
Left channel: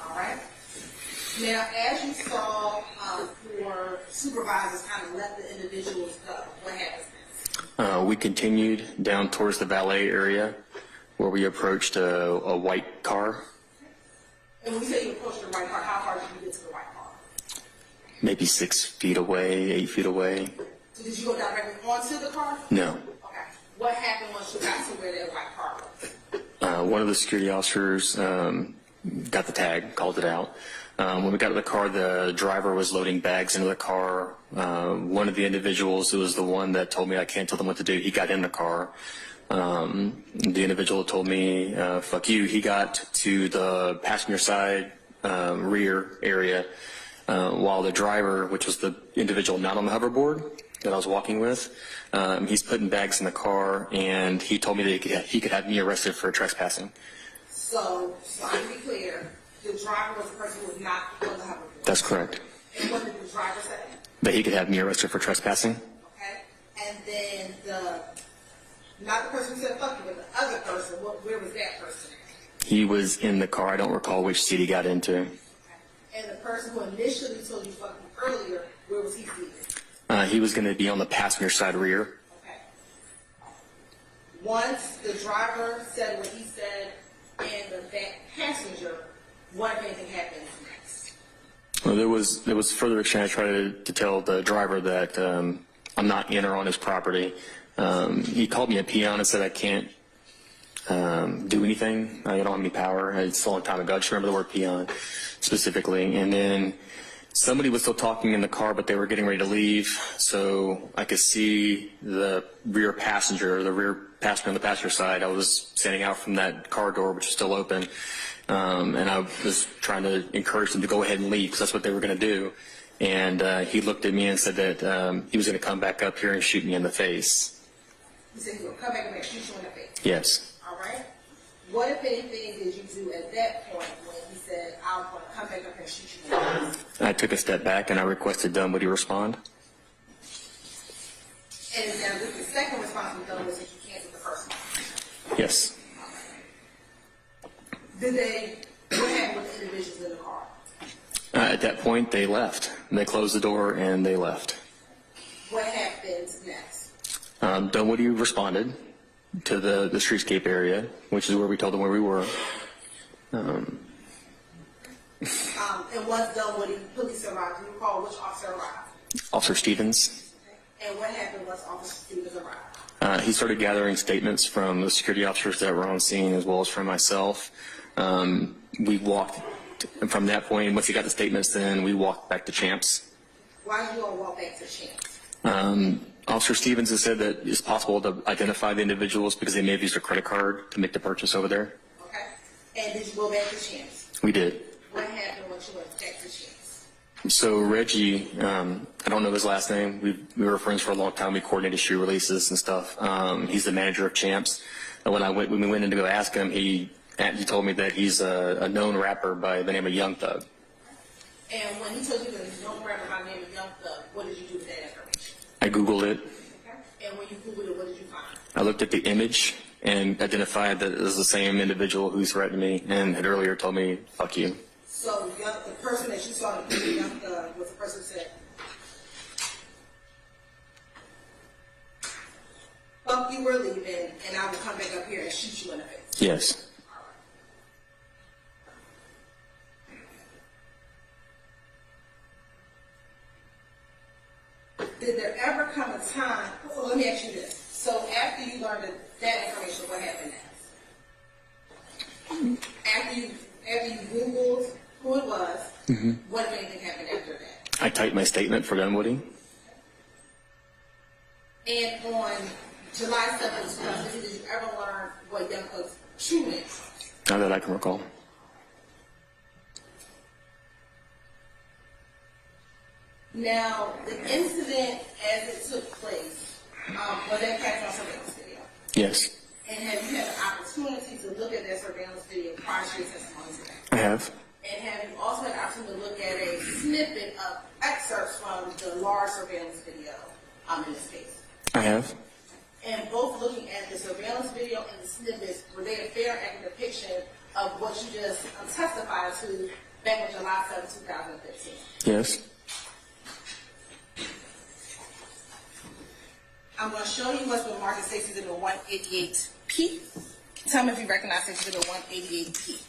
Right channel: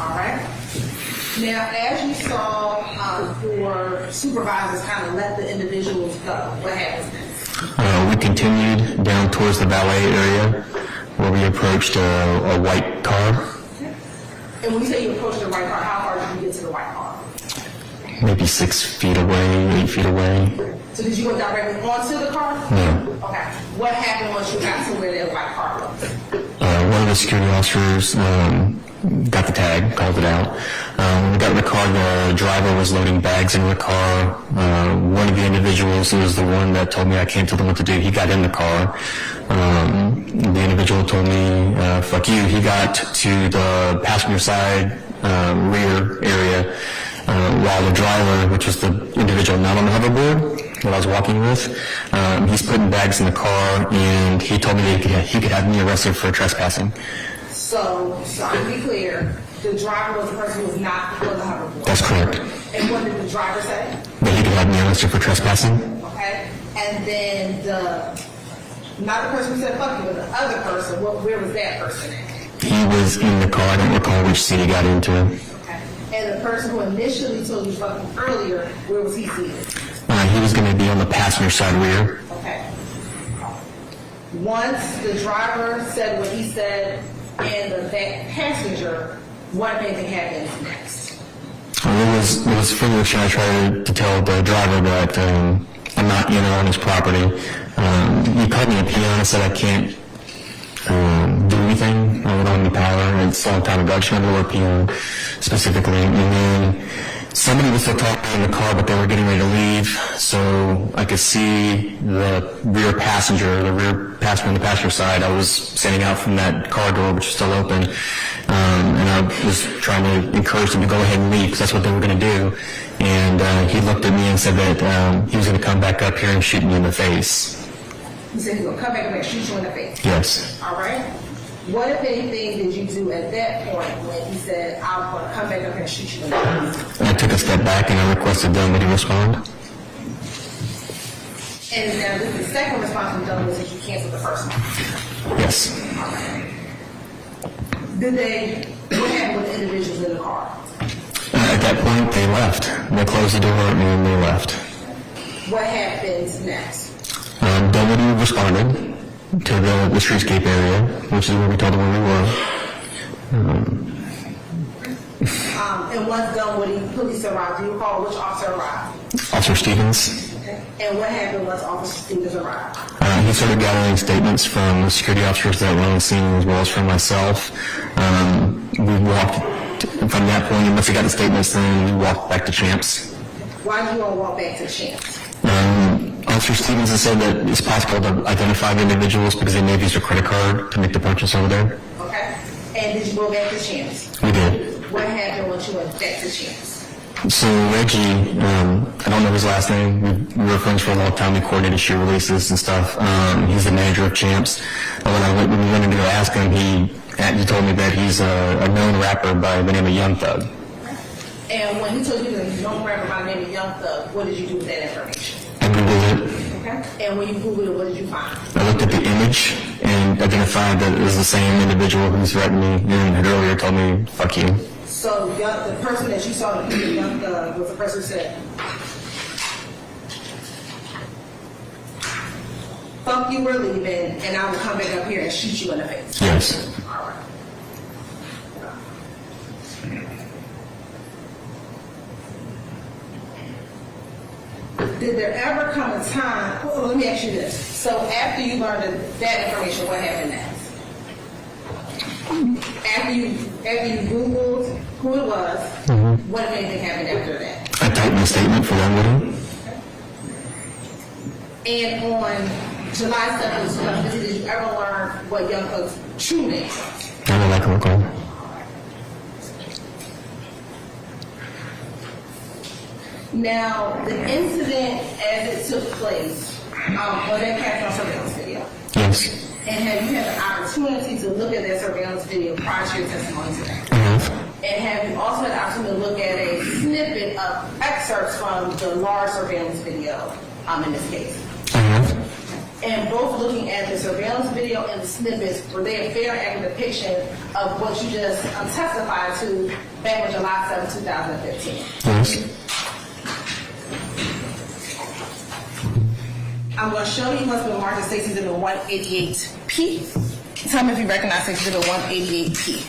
All right. Now, as you saw, your supervisors kind of let the individuals go. What happens next? We continued down towards the valet area where we approached a white car, And when you say you approached the white car, how far did you get to the white car? maybe 6 feet away, 8 feet away. So did you go directly onto the car? No. Okay. What happened once you got to where that white car was? One of the security officers got the tag, called it out. When we got in the car, the driver was loading bags into the car. One of the individuals, who was the one that told me I can't tell them what to do, he got in the car. The individual told me, fuck you. He got to the passenger side rear area while the driver, which was the individual not on the hoverboard that I was walking with, he's putting bags in the car, and he told me that he could have me arrested for trespassing. So to be clear, the driver was the person who was not on the hoverboard. That's correct. And what did the driver say? That he could have me arrested for trespassing. Okay. And then not the person who said fuck you, but the other person, where was that person at? He was in the car. I don't recall which seat he got into. Okay. And the person who initially told you fuck you earlier, where was he seated? He was going to be on the passenger side rear. Okay. Once the driver said what he said and the passenger, what if anything happens next? It was further I tried to tell the driver that I'm not in or on his property. He called me a peon and said I can't do anything. I don't have any power. It's a long time ago. I just remember the word peon specifically. And then somebody was still talking in the car, but they were getting ready to leave. So I could see the rear passenger on the passenger side. I was standing out from that car door, which was still open. And I was trying to encourage them to go ahead and leave because that's what they were going to do. And he looked at me and said that he was going to come back up here and shoot me in the face. He said he's going to come back and shoot you in the face? Yes. All right. What, if anything, did you do at that point when he said, I'm going to come back up here and shoot you in the face? I took a step back and I requested Dunwoody respond. And now this is the second response from Dunwoody since you canceled the first one. Yes. All right. What happened with the individuals in the car? At that point, they left. They closed the door and they left. What happens next? Dunwoody responded to the streetscape area, which is where we told them where we were. And once Dunwoody police arrived, do you recall which officer arrived? Officer Stevens. Okay. And what happened once Officer Stevens arrived? He started gathering statements from the security officers that were on the scene as well as from myself. We walked from that point, and once we got the statements, then we walked back to Champs. Why did you all walk back to Champs? Officer Stevens has said that it's possible to identify the individuals because they may have used a credit card to make the purchase over there. Okay. And did you go back to Champs? We did. What happened once you went back to Champs? So Reggie, I don't know his last name. We were friends for a long time. We coordinated shoe releases and stuff. He's the manager of Champs. When we went in to go ask him, he told me that he's a known rapper by the name of Young Thug. And when he told you that he's a known rapper by the name of Young Thug, what did you do with that information? I Googled it. Okay. And when you Googled it, what did you find? I looked at the image and identified that it was the same individual who threatened me and had earlier told me, fuck you. So the person that you saw in the picture, Young Thug, was the person who said, fuck you, we're leaving, and I will come back up here and shoot you in the face. Yes. All right. Did there ever come a time, well, let me ask you this. So after you learned that information, what happened next? After you Googled who it was, what if anything happened after that? I typed my statement for Dunwoody. And on July 7th, did you ever learn what Young Thug's true name was? Not that I can recall. Now, the incident as it took place, was that captured on surveillance video? Yes. And have you had the opportunity to look at that surveillance video prior to your testimony today? I have. And have you also had the opportunity to look at a snippet of excerpts from the large surveillance video in this case? I have. And both looking at the surveillance video and the snippets, were they a fair and accurate depiction of what you just testified to back on July 7, 2015? Yes. I'm going to show you what's been marked as State's Exhibit 188P. Tell me if you recognize State's Exhibit 188P.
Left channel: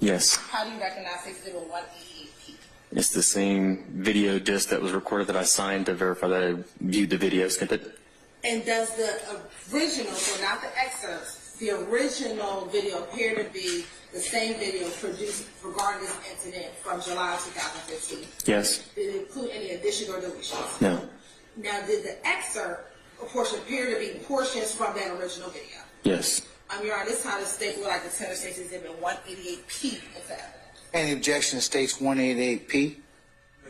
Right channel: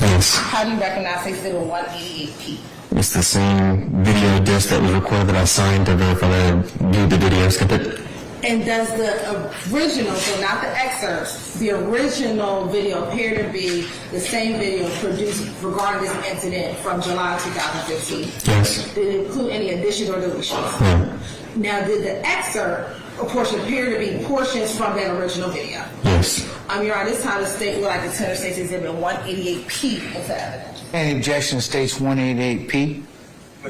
Yes. How do you recognize State's Exhibit 188P? It's the same video disc that was recorded that I signed to verify that I viewed the video. Skip it. And does the original, so not the excerpts, the original video appear to be the same video produced regarding this incident from July 2015? Yes. Did it include any additions or deletions? No. Now, did the excerpt or portion appear to be portions from that original video? Yes. Your Honor, this time the state would like to tender State's Exhibit 188P as evidence. Any objection to State's 188P?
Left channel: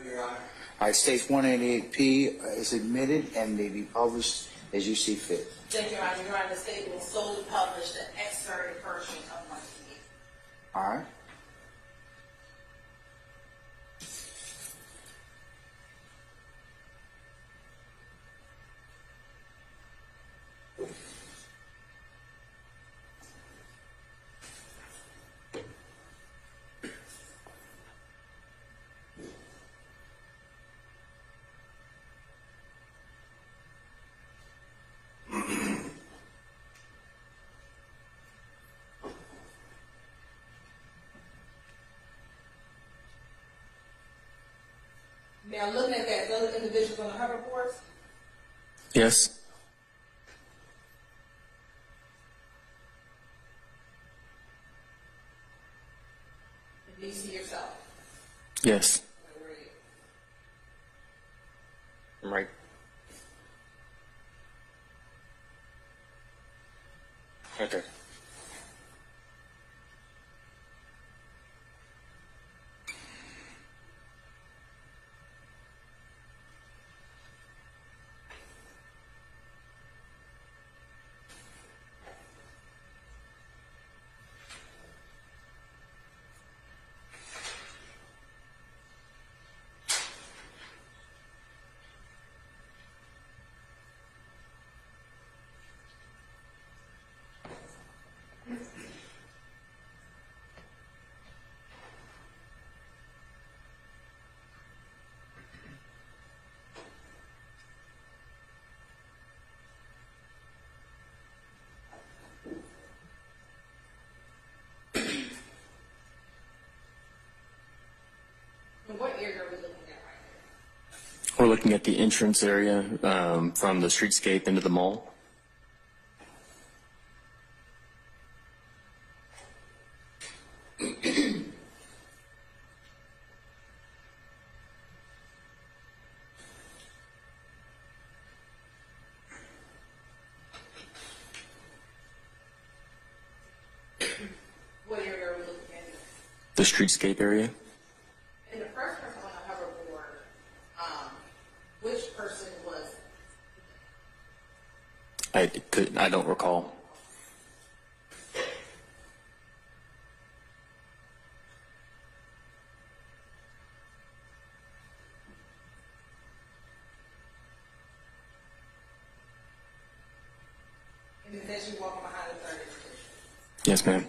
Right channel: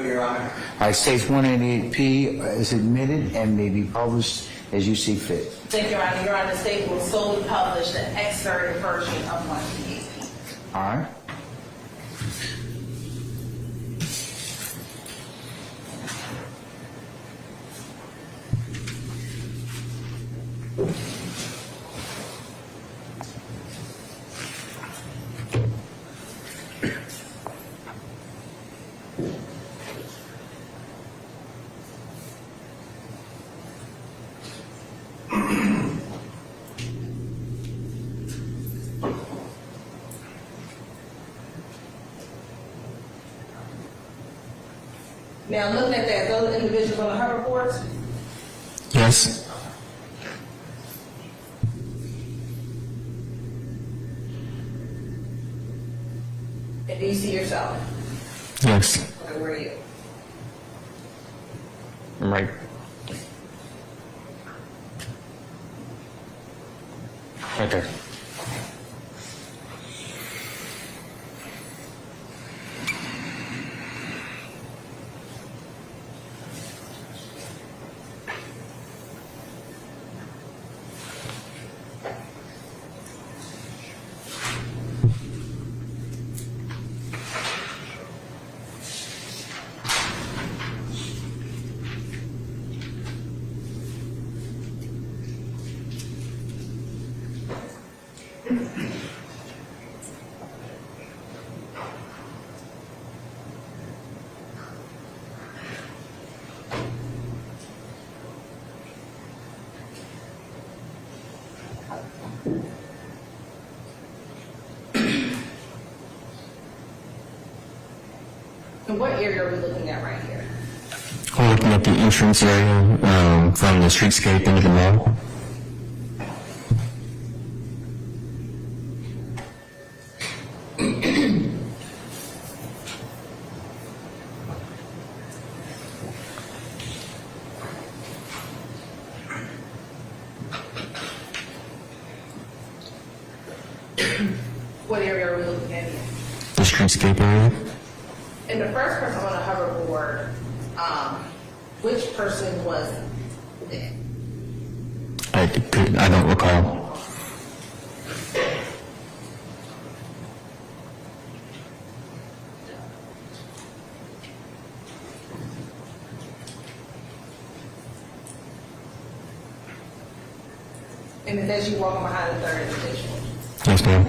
Your Honor. All right, State's 188P is admitted and may be published as you see fit. Thank you, Your Honor. Your Honor, the state will solely publish the excerpted version of 188P. All right. Now, looking at that, those individuals on the hoverboards, Yes. and do you see yourself? Yes. Okay, where are you? I'm right. Right there. And what area are we looking at right here? We're looking at the entrance area from the streetscape into the mall. What area are we looking at here? The streetscape area. And the first person on the hoverboard, which person was it? I don't recall. And then as you walking behind the third individual. Yes, ma'am.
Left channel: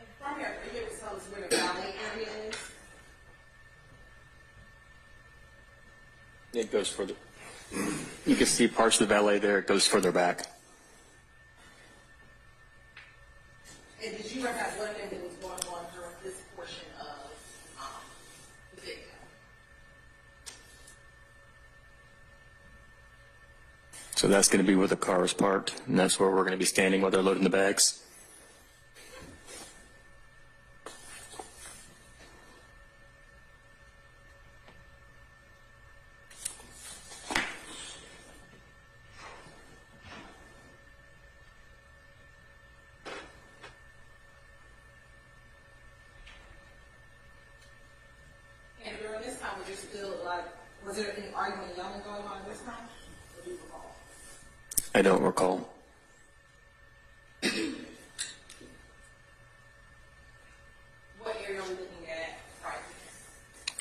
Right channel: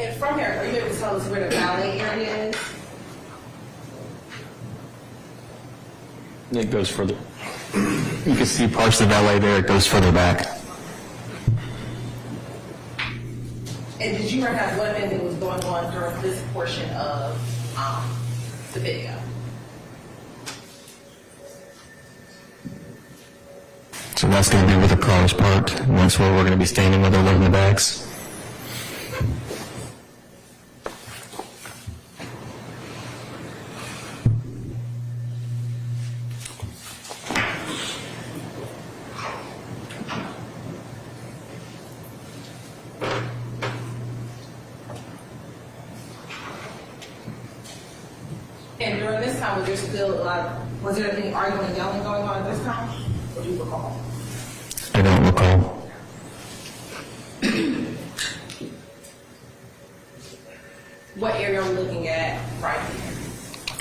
And from here, are you able to tell us where the valet area is? It goes further. You can see parts of the valet there. It goes further back. And did you recognize what event was going on during this portion of the video? So that's going to be where the car is parked, and that's where we're going to be standing while they're loading the bags. And during this time, was there any arguing and yelling going on at this time? Or do you recall? I don't recall.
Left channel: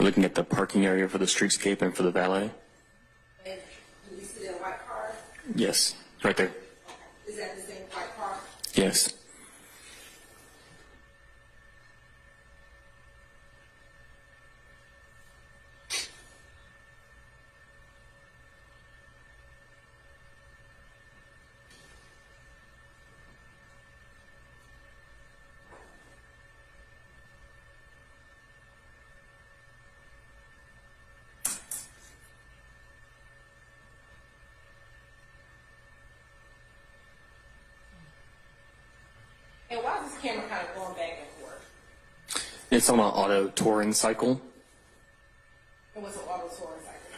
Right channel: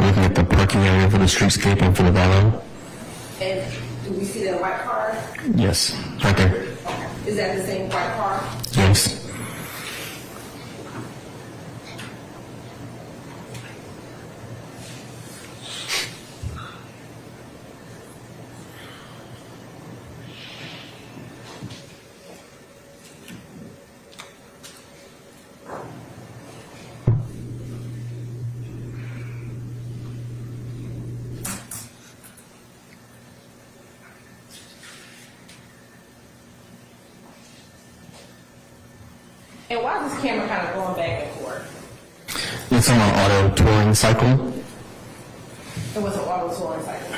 looking at the parking area for the streetscape and for the valet. And do we see that white car? Yes, right there. Is that the same white car? Yes. And why is this camera kind of going back and forth? It's on an auto touring cycle. It was an auto touring cycle.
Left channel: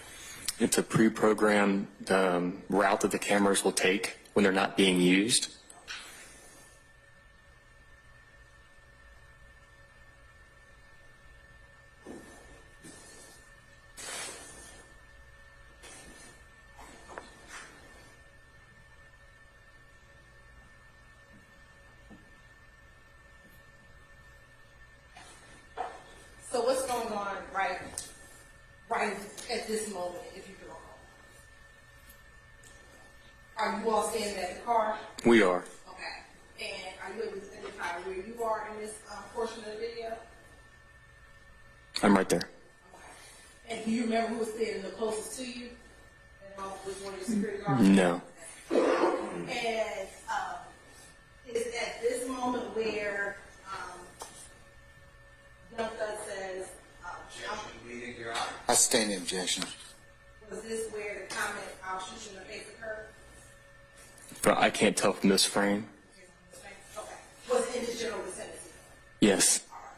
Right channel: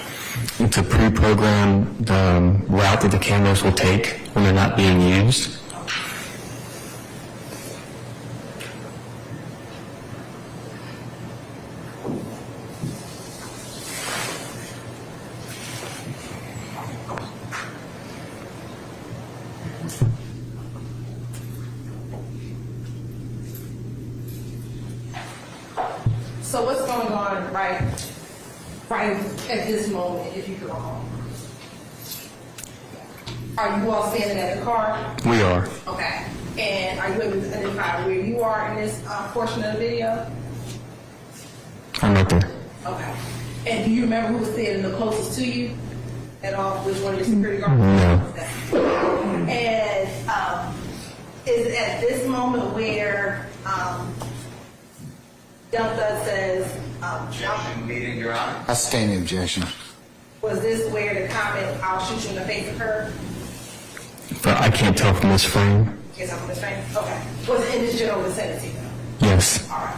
It's a pre-programmed route that the cameras will take when they're not being used. So what's going on right at this moment, if you could recall? Are you all standing at the car? We are. Okay. And are you able to identify where you are in this portion of the video? I'm right there. Okay. And do you remember who was standing the closest to you at all? Was one of your security guards? No. And is it at this moment where Young Thug says, Objection, meeting, Your Honor. I stand in objection. was this where the comment, "I'll shoot you in the face" occurred? But I can't tell from this frame. Is that what it's saying? Okay. Was it in this general vicinity though? Yes. All right.